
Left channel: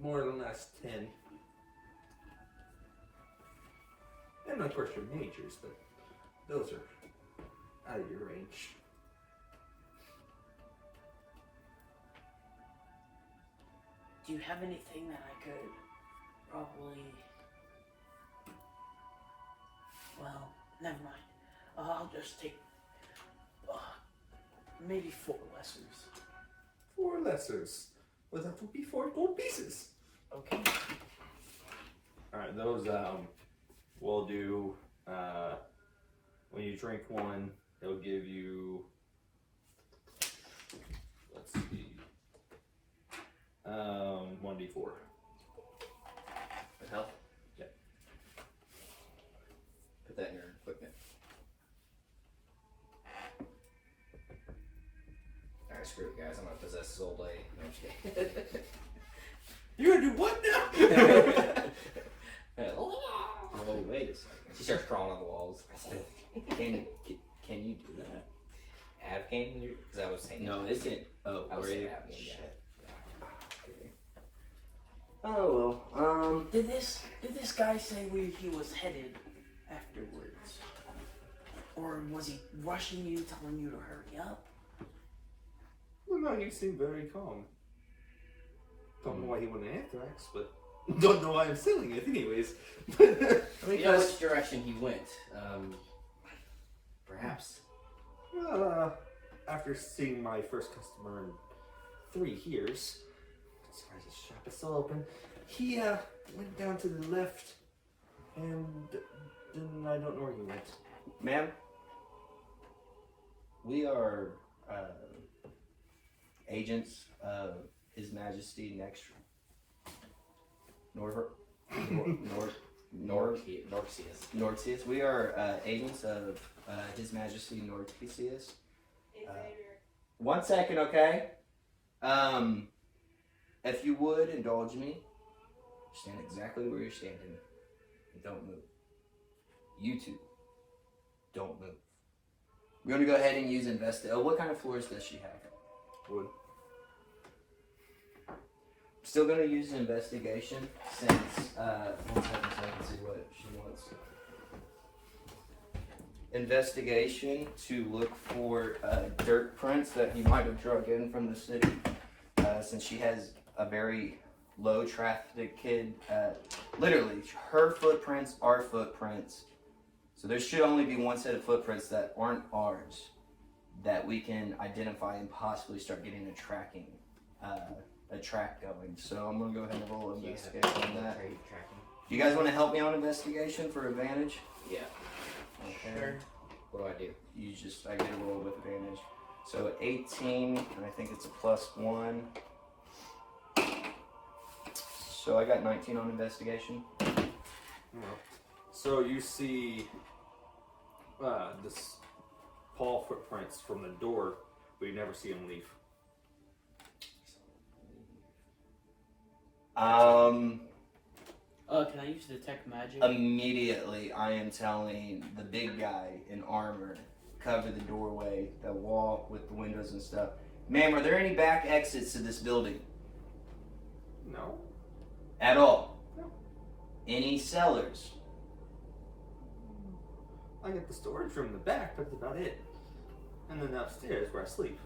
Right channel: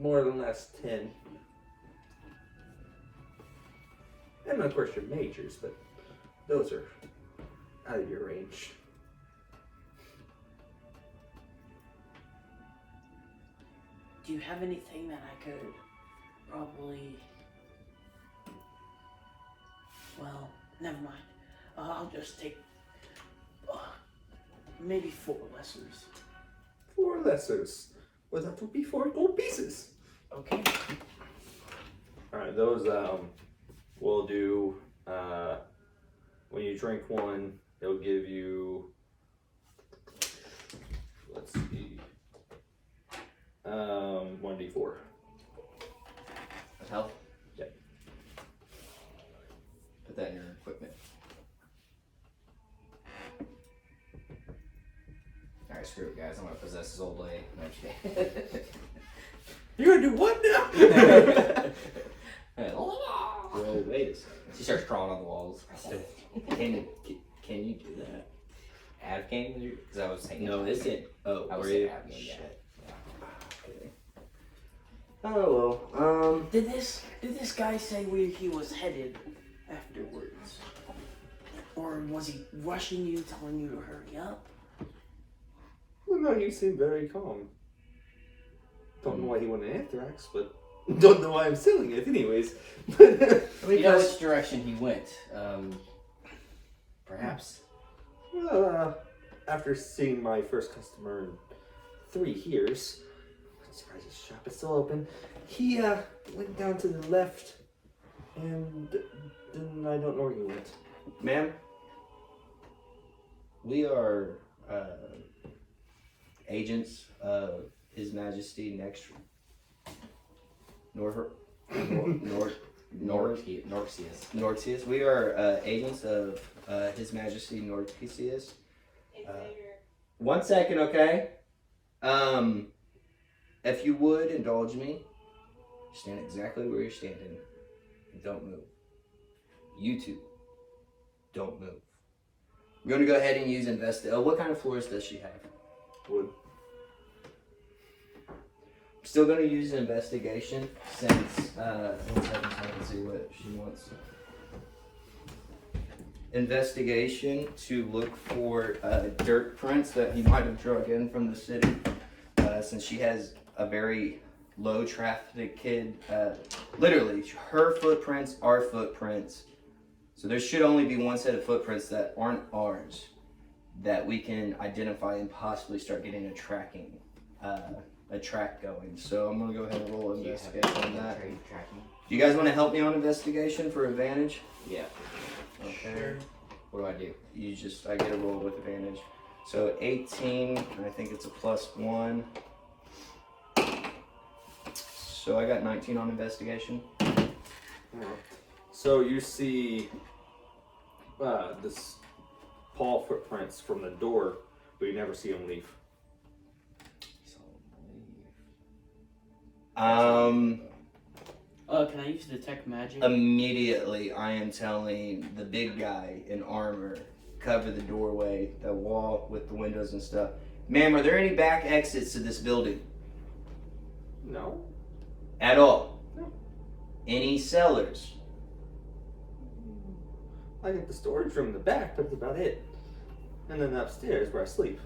more or less 10. And of course your majors, but those are out of your range. Do you have anything that I could probably... Well, never mind. I'll just take... maybe 4 lessers. 4 lessers. Well, that would be 4 gold pieces. Okay. Alright, those will do when you drink one, it'll give you, let's see, 1d4. Of health? Yep. Put that in your equipment. Alright, screw it, guys. I'm gonna possess this old lady. No, I'm just kidding. You're gonna do what now? Well, wait a second. She starts crawling on the walls. Can you do that? Av game? Because I was taking. No, isn't. Oh, I were was you? av game, yeah. Shit. Okay. Oh well. Did this guy say where he was headed afterwards? Or was he rushing you, telling you to hurry up? Well, no, you seem very calm. Don't know why he wanted anthrax, but don't know why I'm selling it anyways. We know which direction he went. Perhaps. Well, after seeing my first customer in 3 years, I'm surprised his shop is still open. He went down to the left, and then I don't know where he went. Ma'am, we are agents of His Majesty Nortius. We are agents of His Majesty Nortius. One second, okay? If you would indulge me, stand exactly where you're standing and don't move. You two, don't move. We're gonna go ahead and use what kind of floors does she have? Wood. Still gonna use investigation since one second, so I can see what she wants. Investigation to look for dirt prints that he might have drug in from the city, since she has a very low traffic kid. Literally, her footprints are footprints, so there should only be one set of footprints that aren't ours that we can identify and possibly start getting a track going. So I'm gonna go ahead and roll investigation on that. Do you guys want to help me on investigation for advantage? Yeah. Okay. Sure. What do? I get a roll with advantage. So 18, and I think it's a +1. So I got 19 on investigation. So you see this paw footprints from the door, but you never see him leave. Can I use detect magic? Immediately, I am telling the big guy in armor, cover the doorway, the wall with the windows and stuff. Ma'am, are there any back exits to this building? No. At all? No. Any cellars? I got the storage room in the back, but that's about it. And then upstairs where I sleep.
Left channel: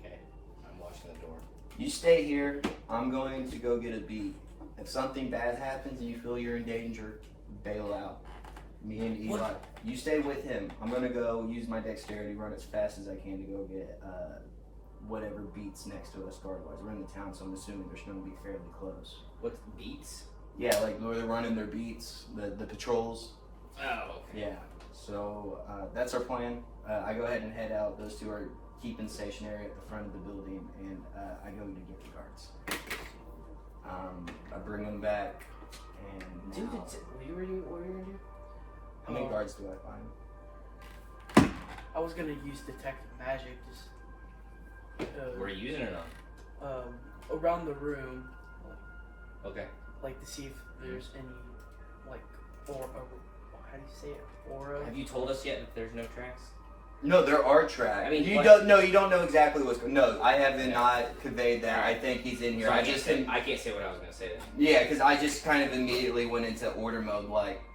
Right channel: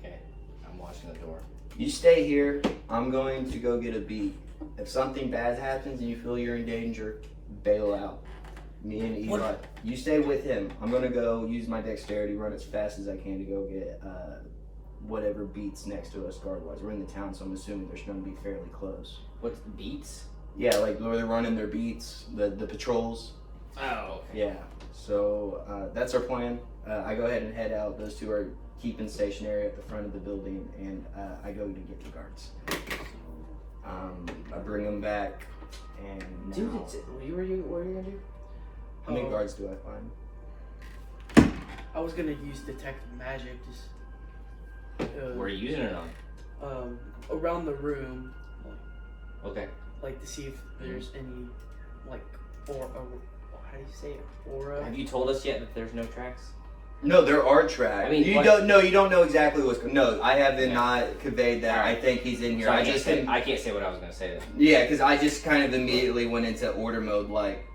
Okay, I'm watching the door. You stay here. I'm going to go get a beat. If something bad happens and you feel you're in danger, bail out. Me and Eli. What? You stay with him. I'm going to go use my dexterity, run as fast as I can to go get whatever beats next to us guard-wise. We're in the town, so I'm assuming they're going to be fairly close. What's beats? Yeah, like where they're running their beats, the patrols. Oh, okay. Yeah. So that's our plan. I go ahead and head out. Those two are keeping stationary at the front of the building, and I go to get the guards. I bring them back, and now, Dude, what are you gonna do? how many guards do I find? I was gonna use detect magic, just Where are you using it on? around the room, Okay. like to see if there's any, like, or how do you say it? Aura. Have you told us yet that there's no tracks? No, there are tracks. I mean, you what- don't know. You don't know exactly what's going. No, I haven't Yeah. not conveyed that. Alright. I think he's in here. So I I can't say what I was gonna say then. Yeah, because I just kind of immediately went into order mode. Like,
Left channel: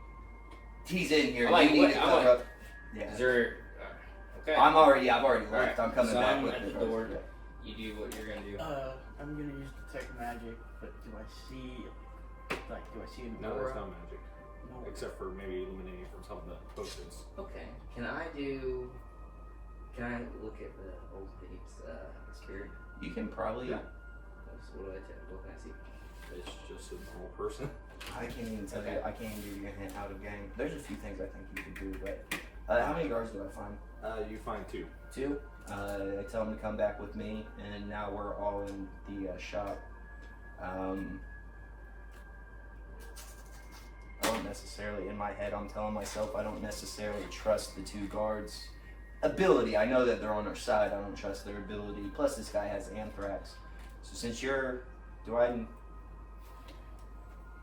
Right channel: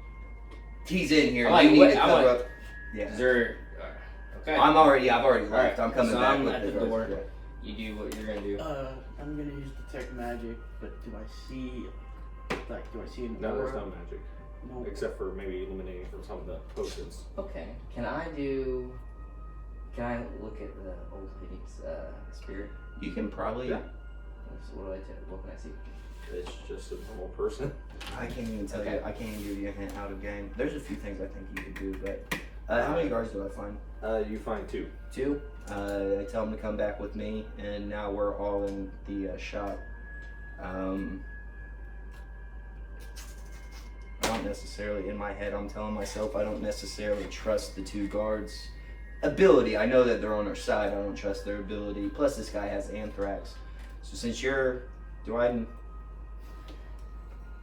he's in here. I'm like, you need what- to I'm cover like- up. Yeah. Is there? Okay. I've already left. Alright, I'm coming so back I'm with at the the guards. door. You do what you're gonna do. I'm gonna use detect magic, but do I see, like, do I see an No, aura? there's no magic. No. Except for maybe eliminating from some of the potions. Okay. Can I do Can I look at the old Phoenix spirit? You can probably. What can I see? It's just a normal person. I can't even tell Okay. you. I can't even give you a hint out of game. There's a few things I think you could do, but how many guards do I find? You find 2. 2. I tell them to come back with me, and now we're all in the shop. I don't necessarily, in my head, I'm telling myself I don't necessarily trust the 2 guards' ability. I know that they're on our side. I don't trust their ability. Plus, this guy has anthrax. So since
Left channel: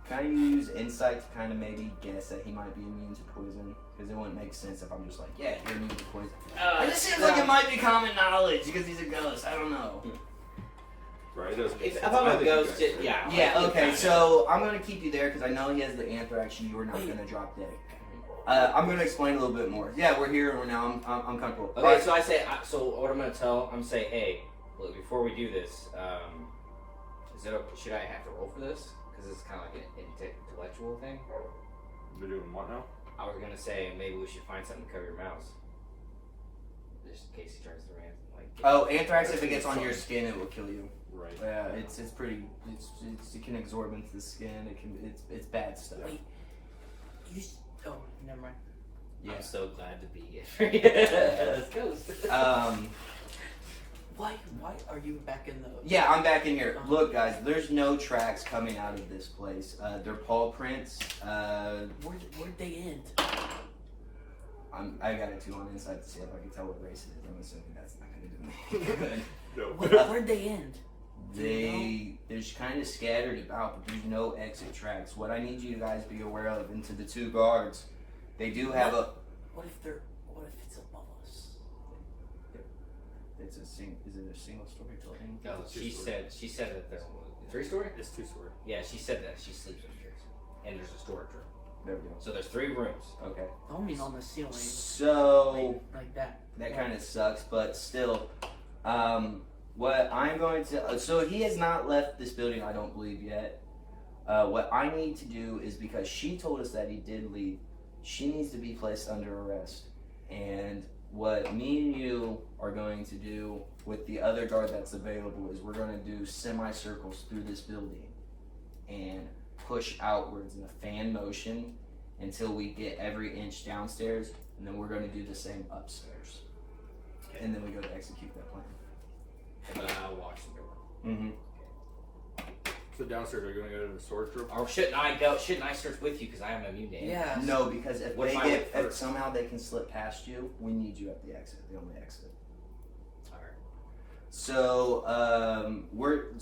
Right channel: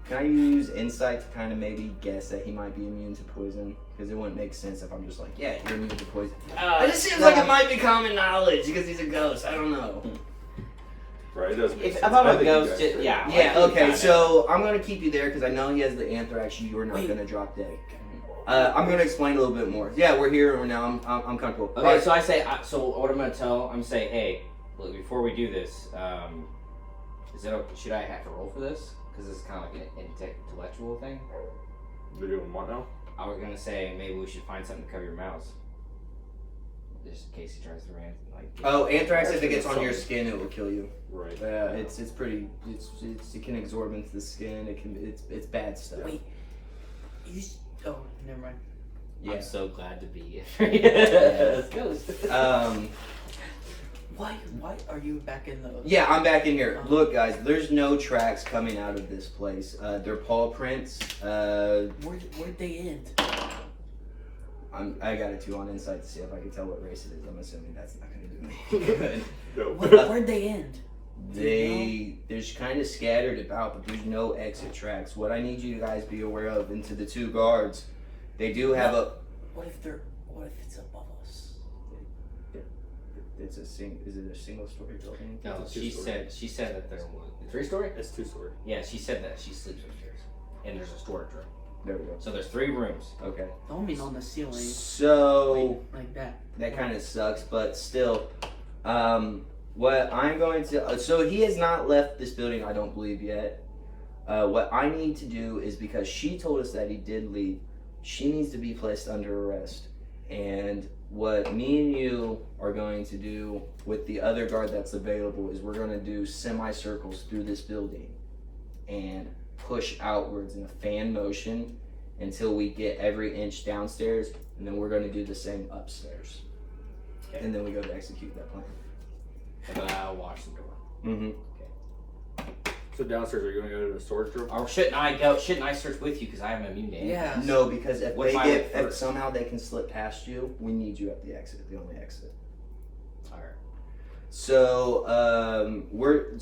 can I use insight to kind of maybe guess that he might be immune to poison? Because it wouldn't make sense if I'm just like, yeah, you're immune to poison. It just seems like it might be common knowledge because he's a ghost. I don't know. Right, it doesn't make If sense. I'm I a think you ghost, guys it, are- yeah. Yeah, like, okay, kinda. so I'm going to keep you there because I know he has the anthrax. You're not going to drop dead. I'm going to explain a little bit more. Yeah, we're here and we're now. I'm comfortable. Okay, Alright. so I say, so what I'm gonna tell, I'm saying, hey, look, before we do this, should I have to roll for this? Because it's kind of like an intellectual thing. They're doing what now? I was gonna say maybe we should find something to cover your mouths, just in case he tries to rant. Like, Oh, anthrax, if it gets on your skin, it will kill you. Right. Yeah, it can absorb into the skin. It's bad stuff. Wait. Oh, never mind. Yeah. I'm so glad to be here. Let's go. Why are you back in the? Yeah, I'm back in here. Look, guys, there's no tracks coming out of this place. They're paw prints. Where'd they end? I got a 2 on insight to see if I can tell what race it is. I'm assuming that's not gonna do me good. No. Where'd they end? They're just kind of scattered about, but there's no exit tracks. What I need you guys to be aware of, and to the 2 guards, they do have What if it's above us? Is it a single story building? No, It's a she two-story. said that they're 3-story. It's 2-story. Yeah, she said that she sleeps upstairs, and there's a storage room. There we go. So there's 3 rooms. Okay. Don't mean on the ceiling. So Like that. that kind of sucks, but still, what I'm going to, so he has not left this building, I don't believe yet. What I need to do is, because she told us that he did leave, she needs to be placed under arrest. And what me and you are going to do with the other guard that's available is we're going to do semicircles through this building and push outwards in a fan motion until we get every inch downstairs, and then we're going to do the same upstairs. Okay. And then we go to execute that plan. And then I'll watch the door. Mm-hmm. So downstairs, are you going to go to the storage room? Or shouldn't I go? Shouldn't I search with you because I am immune to anything? Yeah. No, because if What if they I get, went if first? somehow they can slip past you, we need you at the exit, the only exit. All right. So we're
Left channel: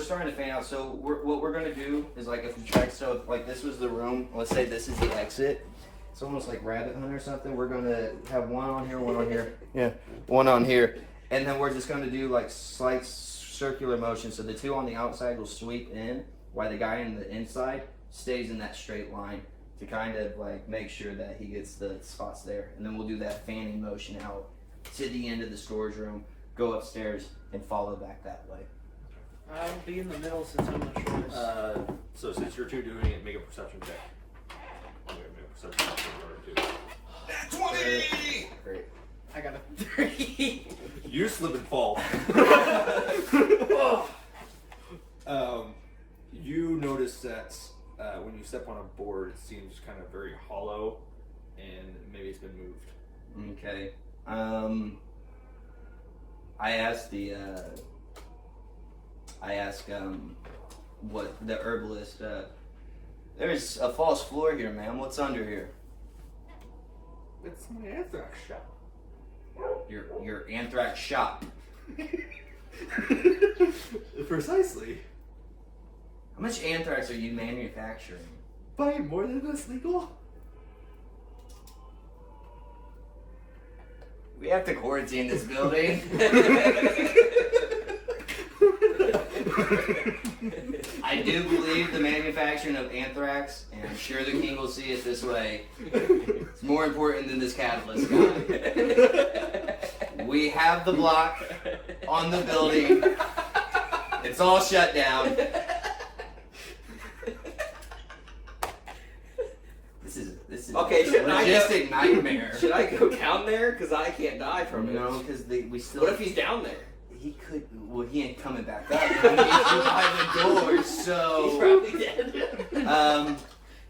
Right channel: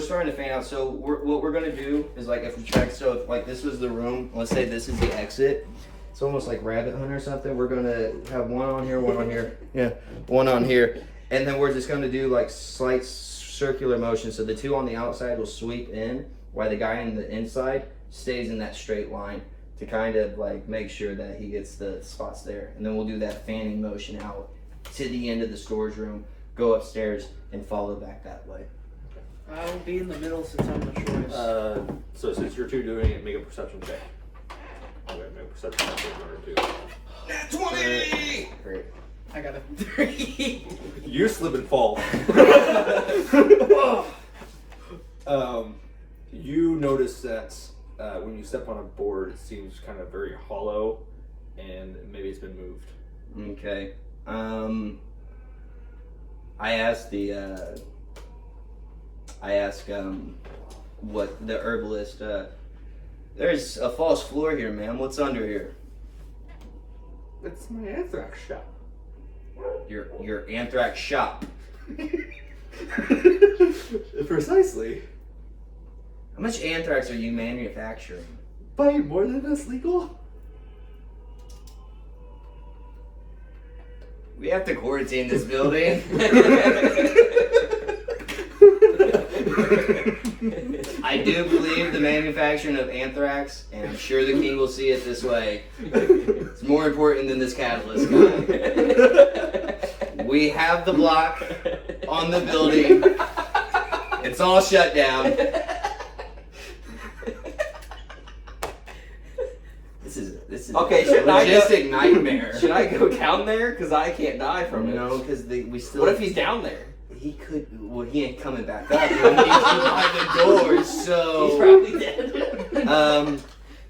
starting to fan out. So what we're gonna do is, like, if we check, so if, like, this was the room, let's say this is the exit. It's almost like Rabbit Hunt or something. We're gonna have one on here, one on here, yeah, one on here, and then we're just gonna do like slight circular motion. So the 2 on the outside will sweep in, while the guy on the inside stays in that straight line to kind of like make sure that he gets the spots there. And then we'll do that fanning motion out to the end of the storage room, go upstairs, and follow back that way. I'll be in the middle since I'm the shortest. So since you're 2 doing it, make a perception check. Okay, make a perception check for 1 or 2. That's 20! Great. I got a 3. You slip and fall. You notice that when you step on a board, it seems kind of very hollow, and maybe it's been moved. Okay. I asked what the herbalist, there's a false floor here, ma'am. What's under here? It's my anthrax shop. Your anthrax shop. Precisely. How much anthrax are you manufacturing? Buy more than that's legal? We have to quarantine this building. I do believe the manufacturing of anthrax, and I'm sure the king will see it this way. It's more important than this catalyst guy. We have the block on the building. It's all shut down. This is Okay, logistic nightmare. should I go down there? Because I can't die from it. No, because we still. What if he's down there? He could. Well, he ain't coming back up. He needs you by the door. He's So. probably dead.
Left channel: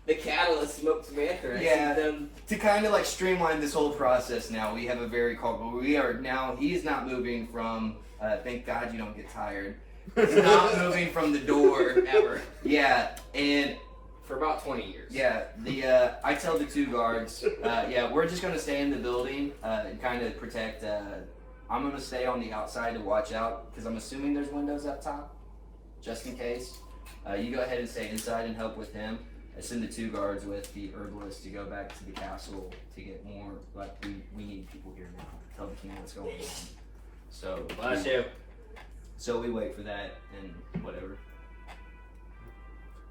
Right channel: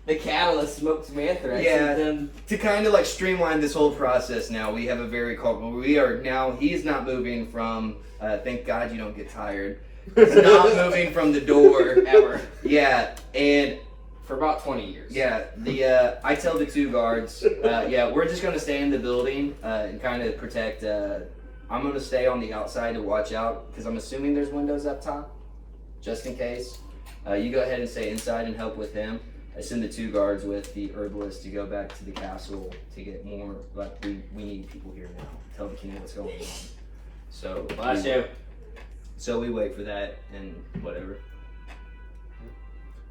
The catalyst smokes some anthrax. Yeah. And then To kind of like streamline this whole process now, we have a very we are now, he's not moving from, thank God you don't get tired. He's not moving from the door. ever. Yeah, and For about 20 years. yeah, I tell the two guards, yeah, we're just gonna stay in the building and kind of protect, I'm gonna stay on the outside to watch out, because I'm assuming there's windows up top, just in case. You go ahead and stay inside and help with him. I send the two guards with the herbalist to go back to the castle to get more, like, we need people here now. Tell the king what's going on. So, Bless you. so we wait for that and whatever.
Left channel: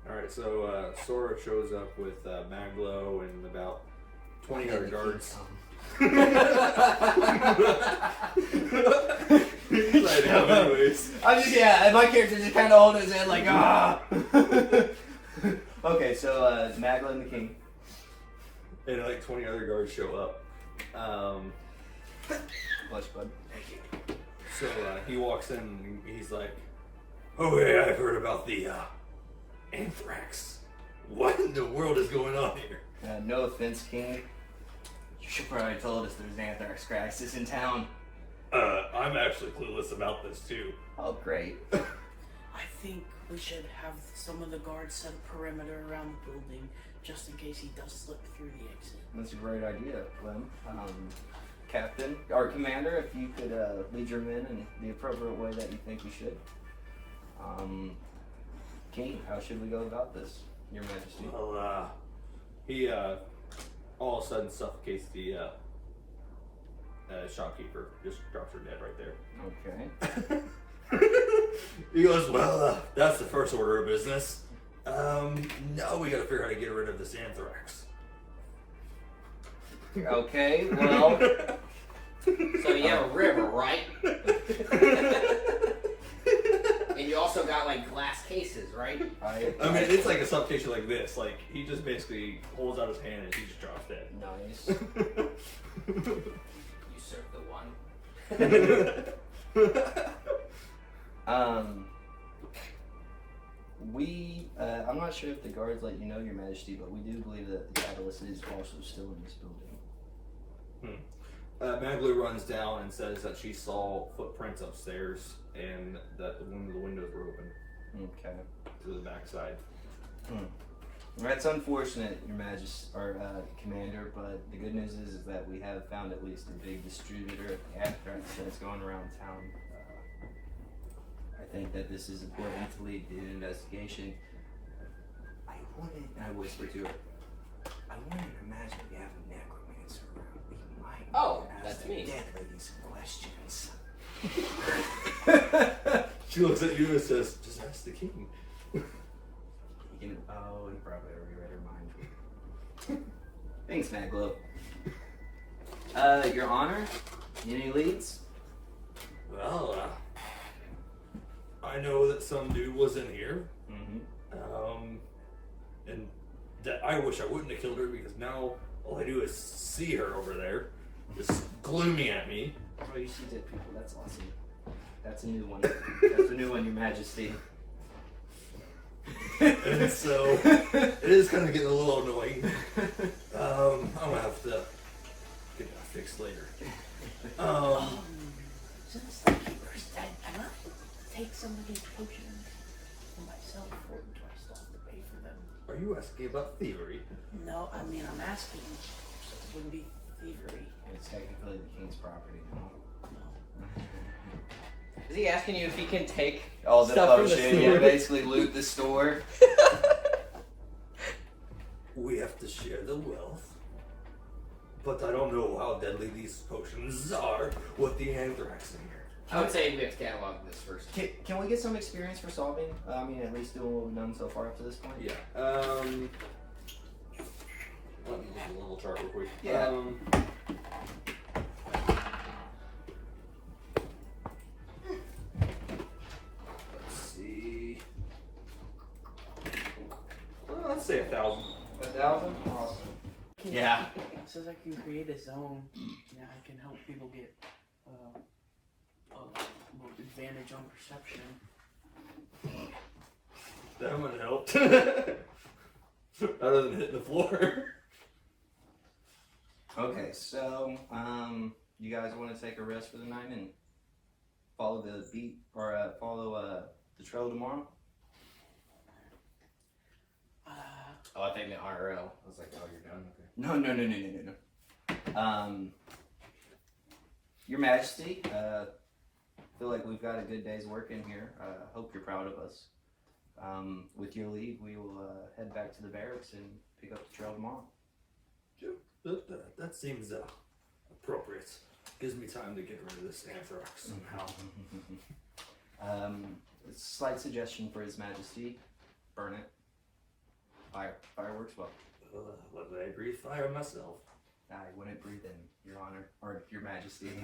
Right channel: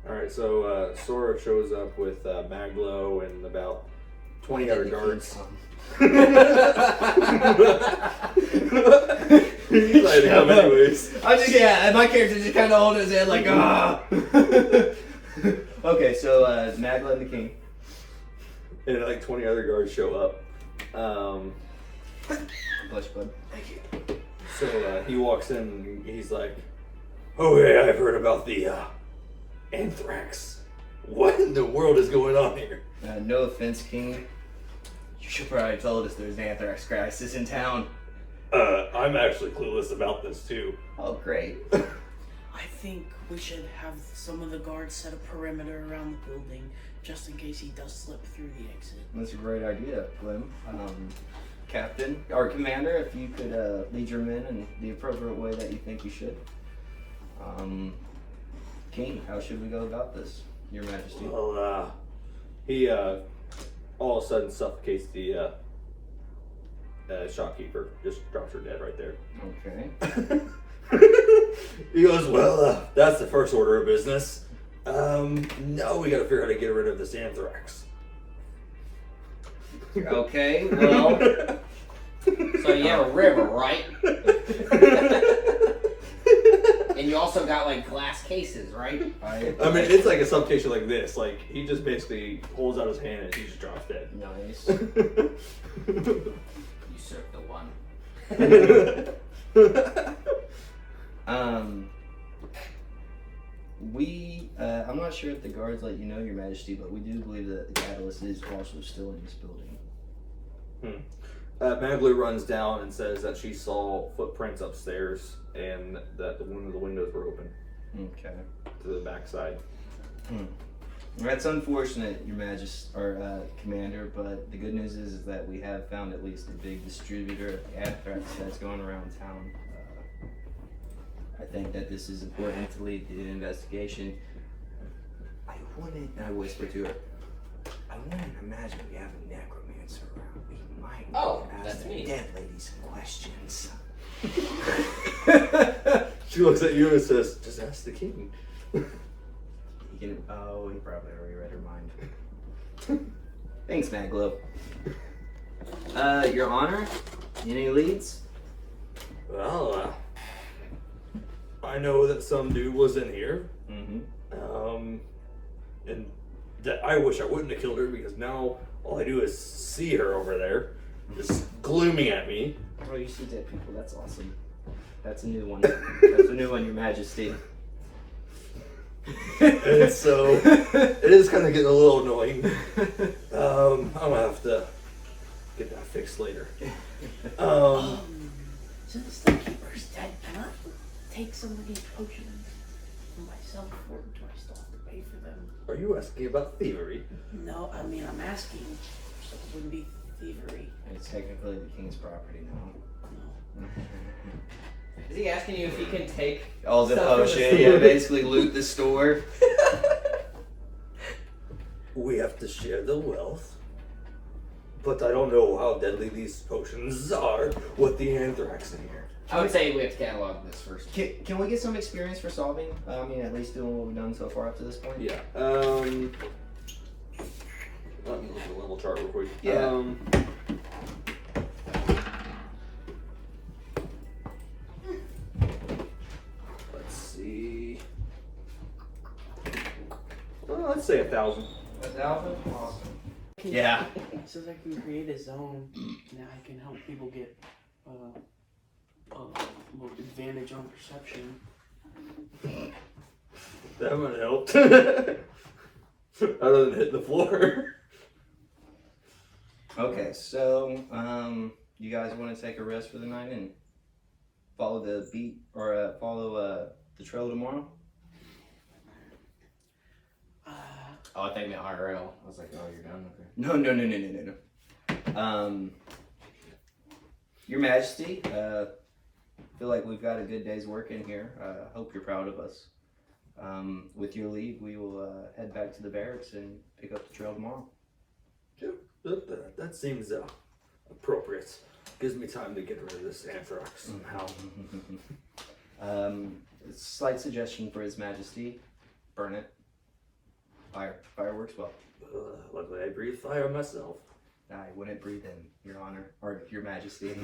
Alright, so Sora shows up with Maglo and about 20 other guards. He's like to come anyways. I'm just, yeah, and my character just kind of holding his head like, ah. Okay, so Magla and the king. And like 20 other guards show up. Bless you, bud. So he walks in and he's like, "Oh yeah, I've heard about the anthrax. What in the world is going on here?" No offense, king. You should probably told us there's an anthrax crisis in town. I'm actually clueless about this too. Oh, great. I think we should have some of the guards set a perimeter around the building just in case he does slip through the exit. That's a great idea, Clem. Captain, or Commander, if you could lead your men in the appropriate way that you think you should. King, how should we go about this, Your Majesty? Well, he all of a sudden suffocates the shopkeeper. Just drops her dead right there. Okay. He goes, "Well, that's the first order of business. Now we gotta figure out how to get rid of this anthrax." Okay, well, So you have a river, right? And you also got like glass cases, right? I mean, it's like a suffocation like this. Like, he just basically holds out his hand and she just drops dead. nice. Usurp the one. I'm not sure if the guards let you know, Your Majesty, but we do believe that the catalyst is also still in this building. Maglu runs down and says that she saw footprints upstairs and that one of the windows were open Okay. to the backside. That's unfortunate, Your Majesty, or Commander, but the good news is that we have found at least a big distributor of anthrax that's going around town. I think that this is important to lead the investigation. I whisper to her, I wouldn't imagine we have a necromancer around. We might that's ask me. the dead lady some questions. She looks at you and says, "Just ask the king." He probably already read her mind. Thanks, Maglo. Your Honor, any leads? Well, I know that some dude was in here. Mm-hmm. And that I wish I wouldn't have killed her because now all I do is see her over there, just glooming at me. Oh, you see dead people. That's awesome. That's a new one. That's a new one, Your Majesty. And so it is kind of getting a little annoying. I'm gonna have to get that fixed later. Since the keeper's dead, can I take some of these potions for myself, or do I still have to pay for them? Are you asking about thievery? No, I mean, I'm asking, so it wouldn't be thievery. It's technically the king's property now. Is he asking you if he can take All the stuff from the potion, store? yeah, basically loot the store. We have to share the wealth. But I don't know how deadly these potions are with the anthrax in here. I would say we have to catalog this first. Can we get some experience for solving? I mean, at least doing what we've done so far up to this point? Yeah. Let me look at the level chart real quick. Yeah. Let's see. Well, let's say 1,000. 1,000? Awesome. can. Yeah. It says I can create a zone. Now I can help people get more advantage on perception. That would help. Other than hitting the floor. Okay, so you guys want to take a rest for the night and follow the beat or follow the trail tomorrow? Oh, I think the IRL. I was like, oh, you're done? Okay. No. Your Majesty, feel like we've got a good day's work in here. Hope you're proud of us. With your leave, we will head back to the barracks and pick up the trail tomorrow. That seems appropriate. Gives me time to get rid of this anthrax somehow. Slight suggestion for His Majesty: burn it. Fire works well. Luckily, I breathe fire myself. I wouldn't breathe in, Your Honor, or Your Majesty.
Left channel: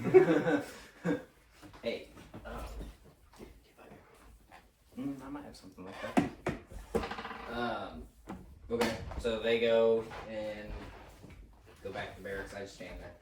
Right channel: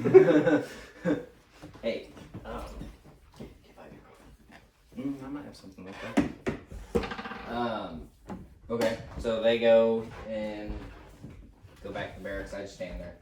Hey, I might have something like that. Okay, so they go and go back to the barracks. I just stand there.